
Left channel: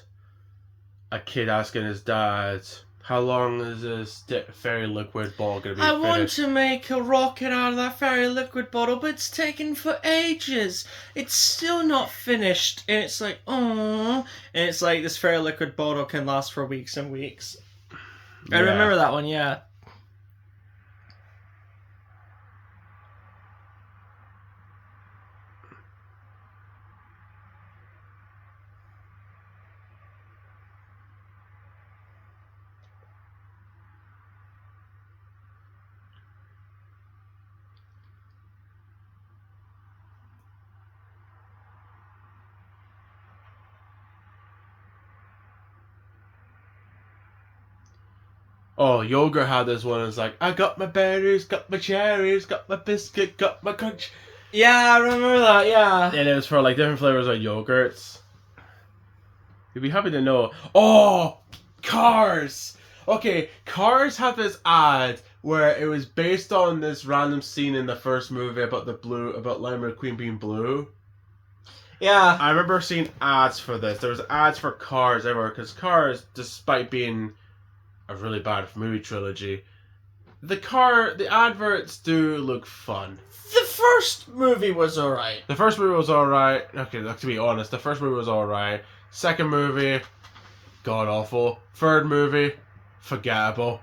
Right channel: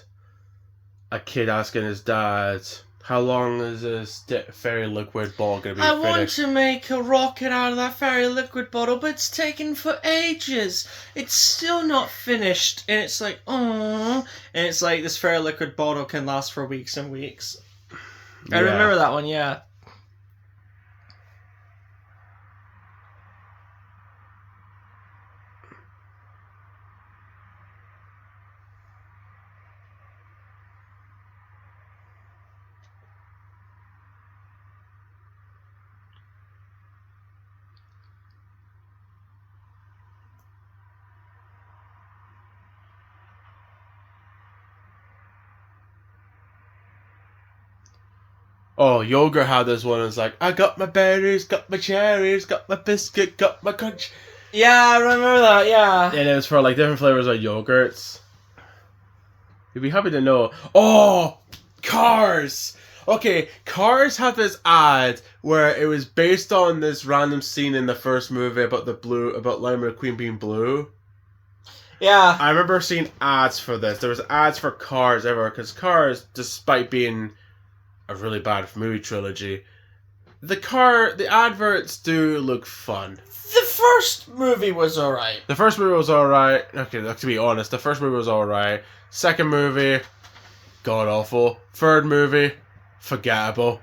a kid asking his dad, how long is this fairy liquid bottle going to be I finished? want to make a rocket out of that fairy liquid bottle, but it's taken for ages. It's still not finished. And it's like, oh. And it's like, this fairy liquid bottle can last for weeks and weeks. I remember that one, yeah. Oh, Yogurt had this one. It's like, I got my berries, got my cherries, got my biscuit, got my crunch. Yeah, I remember that, yeah. And it was for like different flavors of yogurts. You'd be happy to know. Oh, Cars! Okay, Cars had this ad where it was based on this random scene in the first movie about Lightning McQueen being blue. Yeah. I remember seeing ads for this. There was ads for Cars everywhere, because Cars, despite being a really bad movie trilogy, the adverts do look fun. The first movie was alright. The first movie was alright. Okay, to be honest, the first movie was alright. Second movie, god awful. Third movie, forgettable.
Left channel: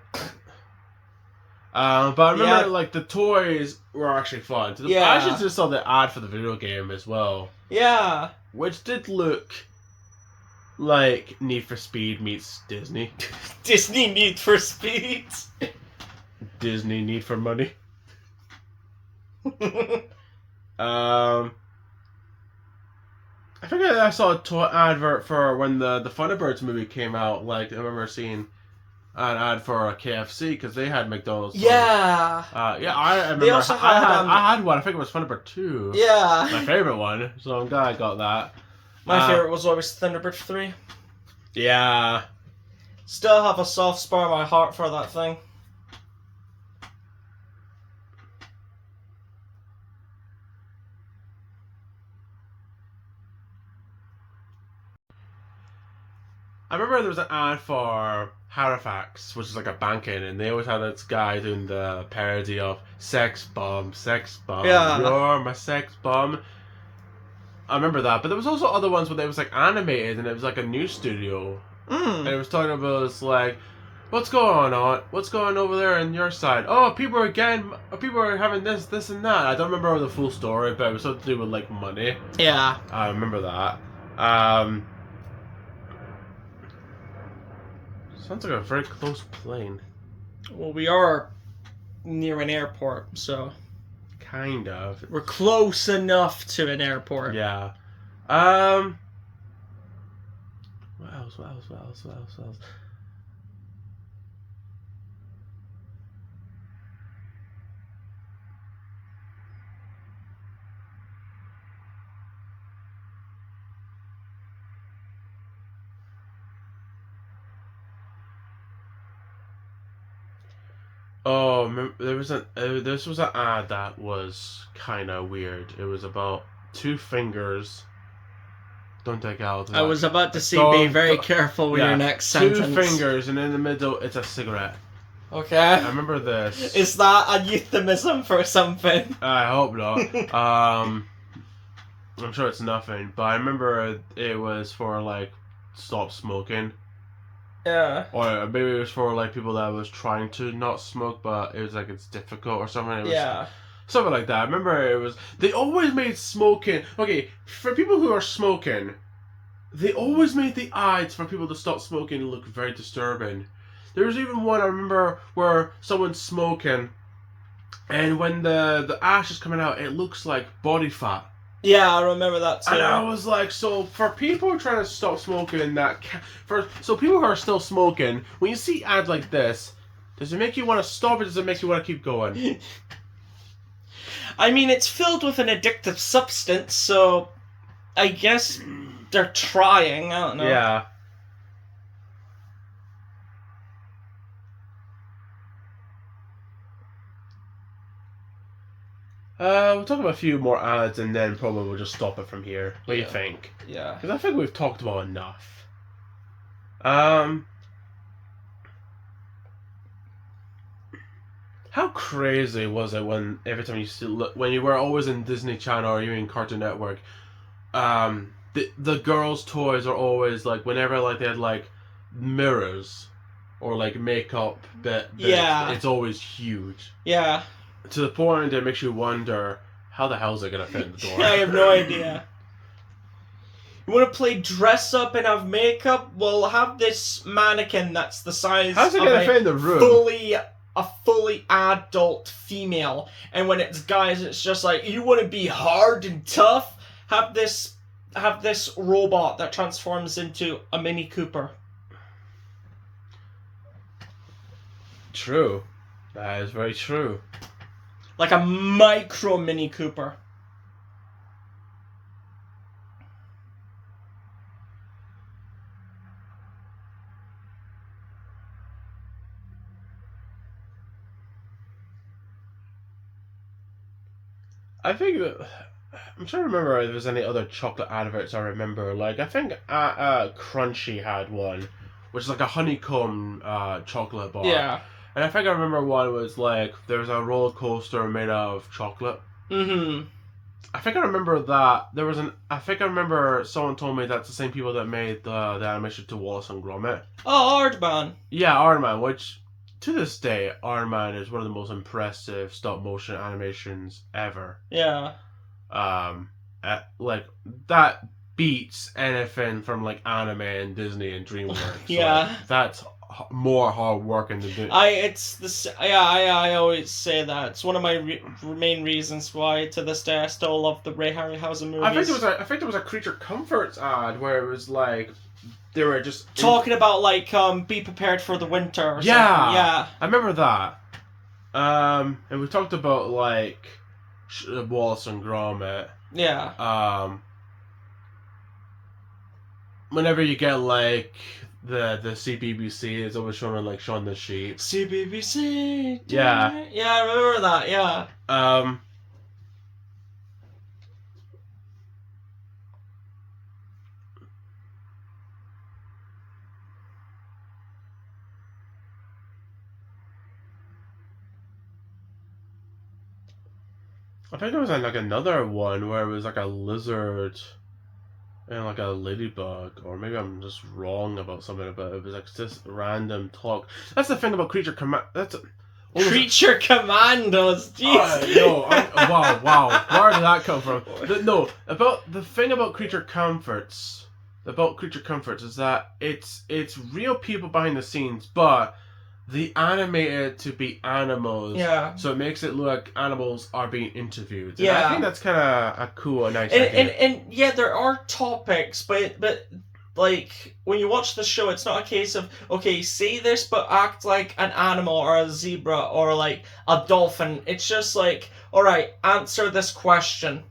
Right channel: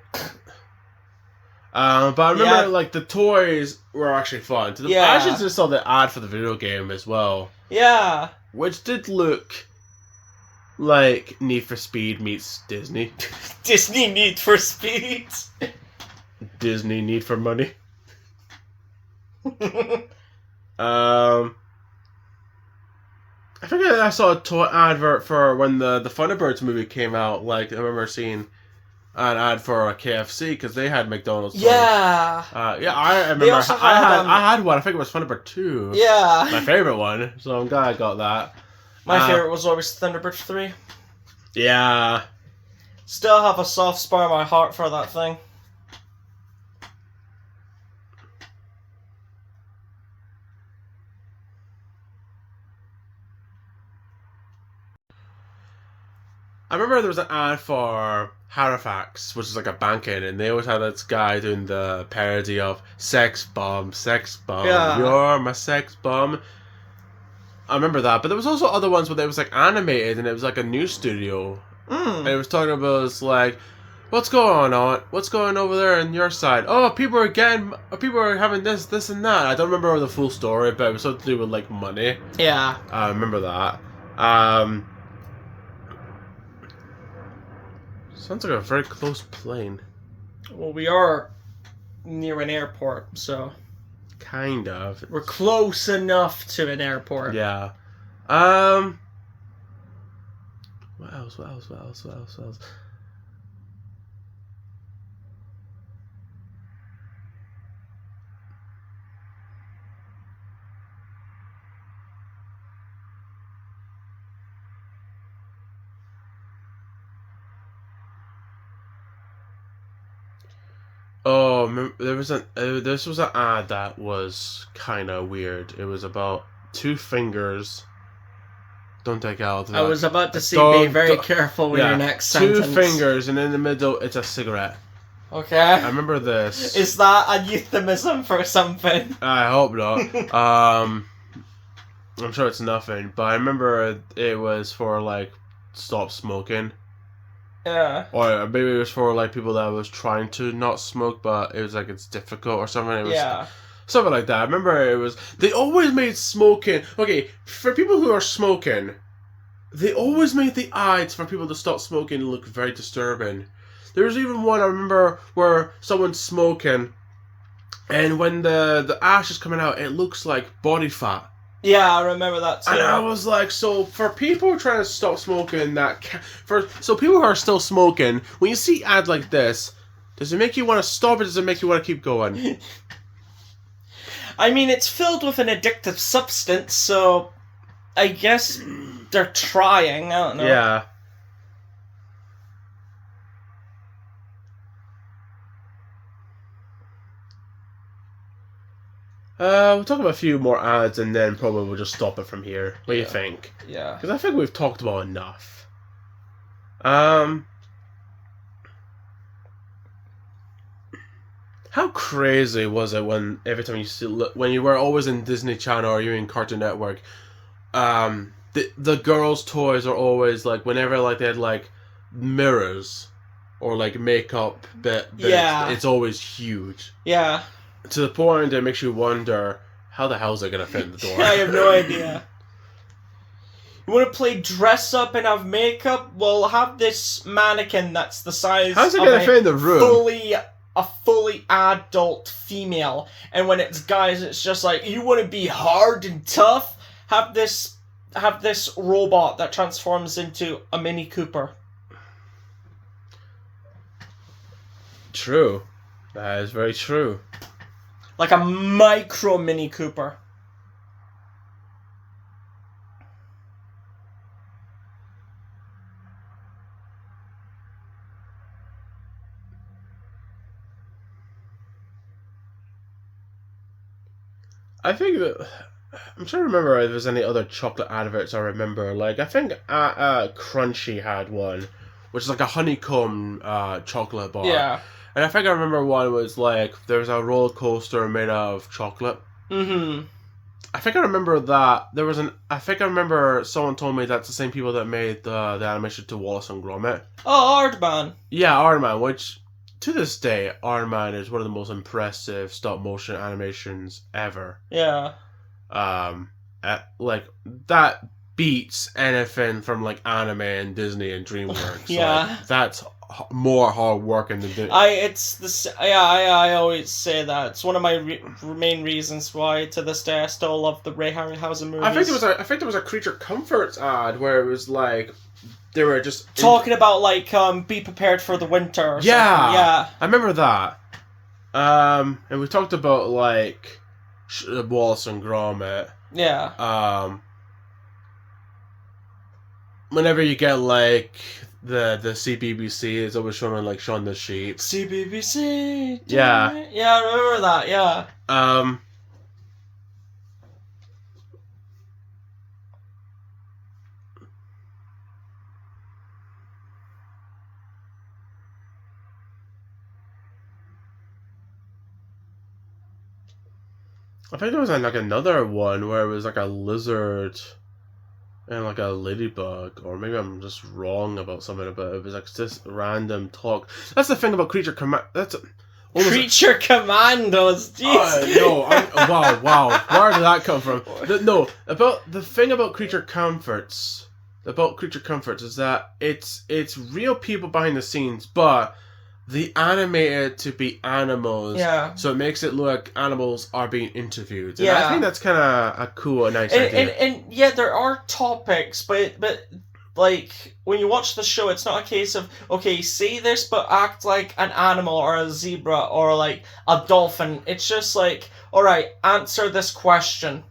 But I remember like the toys were actually fun. I actually just saw the ad for the video game as well. Yeah. Which did look like Need for Speed meets Disney. Disney Need for Speed. Disney Need for Money. I think I saw a toy advert for when the Thunderbirds movie came out. Like, I remember seeing an ad for a KFC because they had McDonald's. Yeah. I remember. They also I had one. I think it was Thunderbird 2. Yeah. My favorite one. So I'm glad I got that. My favorite was always Thunderbird 3. Yeah. Still have a soft spot in my heart for that thing. I remember there was an ad for Halifax, which is like a banking, and they always had this guy doing the parody of sex bomb, Yeah. you're my sex bomb. I remember that, but there was also other ones where it was like animated, and it was like a news studio. And it was talking about, it's like, what's going on? What's going over there on your side? Oh, people are having this, and that. I don't remember the full story, but it was something to do with like money. Yeah. I remember that. Sounds like a very close plane. Well, we are near an airport, so Kind of. we're close enough to an airport. Yeah. What else? Oh, this was an ad that was kind of weird. It was about 2 fingers. Don't take out. I was about to say, be very careful with your next sentence. 2 fingers, and in the middle, it's a cigarette. Okay. I remember this. Is that a euphemism for something? I hope not. I'm sure it's nothing, but I remember it was for like stop smoking. Yeah. Or maybe it was for like people that was trying to not smoke, but it was like it's difficult or something. It was something like that. I remember it was. They always made smoking. Okay, for people who are smoking, they always made the ads for people to stop smoking look very disturbing. There was even one I remember where someone's smoking, and when the ash is coming out, it looks like body fat. Yeah, I remember that too. And I was like, so for people trying to stop smoking, so people who are still smoking, when you see ad like this, does it make you want to stop or does it make you want to keep going? I mean, it's filled with an addictive substance, so I guess they're trying. I don't know. Yeah. We'll talk about a few more ads and then probably we'll just stop it from here. What do you think? Yeah. Because I think we've talked about enough. How crazy was it when every time when you were always in Disney Channel or you in Cartoon Network, the girls' toys are always like whenever like they had like mirrors or like makeup bits, it's always huge. Yeah. To the point that it makes you wonder, how the hell is it going to fit in the door? I have no idea. You want to play dress up and have makeup? Well, have this mannequin that's the size How's it of going to fit in the room? a fully adult female. And when it's guys, it's just like, you want to be hard and tough? Have this robot that transforms into a Mini Cooper. True. That is very true. Like a micro Mini Cooper. I think that... I'm trying to remember if there's any other chocolate adverts I remember. Like, I think Crunchy had one, which is like a honeycomb chocolate bar. Yeah. And I think I remember one was like there was a roller coaster made of chocolate. Mm-hmm. I think I remember that there was an. I think I remember someone told me that's the same people that made the animation to Wallace and Gromit. Oh, Aardman. Yeah, Iron Man, which to this day, Iron Man is one of the most impressive stop motion animations ever. Yeah. Like that beats anything from like anime and Disney and DreamWorks. Yeah. Like, that's more hard working than do. It's this. Yeah, I always say that it's one of my main reasons why to this day I still love the Ray Harryhausen movies. I think there was a Creature Comforts ad where it was like they were just talking about like be prepared for the winter. Or something. Yeah. I remember that. And we talked about like Wallace and Gromit. Yeah. Whenever you get like the CBBC is always showing like Shaun the Sheep. CBBC. Yeah. Yeah, I remember that. Yeah. I think there was like another one where it was like a lizard and like a ladybug, or maybe I'm just wrong about something about it. It was like just random talk. That's the thing about Creature Command. Creature Commandos. Jeez. Wow. Where did that come from? No, about the thing about Creature Comforts. About Creature Comforts is that it's real people behind the scenes, but they animated to be animals. Yeah. So it makes it look like animals are being interviewed. And Yeah. I think that's kind of a cool and nice idea. And yeah, there are topics, but like when you watch the show, it's not a case of okay, say this but act like an animal or a zebra or like a dolphin. It's just like, all right, answer this question.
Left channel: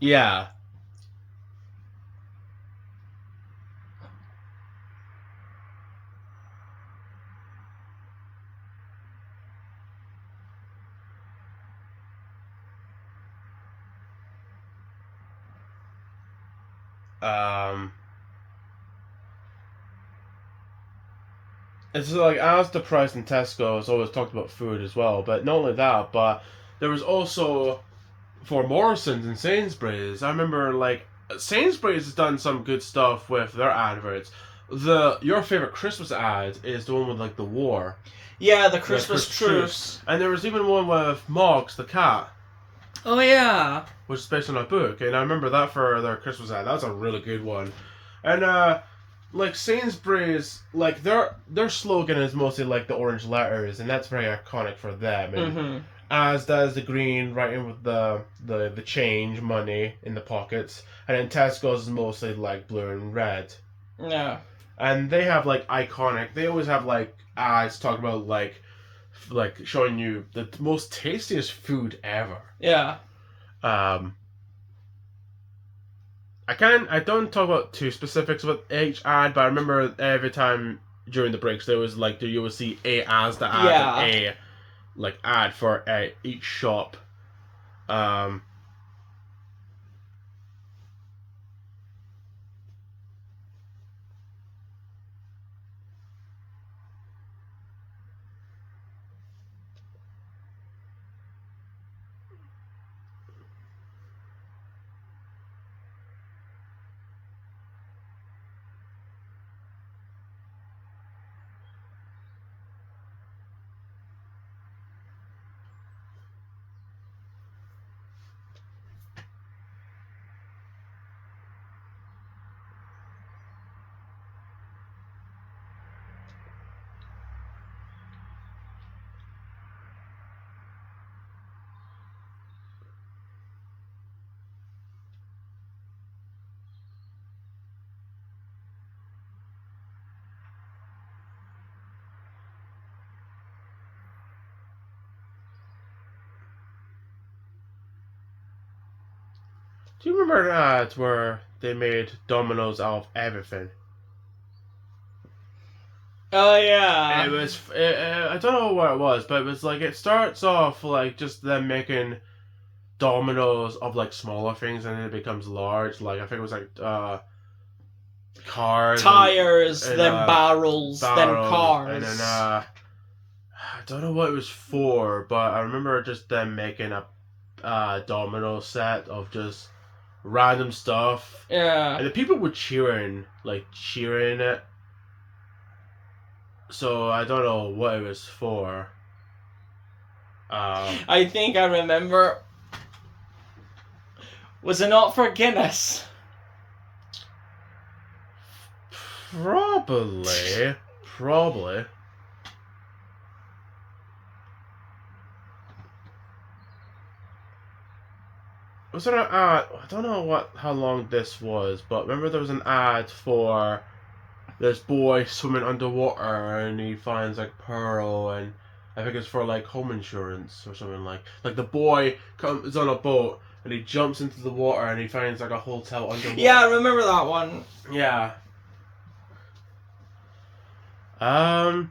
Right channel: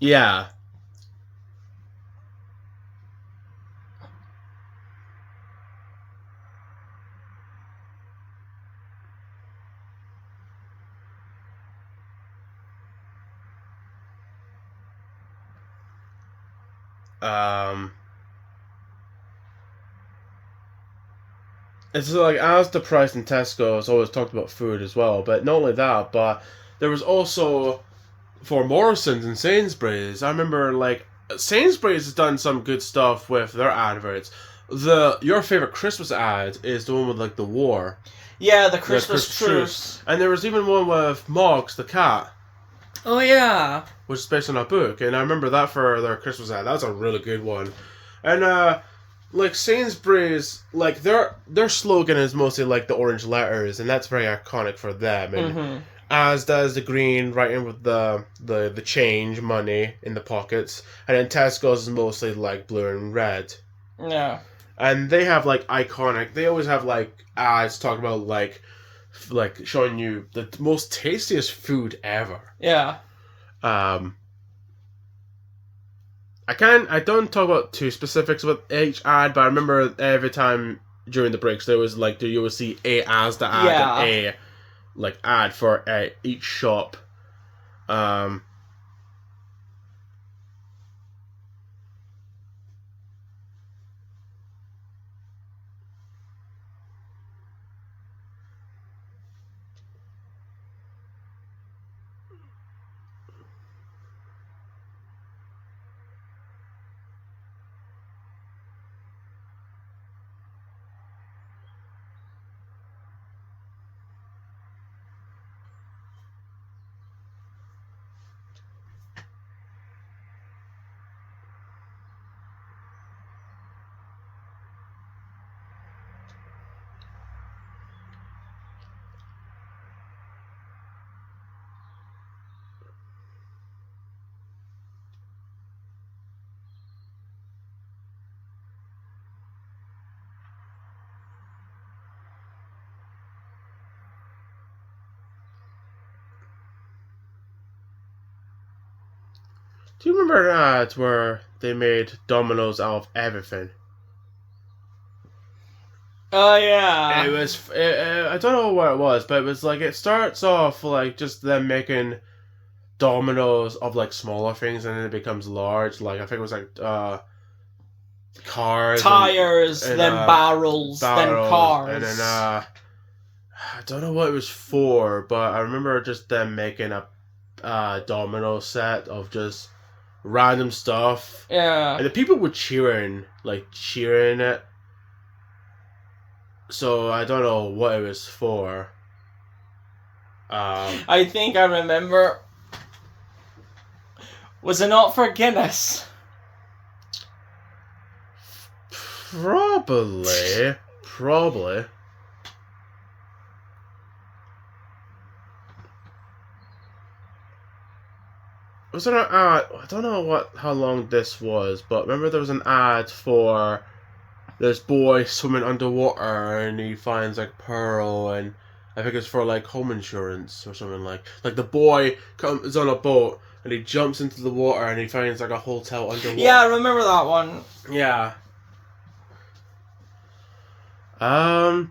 Yeah. It's like as the price in Tesco has always talked about food as well, but not only that, but there was also for Morrison's and Sainsbury's. I remember like Sainsbury's has done some good stuff with their adverts. Your favorite Christmas ad is the one with like the war. Yeah, the Christmas truce. And there was even one with Moggs the cat. Oh yeah. Which is based on a book, and I remember that for their Christmas ad. That was a really good one. And like Sainsbury's, like their slogan is mostly like the orange letters, and that's very iconic for them. And as does the green writing with the change money in the pockets, and then Tesco's is mostly like blue and red. Yeah. And they have like iconic. They always have like ads talking about like showing you the most tastiest food ever. Yeah. I don't talk about too specifics with each ad, but I remember every time during the breaks there was like you would see a Asda ad and a like ad for each shop. Do you remember ads where they made Domino's out of everything? Oh yeah. It was. I don't know what it was, but it was like it starts off like just them making dominoes of like smaller things, and then it becomes large. Like I think it was like cars, tires, and then barrels, then cars, and then don't know what it was for, but I remember just them making a domino set of just random stuff. Yeah. And the people were cheering it. So I don't know what it was for. I think I remember. Was it not for Guinness? Probably. Probably. Was there an ad? I don't know how long this was, but remember there was an ad for this boy swimming underwater and he finds like pearl, and I think it's for like home insurance or something like the boy comes on a boat and he jumps into the water and he finds like a hotel underwater. Yeah, I remember that one. Yeah. I'm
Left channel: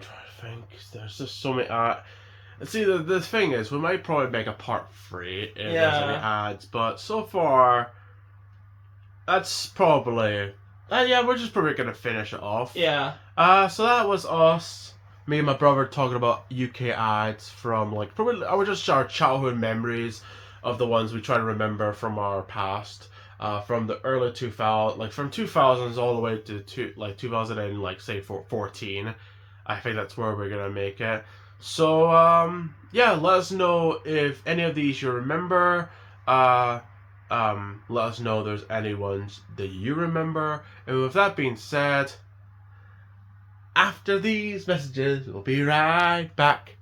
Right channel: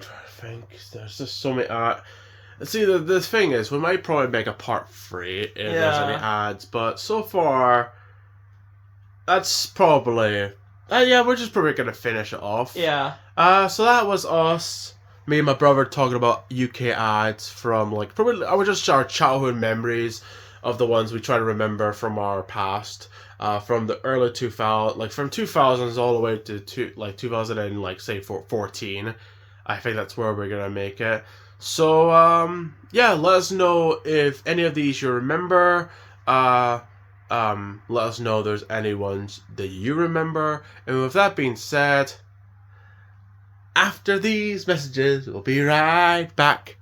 trying to think. There's just so many. See, the thing is, we might probably make a part 3 if there's any ads, but so far, that's probably. Yeah, we're just probably gonna finish it off. Yeah. So that was us. Me and my brother talking about UK ads from probably just our childhood memories of the ones we try to remember from our past. From the early 2000s, from 2000s all the way to 2000 and say 14. I think that's where we're gonna make it. So yeah, let us know if any of these you remember. Let us know if there's any ones that you remember. And with that being said, after these messages, we'll be right back.